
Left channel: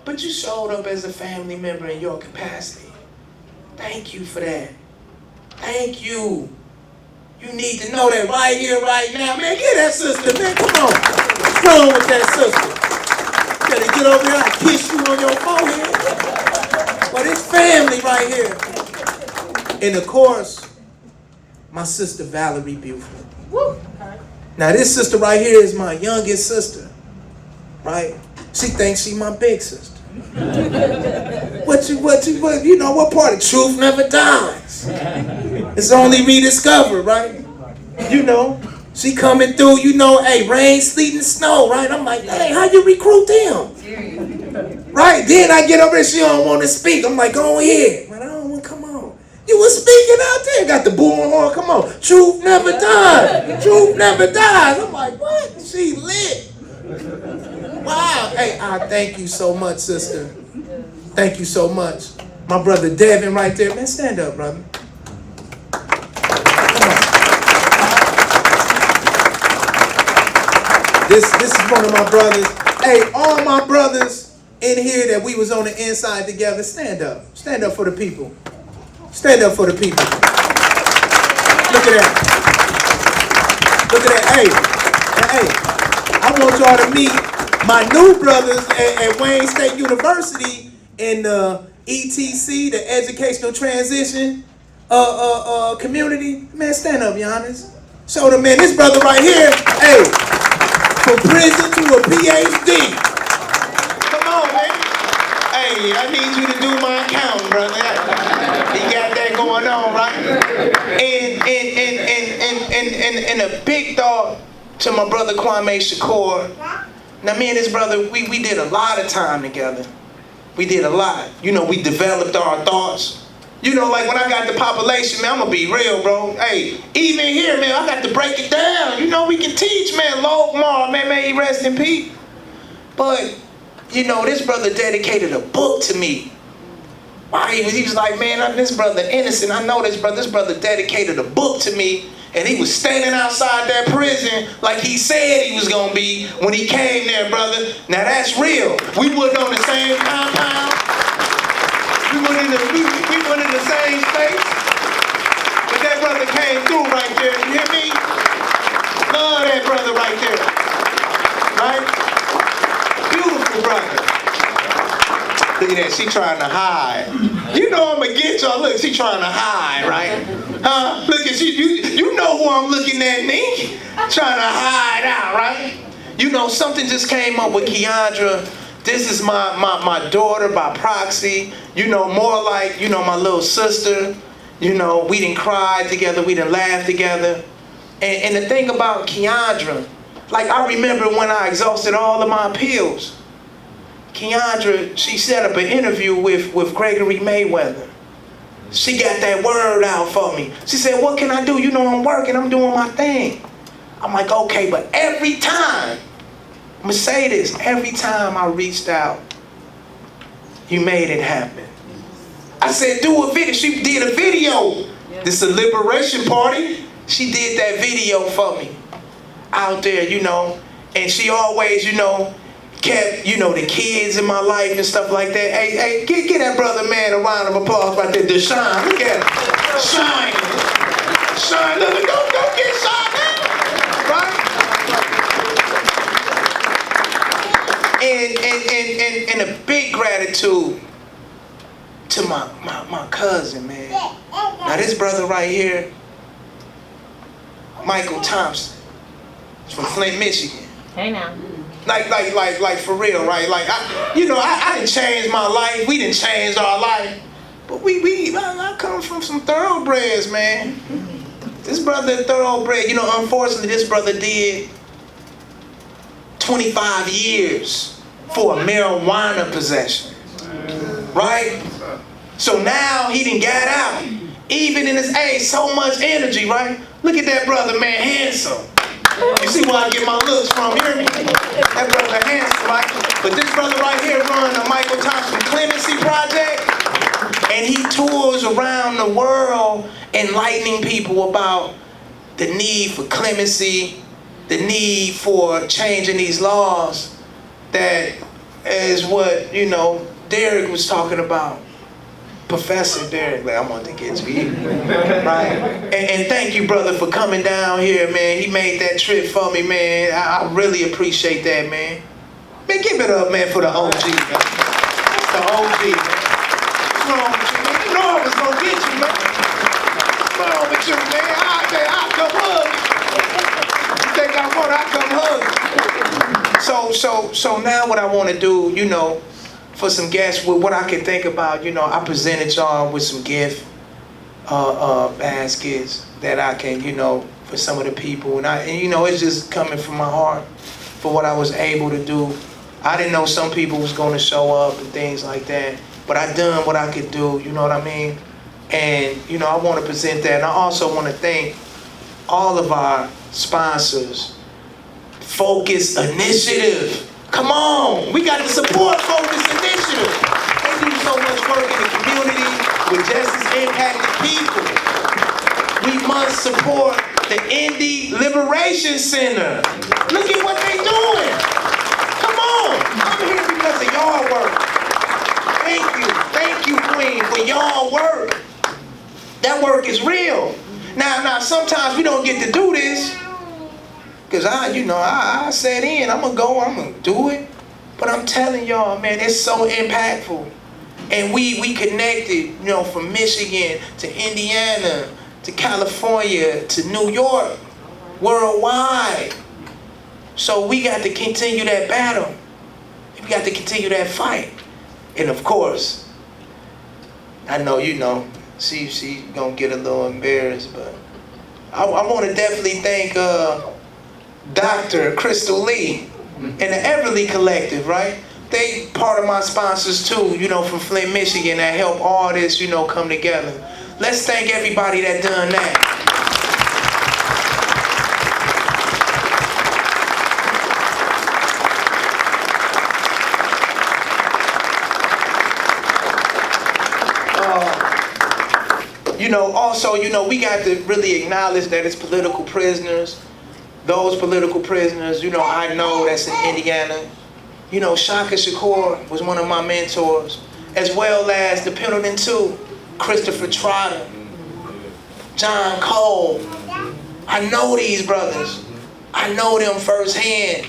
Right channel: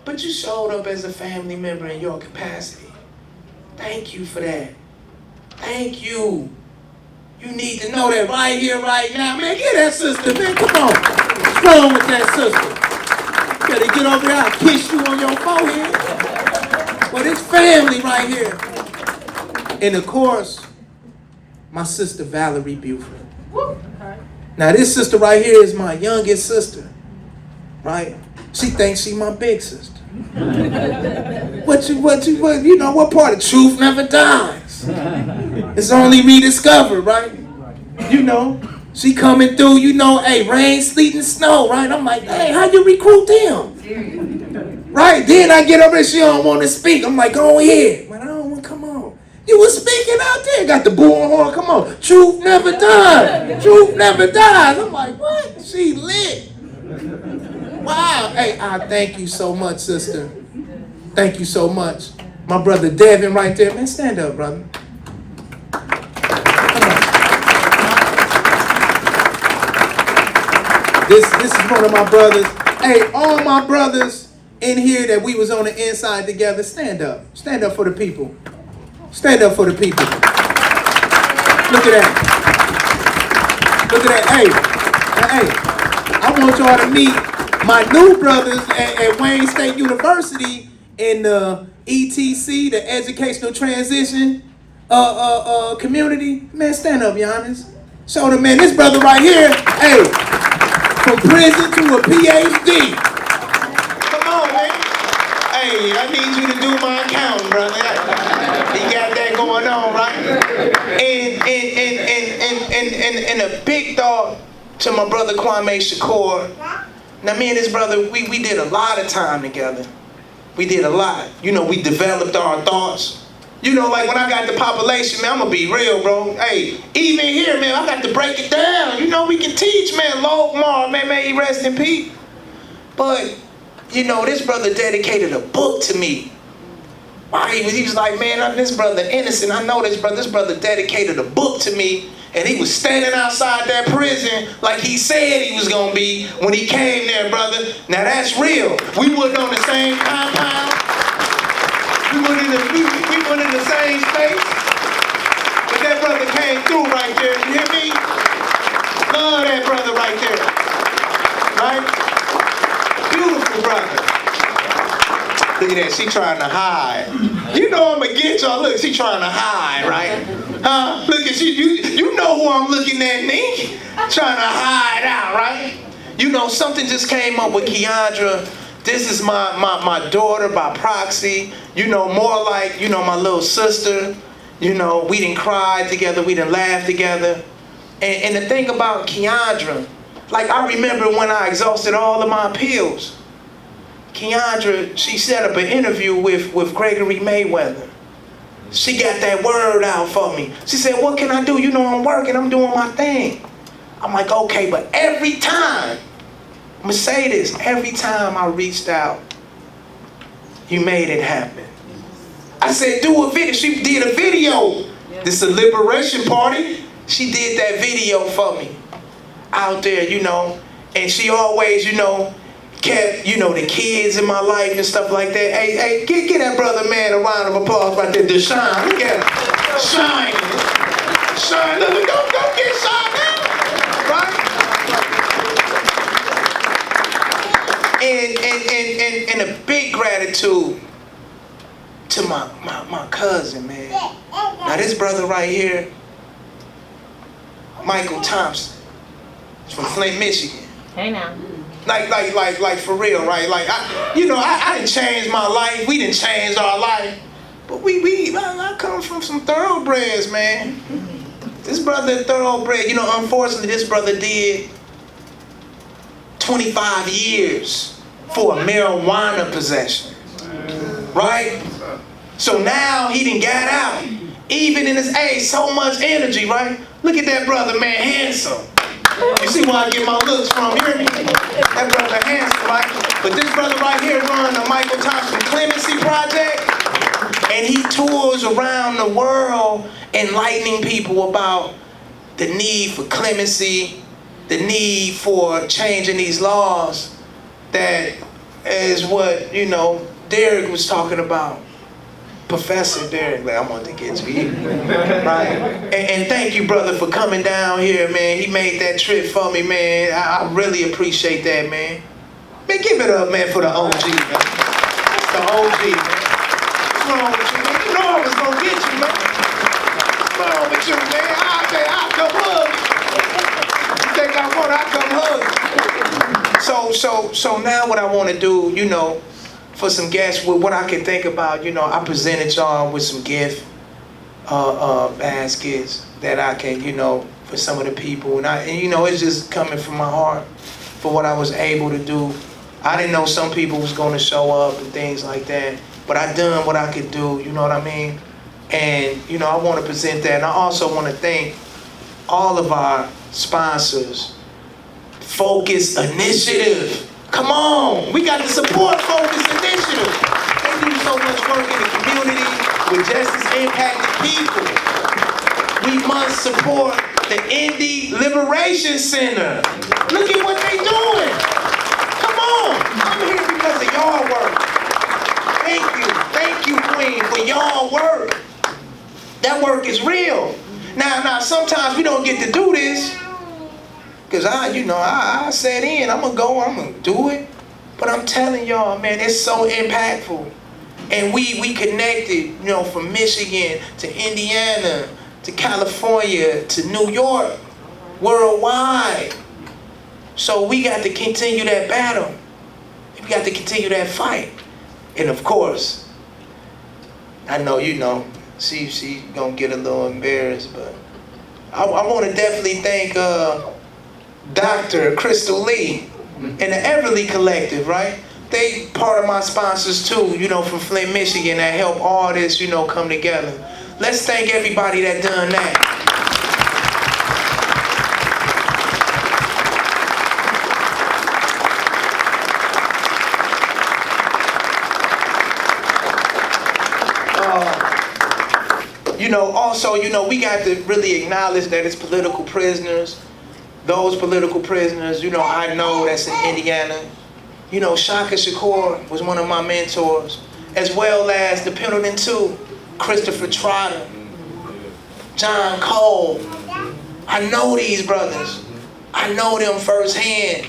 But you showed up as a family member in your capacity. Thank you for that. Thank you. You need to know that right here, right now. Man, get that sister, man. Come on. What's wrong with that sister? You better get over there and kiss you on your forehead. But it's family right here. And of course, my sister Valerie Buford. Now this sister right here is my youngest sister, right? She thinks she my big sister. What you know, what part of Truth Never Dies? It's only rediscovered, right? You know, she coming through, you know, hey, rain, sleet, and snow, right? I'm like, hey, how you recruit them? Right? Then I get over there, she don't want to speak. I'm like, go ahead. Man, I don't want to come on. You was speaking out there, got the bullhorn, come on. Truth never dies. Truth never dies. I'm like, what? She lit. Wow. Hey, I thank you so much, sister. Thank you so much. My brother Devin right there. Man, stand up, brother. Come on. This is one of my brothers. Hey, all my brothers in here that we was on the inside together, stand up. Stand up for the people. Stand up for the people. Look at that. Look at that. Hey, I want y'all to meet my new brothers at Wayne State University in the ETC, the Educational Transition community. Man, stand up, Giannis. Show them, man, this brother right here, hey, from prison to a PhD. Come on, man. Hey, I need you to do my accounting, brother. You got that going on, right? And a big dog to my brother Kwame Shakur. Now, me and his brother, we did a lot of time together. We did a lot. You know, we developed our thoughts. You know, like when I got the population, man, I'm gonna be real, bro. Hey, even here, man, I got to break it down. You know, we can teach, man. Logmar, man, may he rest in peace. But, you know, this brother dedicated a book to me. Why? He was like, man, this brother innocent. I know this brother. This brother dedicated a book to me. And he was standing outside that prison like he said he was gonna be when he came there, brother. Now that's real. We wasn't on the same compound. We weren't in the same space. But that brother came through right there. You hear me? Love that brother right there. Right? Beautiful brother. Look at that, she trying to hide. You know I'm gonna get y'all. Look, she trying to hide, right? Huh? Look at you know who I'm looking at, Nick? Trying to hide out, right? You know, something just came up with Keandra. This is my daughter by proxy. You know, more like, you know, my little sister. You know, we didn't cry together, we didn't laugh together. And the thing about Keandra, like I remember when I exhausted all of my appeals, Keandra, she set up an interview with Gregory Mayweather. She got that word out for me. She said, what can I do? You know I'm working, I'm doing my thing. I'm like, okay, but every time, I'm gonna say this, every time I reached out, you made it happen. I said, do a video. She did a video. This is a liberation party. She did that video for me out there, you know, and she always, you know, kept, you know, the kids in my life and stuff like that. Hey, get that brother, man, a round of applause right there. Deshaun, look at him. Shine. Look, don't get shot now. Right? And a big grab gratitude to my cousin, man. Now this brother right here, Michael Thompson, he's from Flint, Michigan. Hey now. Like for real, right? Like I didn't change my life. We didn't change our life, but I come from some thoroughbreds, man. This brother thoroughbred. Unfortunately, this brother did 25 years for a marijuana possession, right? So now he done got out. Even in his age, so much energy, right? Look at that brother, man, handsome. You see where I get my looks from, you hear me? That brother handsome, right? But this brother right here run the Michael Thompson Clemency Project, and he tours around the world enlightening people about the need for clemency, the need for changing these laws. That is what, Derek was talking about. Professor Derek, like, I want to get to you, right? And thank you, brother, for coming down here, man. He made that trip for me, man. I really appreciate that, man. Man, give it up, man, for the OG, man. The OG, man. What's wrong with you, man? You know I was gonna get you, man. What's wrong with you, man? I'll come hug you. You think I want? I'll come hug you. So now what I want to do, for some guests, with what I can think about, I presented y'all with some gift baskets that I can, for some of the people, and it's just coming from my heart for what I was able to do. I didn't know some people was going to show up and things like that, but I done what I could do, you know what I mean? And I want to present that, and I also want to thank all of our sponsors. Focus Initiative. Come on, we got to support Focus Initiative. They do so much work in the community with justice impacted people. We must support the Liberation Center. Look at what they doing. Come on, I'm here because of y'all work. Thank you, Queen, for y'all work. That work is real. Now sometimes we don't get to do this. Cause I sat in, I'm gonna do it. But I'm telling y'all, man, it's so impactful. And we connected, from Michigan to Indiana to California to New York, worldwide. So we got to continue that battle. We got to continue that fight. And of course, I know she gonna get a little embarrassed, but I want to definitely thank Dr. Crystal Lee and the Everly Collective, right? They part of my sponsors too, from Flint, Michigan, that help all this, come together. Let's thank everybody that done that. Also, we got to really acknowledge that it's political prisoners. Those political prisoners, I know that's in Indiana. Shaka Shakur was one of my mentors, as well as the Pendleton too, Christopher Trotter, John Cole. I know these brothers. I know them firsthand.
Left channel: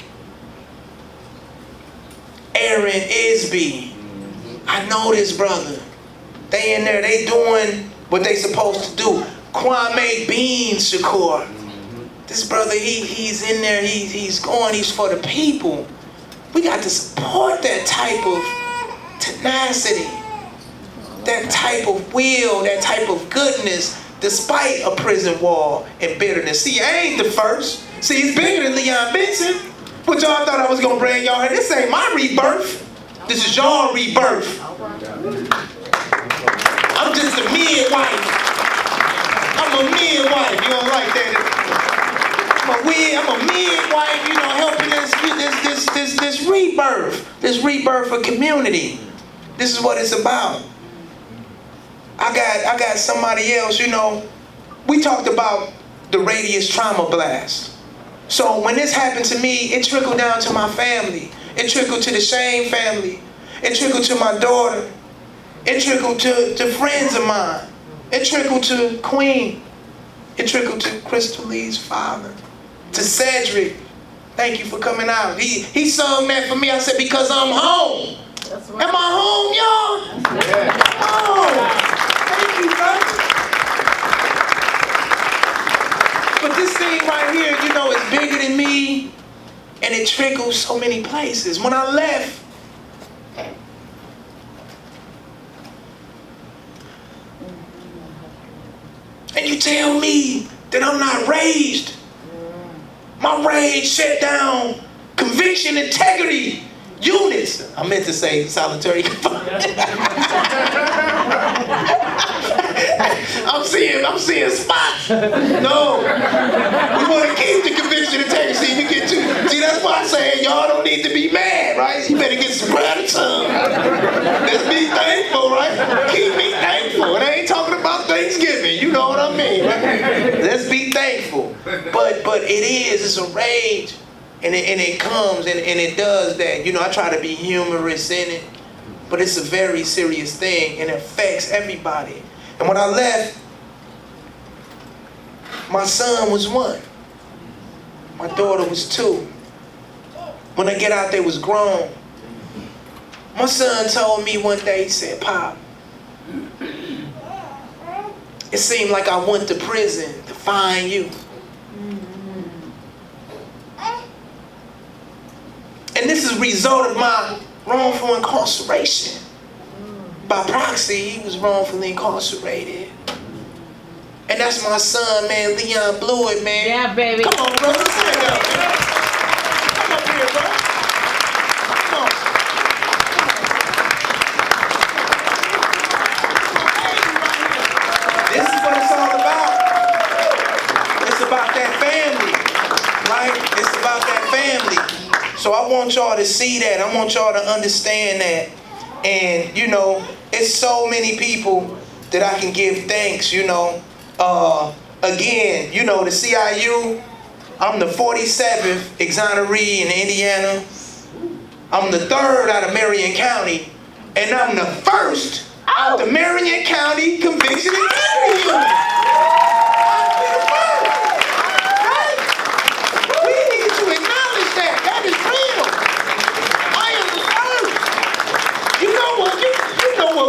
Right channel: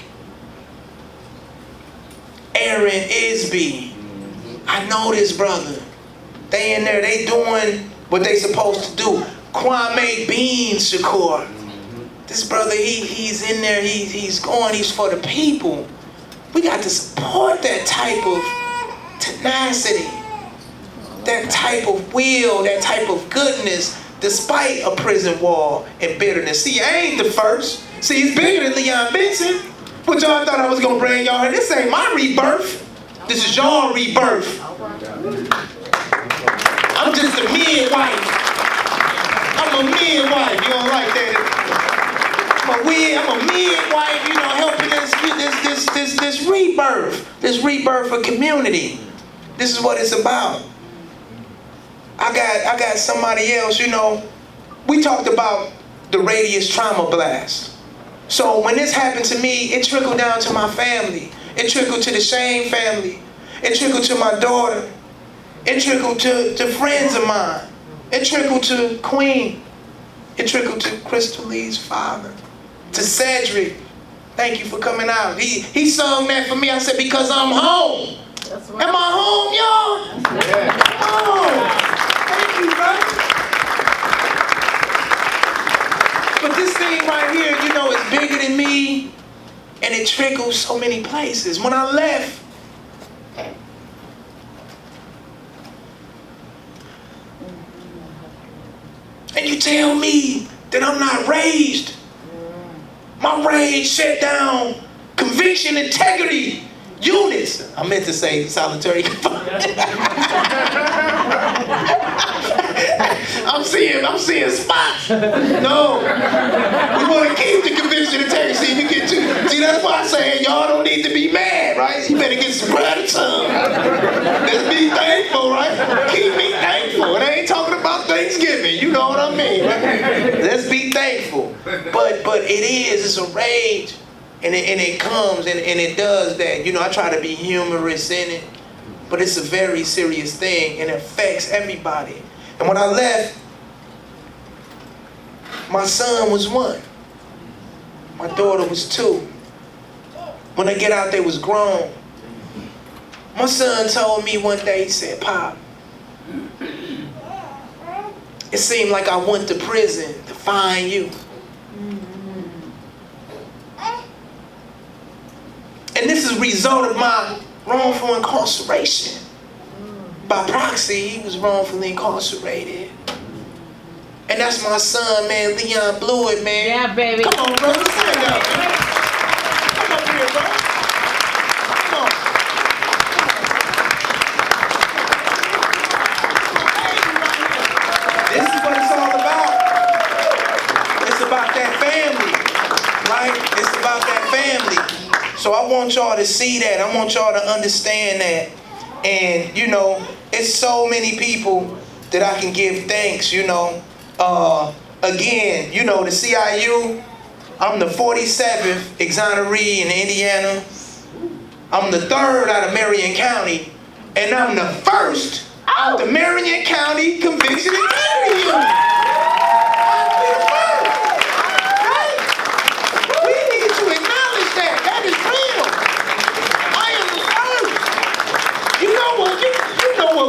Aaron Isby. I know this brother. They in there, they doing what they supposed to do. Kwame Beans Shakur. This brother, he's in there, he's for the people. We got to support that type of tenacity, that type of will, that type of goodness, despite a prison wall and bitterness. See, I ain't the first. See, it's bigger than Leon Benson. What y'all thought I was gonna bring y'all here? This ain't my rebirth. This is your rebirth. I'm just a midwife. I'm a midwife. You don't like that? I'm a midwife, helping this rebirth of community. This is what it's about. I got somebody else, we talked about the radius trauma blast. So when this happened to me, it trickled down to my family. It trickled to the Shane family. It trickled to my daughter. It trickled to friends of mine. It trickled to Queen. It trickled to Crystal Lee's father. To Cedric, thank you for coming out. He sung that for me. I said, because I'm home. Am I home, y'all? Oh, thank you, brother. But this thing right here, you know, is bigger than me, and it trickles so many places. When I left, and you tell me that I'm not raged. My rage shut down conviction, integrity, units. I meant to say solitary confinement. I'm seeing spots. No, we want to keep the conviction, integrity. See, that's why I say y'all don't need to be mad, right? You better get some gratitude. Let's be thankful, right? Keep me thankful. And I ain't talking about Thanksgiving. You know what I mean? Right? Let's be thankful. But it's a rage. And it comes and it does that. You know, I try to be humorous in it, but it's a very serious thing and it affects everybody. And when I left, my son was 1. My daughter was 2. When I get out, they was grown. My son told me one day, he said, "Pop, it seemed like I went to prison to find you." And this is a result of my wrongful incarceration. By proxy, he was wrongfully incarcerated. And that's my son, man, Leon blew it, man. Yeah, baby. Come on, brother, stand up, man. Come up here, bro. Come on. This is what it's all about. It's about that family, right? It's about that family. So I want y'all to see that. I want y'all to understand that. And, you know, it's so many people that I can give thanks, you know. Again, you know, the CIU, I'm the 47th exoneree in Indiana. I'm the 3rd out of Marion County. And I'm the 1st out the Marion County Conviction Integrity Unit.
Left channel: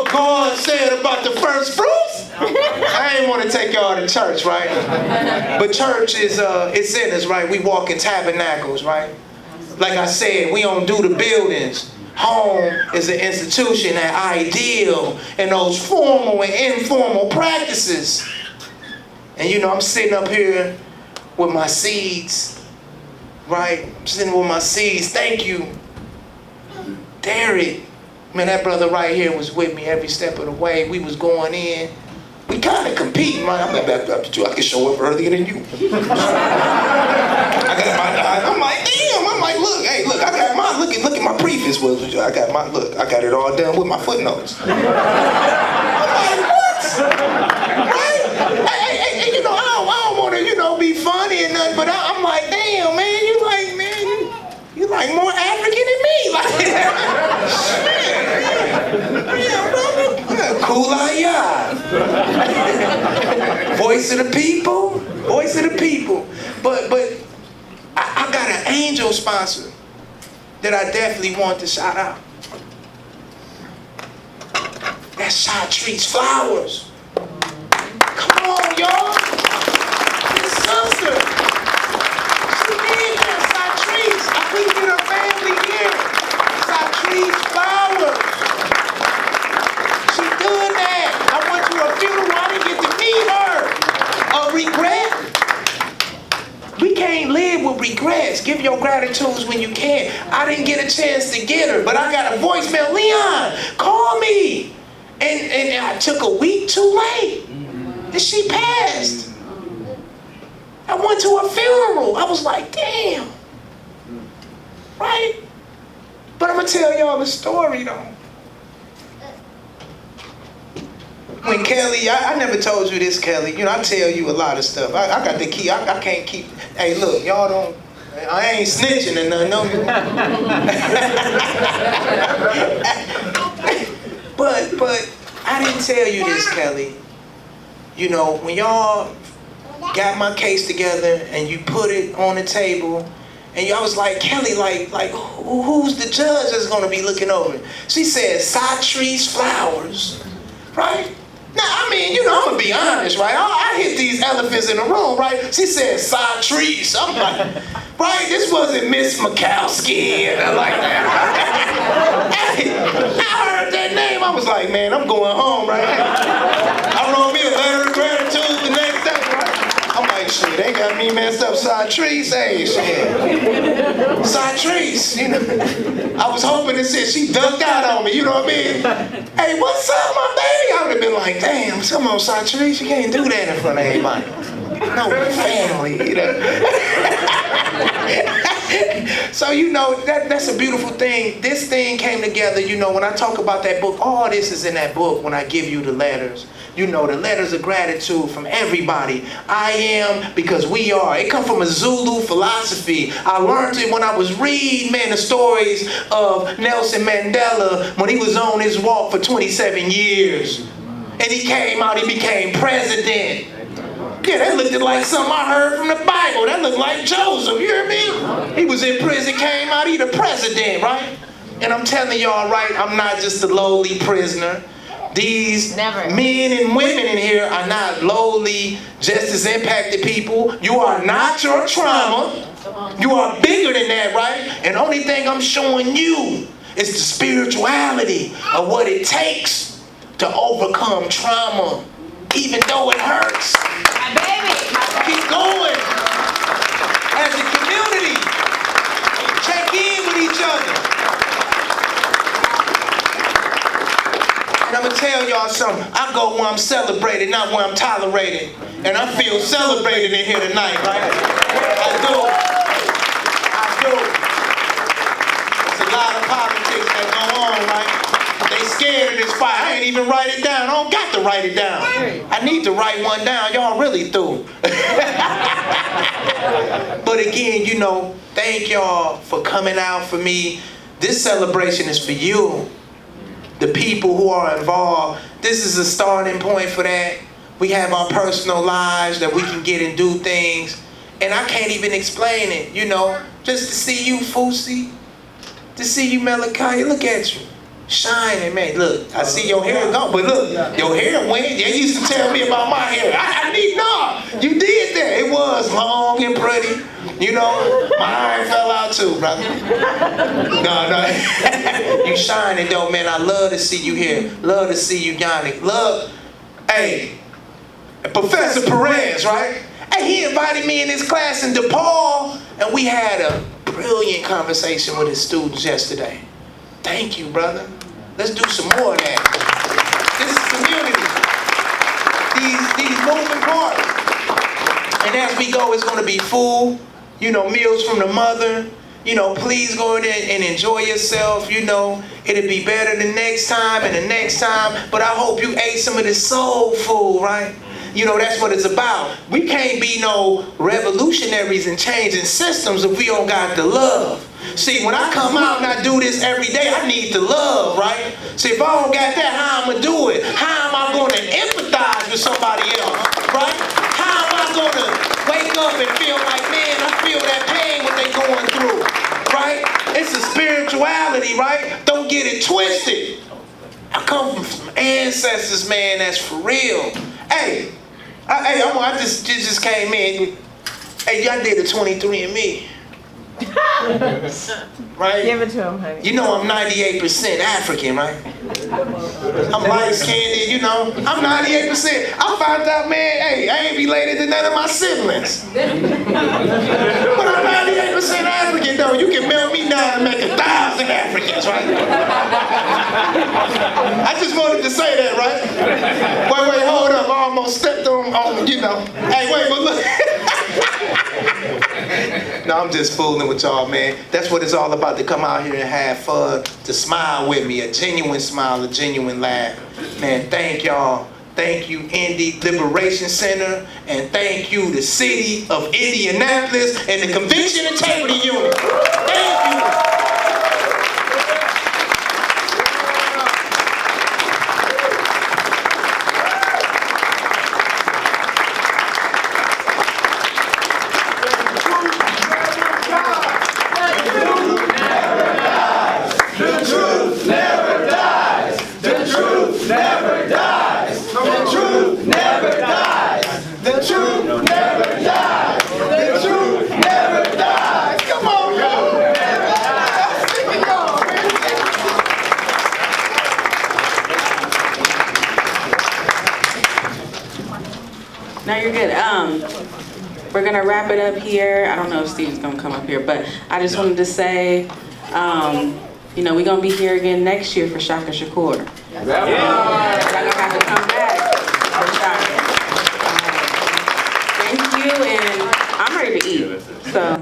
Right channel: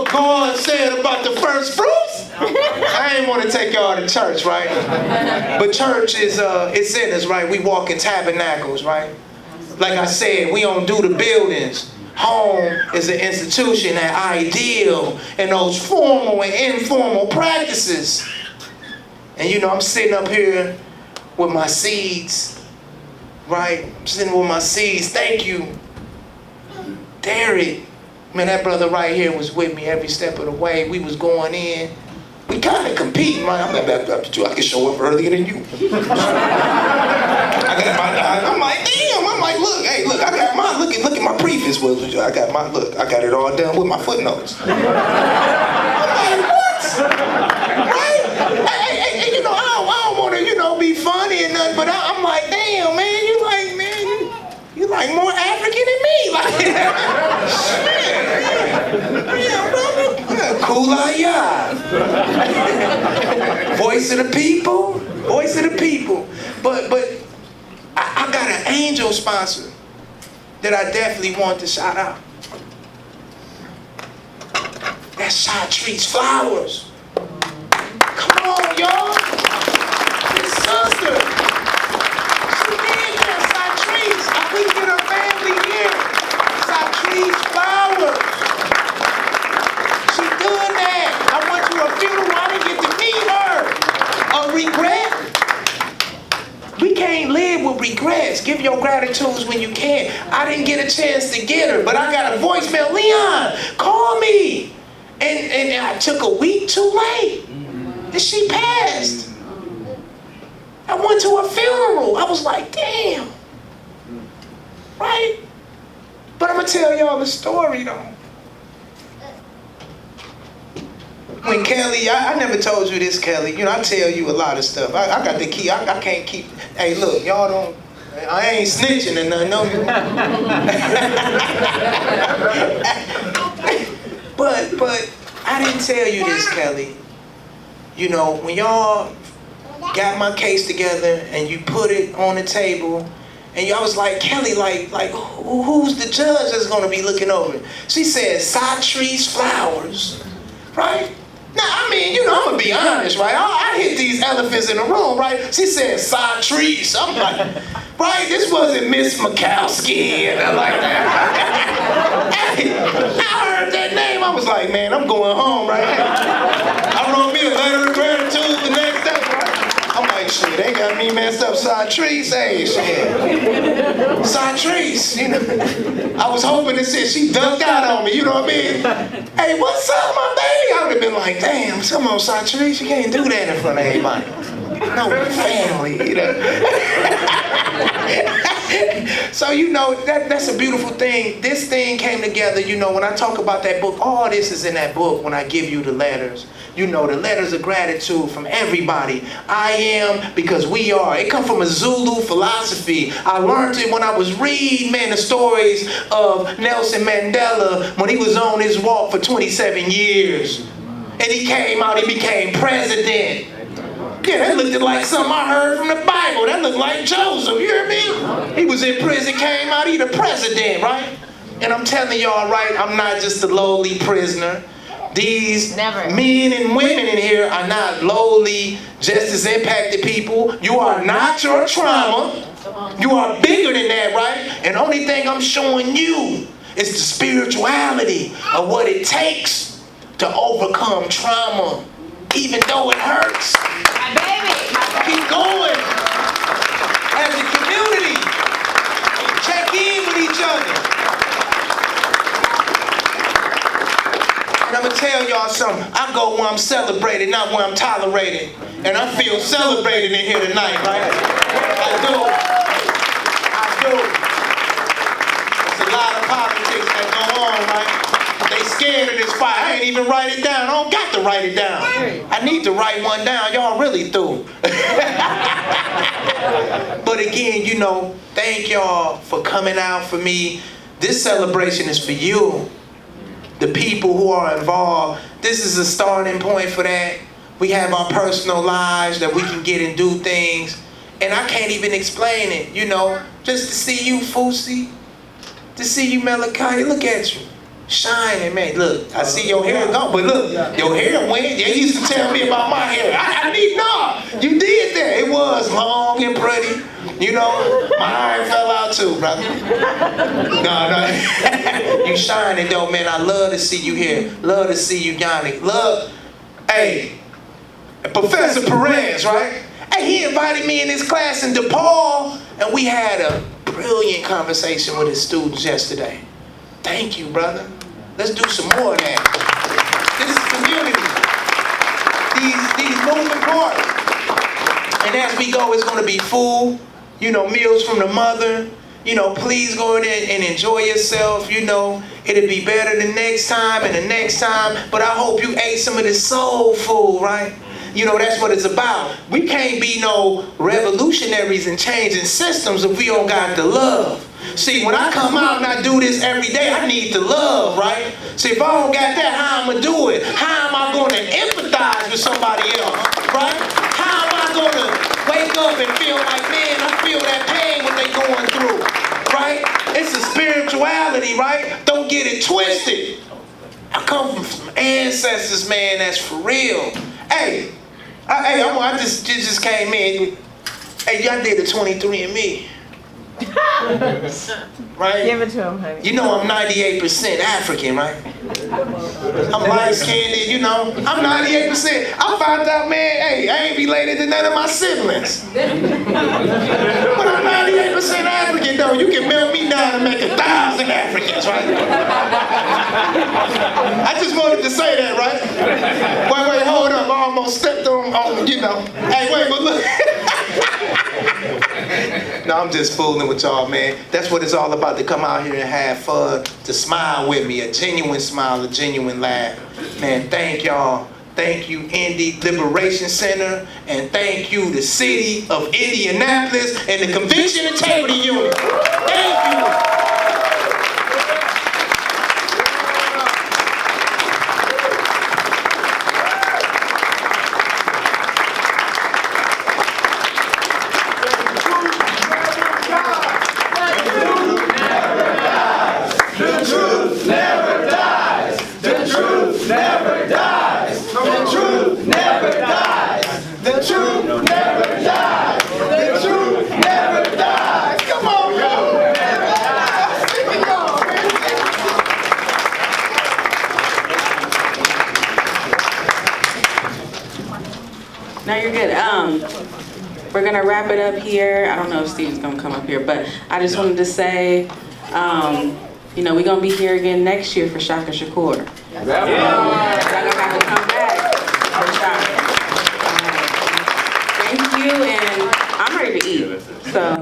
God said about the first fruits. I ain't want to take y'all to church, right? But church is it's in us, right? We walk in tabernacles, right? Like I said, we don't do the buildings. Home is an institution that ideal in those formal and informal practices. And you know, I'm sitting up here with my seeds, right? I'm sitting with my seeds. Thank you, Derek. Man, that brother right here was with me every step of the way. We was going in. We kind of competing, right? I'm like, I can show up earlier than you. I'm like, damn. I'm like, look, hey, look, I got my, look at my preface. I got my, look, I got it all done with my footnotes. I'm like, what? Right? Hey, you know, I don't want to, you know, be funny and nothing, but I'm like, damn, man, you like more African than me. Like, shit. Yeah, brother. Kumbaya. Voice of the people. Voice of the people. But I got an angel sponsor that I definitely want to shout out. That's Chartrice Flowers. Come on, y'all. His sister. She did that, Chartrice. I couldn't get her family here. Chartrice Flowers. She doing that. I went to a funeral. I didn't get to meet her. A regret? We can't live with regrets. Give your gratitudes when you can. I didn't get a chance to get her, but I got a voicemail. Leon, call me. And I took a week too late. And she passed. I went to a funeral. I was like, damn. Right? But I'm going to tell y'all the story, though. When Kelly, I never told you this, Kelly. You know, I tell you a lot of stuff. I got the key. I can't keep. Hey, look, y'all don't. I ain't snitching and nothing. No. But I didn't tell you this, Kelly. You know, when y'all got my case together and you put it on the table And I was like, Kelly, who's the judge that's gonna be looking over it? She said, Satrice Flowers, right? Now, I mean, you know, I'm gonna be honest, right? I hit these elephants in the room, right? She said, Satrice. I'm like, right? This wasn't Miss Mikowski and like that. Hey, I heard that name. I was like, man, I'm going home, right? I wrote me a letter of gratitude the next day, right? I'm like, shit, they got me messed up, Satrice. Hey, shit. Satrice, you know. I was hoping that she ducked out on me, you know what I mean? Hey, what's up, my baby? I would have been like, damn, come on, Satrice, you can't do that in front of everybody. No, your family, you know. So, you know, that's a beautiful thing. This thing came together, you know, when I talk about that book, all this is in that book when I give you the letters. You know, the letters of gratitude from everybody. I am because we are. It comes from a Zulu philosophy. I learned it when I was reading, man, the stories of Nelson Mandela when he was on his walk for 27 years. And he came out, he became president. Yeah, that looked like something I heard from the Bible. That looked like Joseph, you hear me? He was in prison, came out, he the president, right? And I'm telling y'all, right, I'm not just a lowly prisoner. These men and women in here are not lowly, just as impacted people. You are not your trauma. You are bigger than that, right? And the only thing I'm showing you is the spirituality of what it takes to overcome trauma, even though it hurts. My baby. Keep going. As a community, check in with each other. And I'm gonna tell y'all something. I go where I'm celebrated, not where I'm tolerated. And I feel celebrated in here tonight, right? I do. There's a lot of politics that go on, right? They scared of this fight. I ain't even write it down. I don't got to write it down. I need to write one down. Y'all really through. But again, you know, thank y'all for coming out for me. This celebration is for you. The people who are involved. This is a starting point for that. We have our personal lives that we can get and do things. And I can't even explain it, you know. Just to see you, Fusi. To see you, Malachi. Look at you. Shining, man. Look, I see your hair gone, but look, your hair went. They used to tell me about my hair. You did that. It was long and pretty. You know, my iron fell out too, brother. No. You shining though, man. I love to see you here. Love to see you, Yannick. Love, hey, Professor Perez, right? Hey, he invited me in his class in DePaul, and we had a brilliant conversation with his students yesterday. Thank you, brother. Let's do some more of that. This is community. These moving parts. And as we go, it's going to be food, you know, meals from the mother. You know, please go in there and enjoy yourself. You know, it'll be better the next time and the next time. But I hope you ate some of this soul food, right? You know, that's what it's about. We can't be no revolutionaries and changing systems if we don't got the love. See, when I come out and I do this every day, I need the love, right? See, if I don't got that, how am I do it? How am I going to empathize with somebody else, right? How am I going to wake up and feel like, man, I feel that pain what they going through, right? It's a spirituality, right? Don't get it twisted. I come from some ancestors, man, that's for real. Hey, I just came in. Hey, y'all did the 23andMe. Right? Give it to him, honey. You know I'm 98% African, right? I'm light-skinned, you know. I'm 98%. I found out, man, hey, I ain't related to none of my siblings. But I'm 98% African, though. You can melt me down and make 1,000 Africans, right? I just wanted to say that, right? Wait, hold up. I almost stepped on, you know. Hey, wait, but look. No, I'm just fooling with y'all, man. That's what it's all about, to come out here and have fun, to smile with me, a genuine smile, a genuine laugh. Man, thank y'all. Thank you, Indy Liberation Center, and thank you, the city of Indianapolis and the Conviction Integrity Unit. Thank you. No, you're good. We're gonna wrap it up here. I don't know if Steve's gonna come up here, but I just wanted to say, you know, we're gonna be here again next year for Shaka Shakur. Y'all gonna have to come back for Shaka. Thank you, and I'm ready to eat. So.